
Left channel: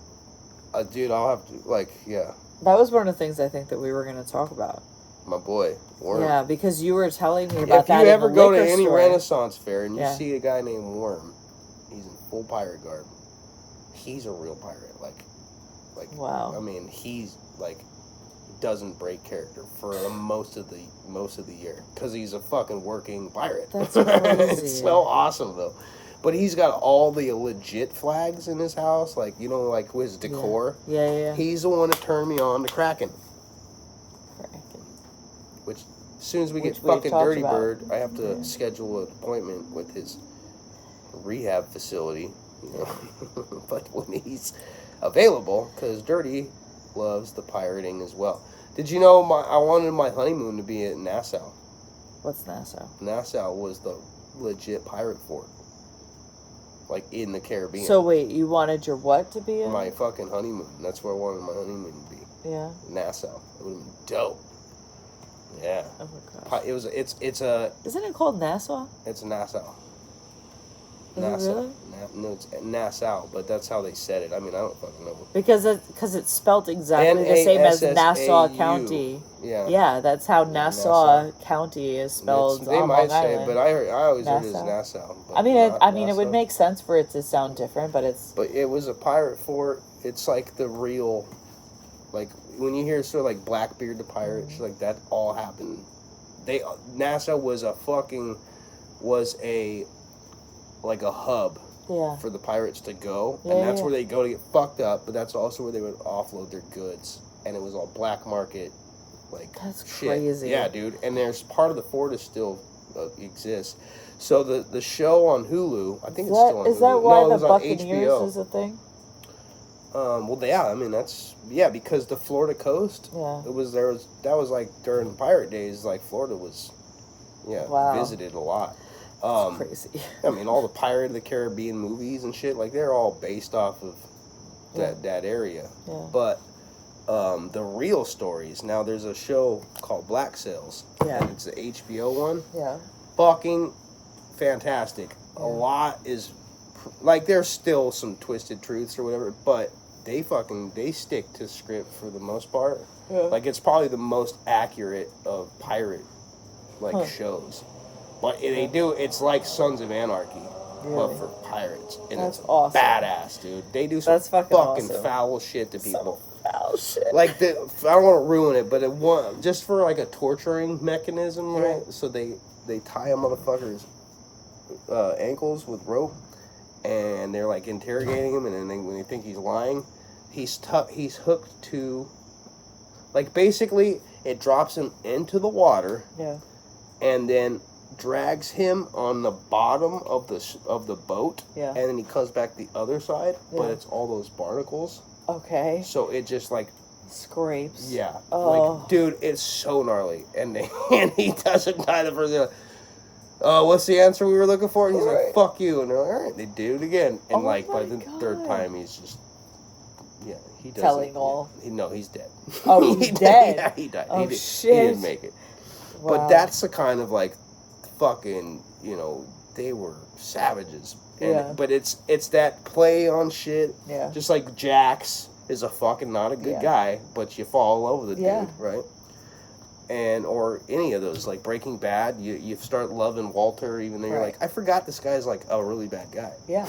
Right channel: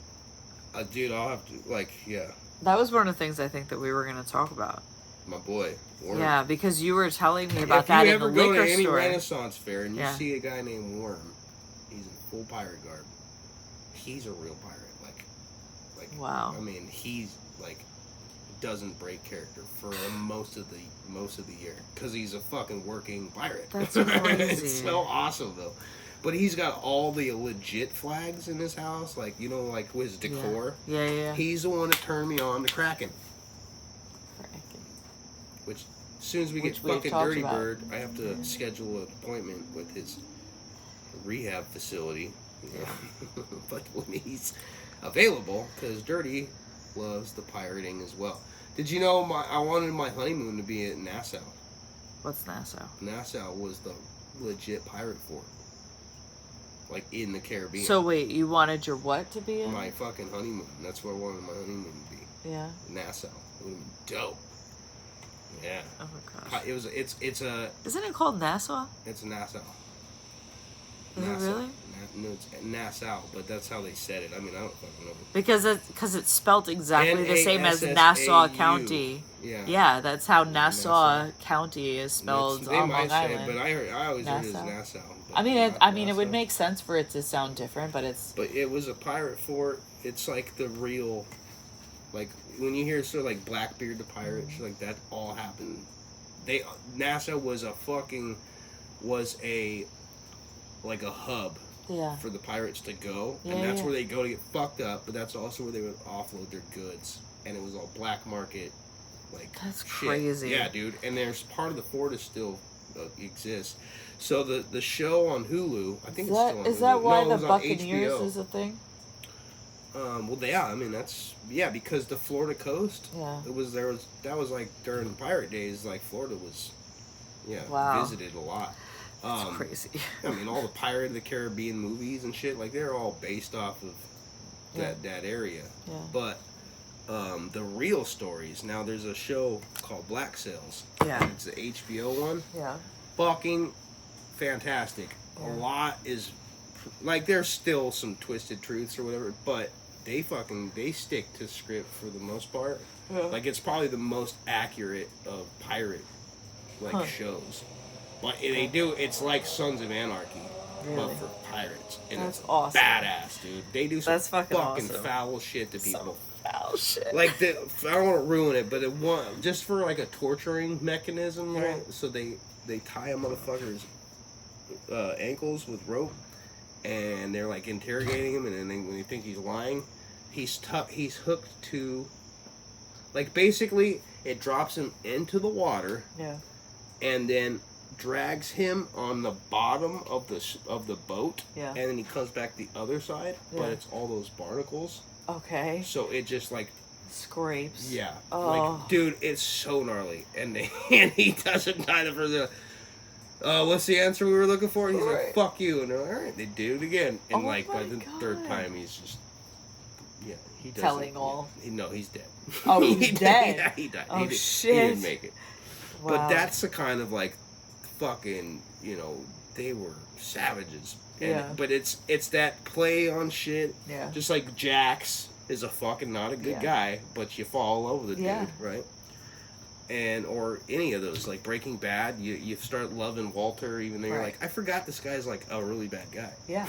dude, I'll have to like, yeah, That was one of the things I think that we were going to talk about. my boy. Worm. Yeah, because you were telling me about If that you in ever the go to liquor any store. Renaissance fair and you Yeah. see a guy named Worm, he's in full pirate garb. He's a real pirate. Like Wow. I mean, he's like doesn't break character for most of the year because he's a fucking working pirate. That's crazy. It's so awesome though. But he's got all the legit flags in his house, like you know, like with his decor. Yeah. He's the one that turned me on to Kraken. Which, as soon as we get Which we've fucking talked Dirty about. Bird, I have to schedule an appointment with his rehab facility. You know, but when he's available, because Dirty loves the pirating as well. Did you know I wanted my honeymoon to be at Nassau? What's Nassau? Nassau was the legit pirate fort, like in the Caribbean. So wait, you wanted your what to be in? My fucking honeymoon. That's where I wanted my honeymoon to be. Yeah. Nassau. It would have been dope. Yeah. Oh my gosh. Isn't it called Nassau? It's Nassau. Is it really? No, it's Nassau, but that's how they said it. I mean, I don't fucking know. Because it's spelled exactly the same as Nassau NASSAU. County. Yeah. Yeah, that's how Nassau Nassau. County is spelled They on might Long say, Island. but I always heard it as Nassau. Nassau. but I mean, not it would Nassau. make sense for it to sound different, but it's But it was a pirate fort. It's like the real, like when you hear sort of like Blackbeard the pirate, Mm-hmm. shit like that all happened. Nassau was a like a hub yeah. for the pirates to go, Yeah, and that's yeah. where they go to get fucked up. But that's also where they would offload their goods, and it was all black market, like That's shit. crazy. Yeah, dude. And there's part of the fort is still exists. So the show on Hulu, I think it's still on Hulu. Is that why No, it the was on Buccaneers HBO. is a thing? Well, yeah, I mean because the Florida coast, Yeah. that was like during pirate days, like Florida was, Wow. visited a lot. It's crazy. I mean, all the Pirate of the Caribbean movies and shit, like they're all based off of that area. Yeah. But the real stories, now there's a show called Black Sails. Yeah. And it's the HBO one. Yeah. Fucking fantastic. A lot is like there's still some twisted truths or whatever, but they stick to script for the most part. Yeah. Like it's probably the most accurate of pirate shows. But they do it's like Sons of Anarchy, Really? but for pirates. And That's it's awesome. badass, dude. They do some That's fucking awesome. foul shit to people. Oh shit. Like I don't want to ruin it, but just for like a torturing mechanism, right? So they tie a motherfucker's ankles with rope, and they're like interrogating him, and then when they think he's lying, he's hooked to, like basically it drops him into the water, Yeah. and then drags him on the bottom of the boat, Yeah. and then he comes back the other side, but Yeah. it's all those barnacles, Okay. so it just like. Scrapes. Yeah, Oh. like dude, it's so gnarly, and he doesn't die the first. What's the answer we were looking for? And he's Right. like, "Fuck you," and they're like, "All right," they do it again, and Oh like by my the third God. time, he's just he doesn't. Telling all. No, he's dead. Oh, he's dead? Yeah, he died. Oh, He shit. didn't make it. Wow. But that's the kind of like fucking, they were savages. And, Yeah. But it's that play on shit. Yeah. Just like Jax is a fucking not a good guy, but you fall in love with the dude, right? And or any of those, like Breaking Bad, you start loving Walter, even though you're like, I forgot this guy's like a really bad guy. Yeah.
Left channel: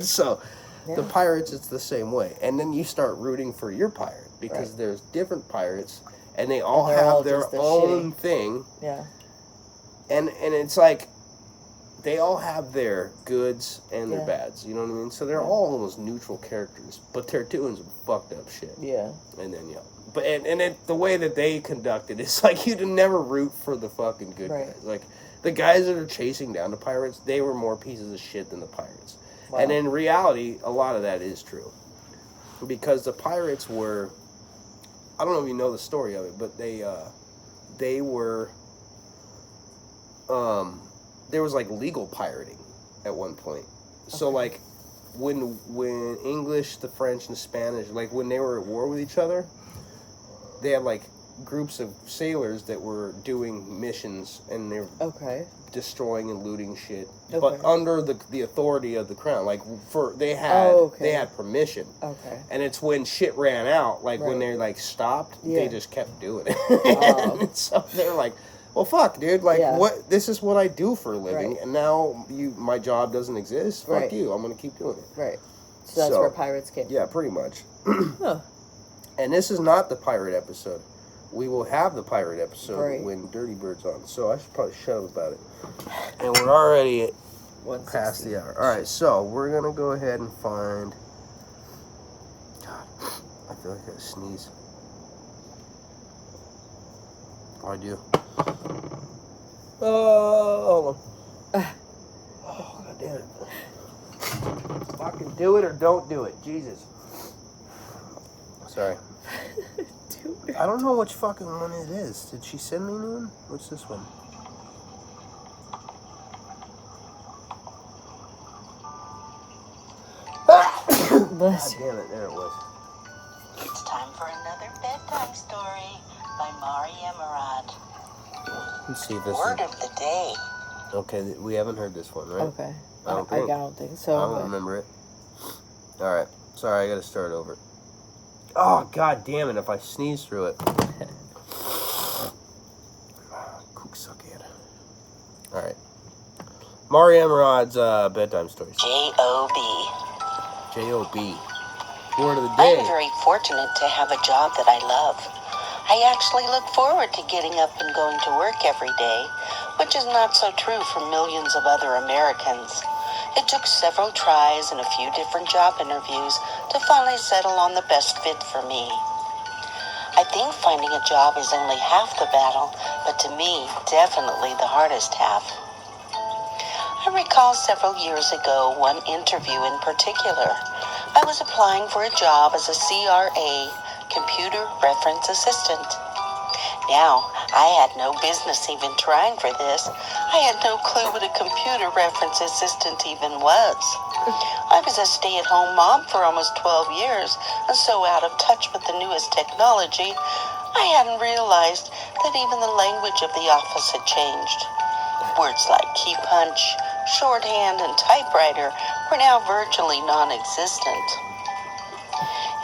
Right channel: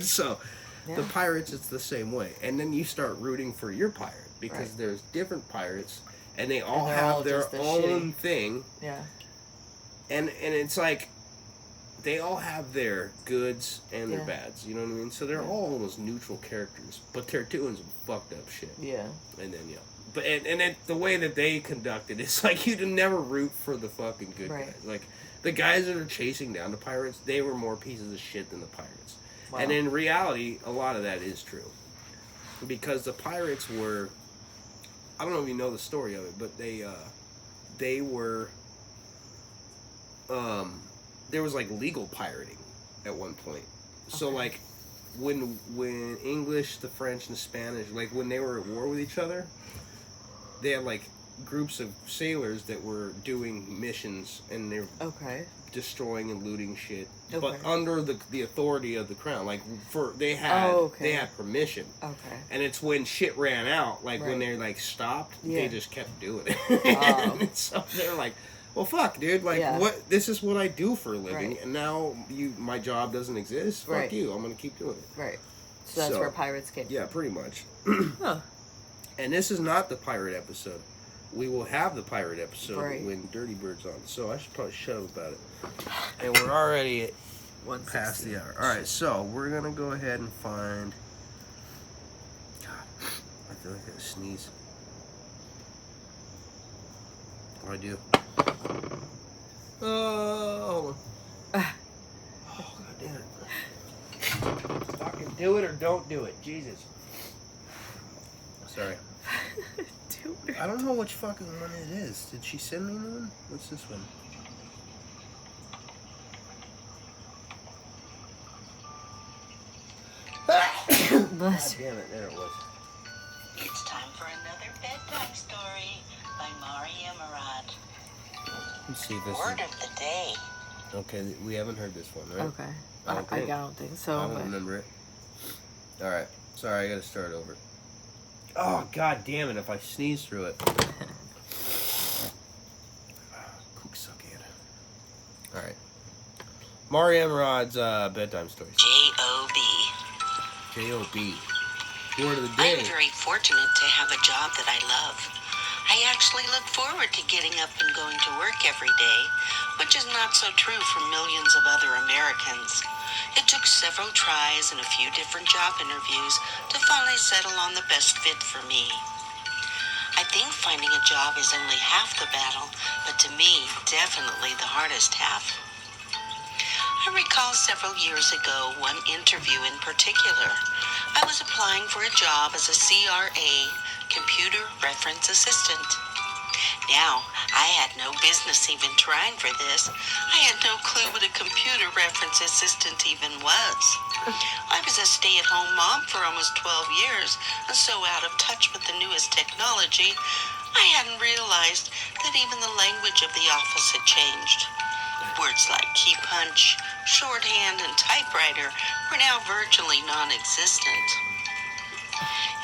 So the pirates, it's the same way. And then you start rooting for your pirate because there's different pirates and they all have their own thing. Yeah. And it's like they all have their goods and their bads, you know what I mean? So they're all almost neutral characters, but they're doing some fucked up shit. Yeah. And then but and the way that they conduct it, it's like you'd never root for the fucking good guys. Like the guys that are chasing down the pirates, they were more pieces of shit than the pirates. Wow. And in reality, a lot of that is true, because the pirates were, I don't know if you know the story of it, but they were there was like legal pirating at one point. So like when English, the French, and the Spanish, like when they were at war with each other, they had like groups of sailors that were doing missions and they were destroying and looting shit, but under the authority of the crown. Like they had permission. Okay. And it's when shit ran out, like when they like stopped, they just kept doing it. And so they're like, well, fuck, dude. Like, what? This is what I do for a living, and now my job doesn't exist. Fuck you. I'm gonna keep doing it. Right. So that's where pirates came. Yeah, pretty much. And this is not the pirate episode. We will have the pirate episode when Dirty Bird's on. So I should probably shut up about it. And we're already past the hour. All right, so we're gonna go ahead and find. God, I feel like I sneeze. Oh, I do. Oh, God damn it. Fucking do it or don't do it. Jesus. Sorry. I don't know which fucking one it is. Did she send me one? What's this one? God damn it. There it was. It's time for another bedtime story by Mari Emerald. Let's see if this Word of the day. Okay, we haven't heard this one, right? Okay. I don't think so. I don't remember it. Alright. Sorry, I gotta start over. Oh, god damn it, if I sneeze through it. Alright. Mari Emerod's bedtime stories. J.O.B. J.O.B. Word of the day. I'm very fortunate to have a job that I love. I actually look forward to getting up and going to work every day, which is not so true for millions of other Americans. It took several tries and a few different job interviews to finally settle on the best fit for me. I think finding a job is only half the battle, but to me, definitely the hardest half. I recall several years ago one interview in particular. I was applying for a job as a CRA, Computer Reference Assistant. Now, I had no business even trying for this. I had no clue what a computer reference assistant even was. I was a stay-at-home mom for almost 12 years, and so out of touch with the newest technology, I hadn't realized that even the language of the office had changed. Words like key punch, shorthand, and typewriter were now virtually non-existent.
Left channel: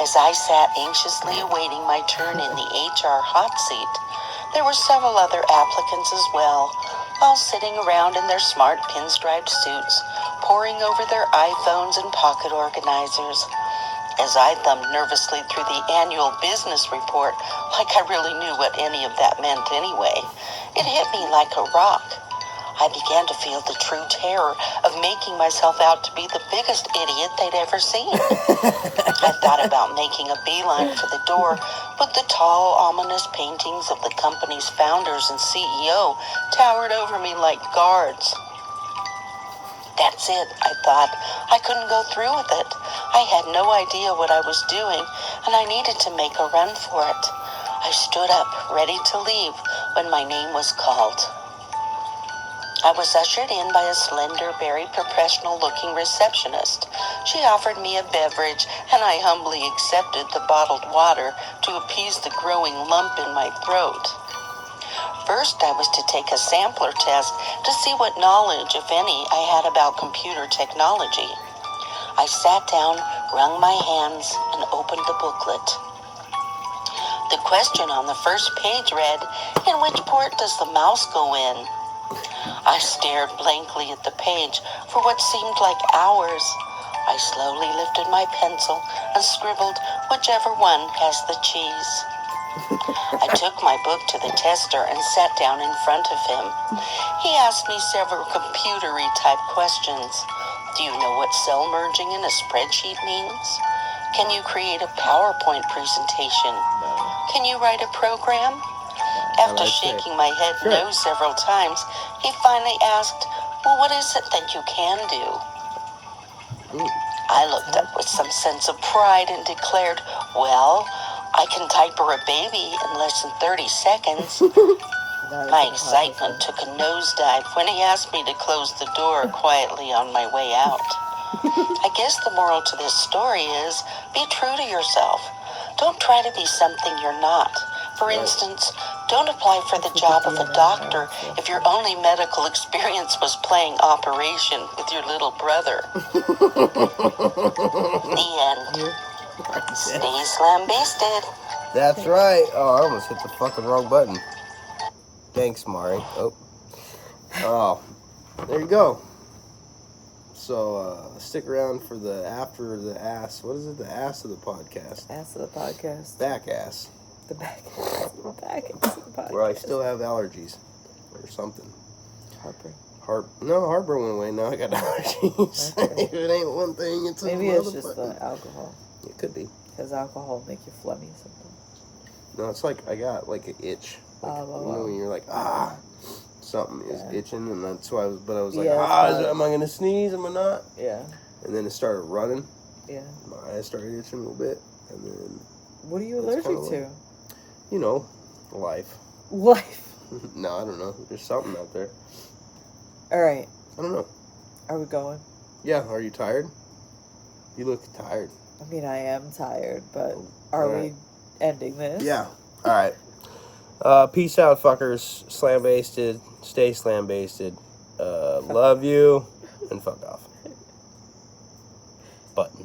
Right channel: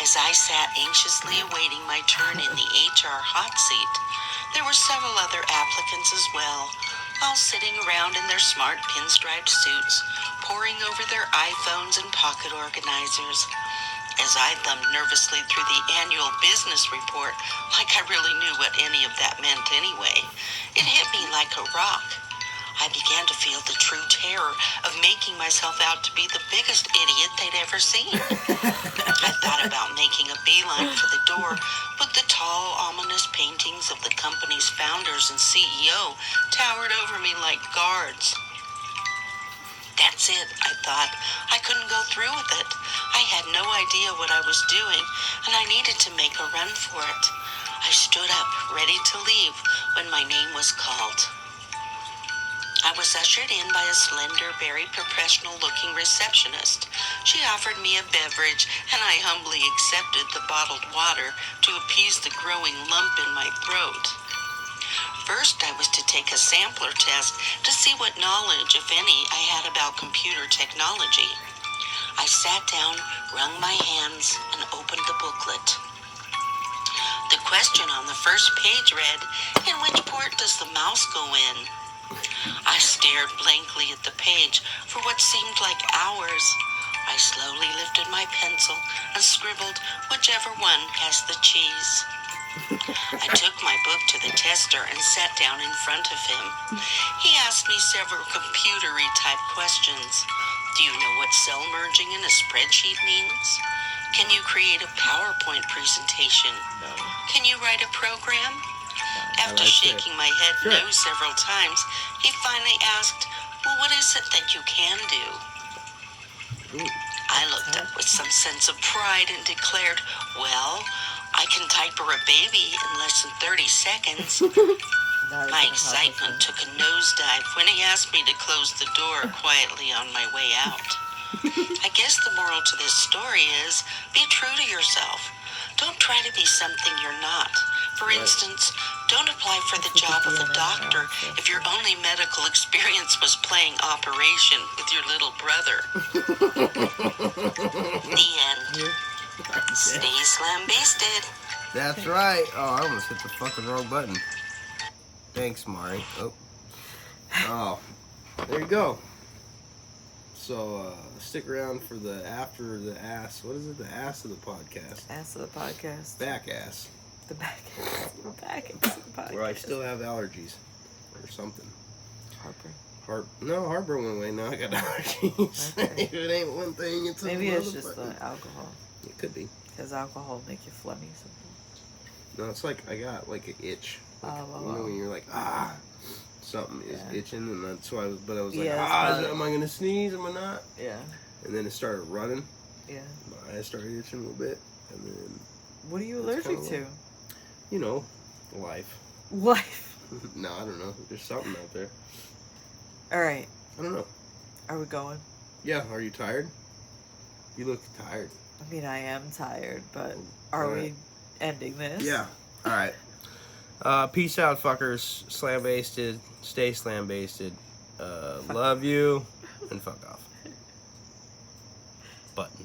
As I sat anxiously awaiting my turn in the HR hot seat, there were several other applicants as well, all sitting around in their smart pinstriped suits, poring over their iPhones and pocket organizers. As I thumbed nervously through the annual business report, like I really knew what any of that meant anyway, it hit me like a rock. I began to feel the true terror of making myself out to be the biggest idiot they'd ever seen. I thought about making a beeline for the door, but the tall, ominous paintings of the company's founders and CEO towered over me like guards. That's it, I thought. I couldn't go through with it. I had no idea what I was doing, and I needed to make a run for it. I stood up, ready to leave, when my name was called. I was ushered in by a slender, very professional-looking receptionist. She offered me a beverage, and I humbly accepted the bottled water to appease the growing lump in my throat. First, I was to take a sampler test to see what knowledge, if any, I had about computer technology. I sat down, wrung my hands, and opened the booklet. The question on the first page read, "In which port does the mouse go in?" I stared blankly at the page for what seemed like hours. I slowly lifted my pencil and scribbled whichever one has the cheese. I took my book to the tester and sat down in front of him. He asked me several computer-y type questions. Do you know what cell merging in a spreadsheet means? Can you create a PowerPoint presentation? No. Can you write a program? After that's shaking my head Sure. no several times, he finally asked, "Well, what is it that you can do?" Ooh. I looked up with some sense of pride and declared, "Well, I can diaper a baby in less than 30 seconds. My excitement took a nosedive when he asked me to close the door quietly on my way out. I guess the moral to this story is, be true to yourself. Don't try to be something you're not. For instance, don't apply for the job of a doctor if your only medical experience was playing Operation with your little brother." The end. Stay slam-basted. That's right. Oh, I almost hit the fucking wrong button. Thanks, Mari. Oh, there you go. So stick around for the after the ass. What is it? The ass of the podcast. Ass of the podcast. Back ass. The back ass. The back ass of the podcast. Where I still have allergies or something. Harper. No, heartburn went away. Now I got allergies. Okay. If it ain't one thing, it's Maybe another. it's just the alcohol. It could be. Because alcohol make you phlegmy sometimes. No, it's like I got like an itch. Like, you know when you're like something is itching, and that's why I was like, am I gonna sneeze? Am I not? Yeah. And then it started running. Yeah. My eyes started itching a little bit, and then What are you That's allergic to? you know, life. Life. No, I don't know. There's something out there. All right. I don't know. Are we going? Yeah. Are you tired? You look tired. I mean, I am tired, but are Alright. we ending this? Yeah. All right. Peace out, fuckers. Slam-basted. Stay slam-basted. Love you. And fuck off. Button.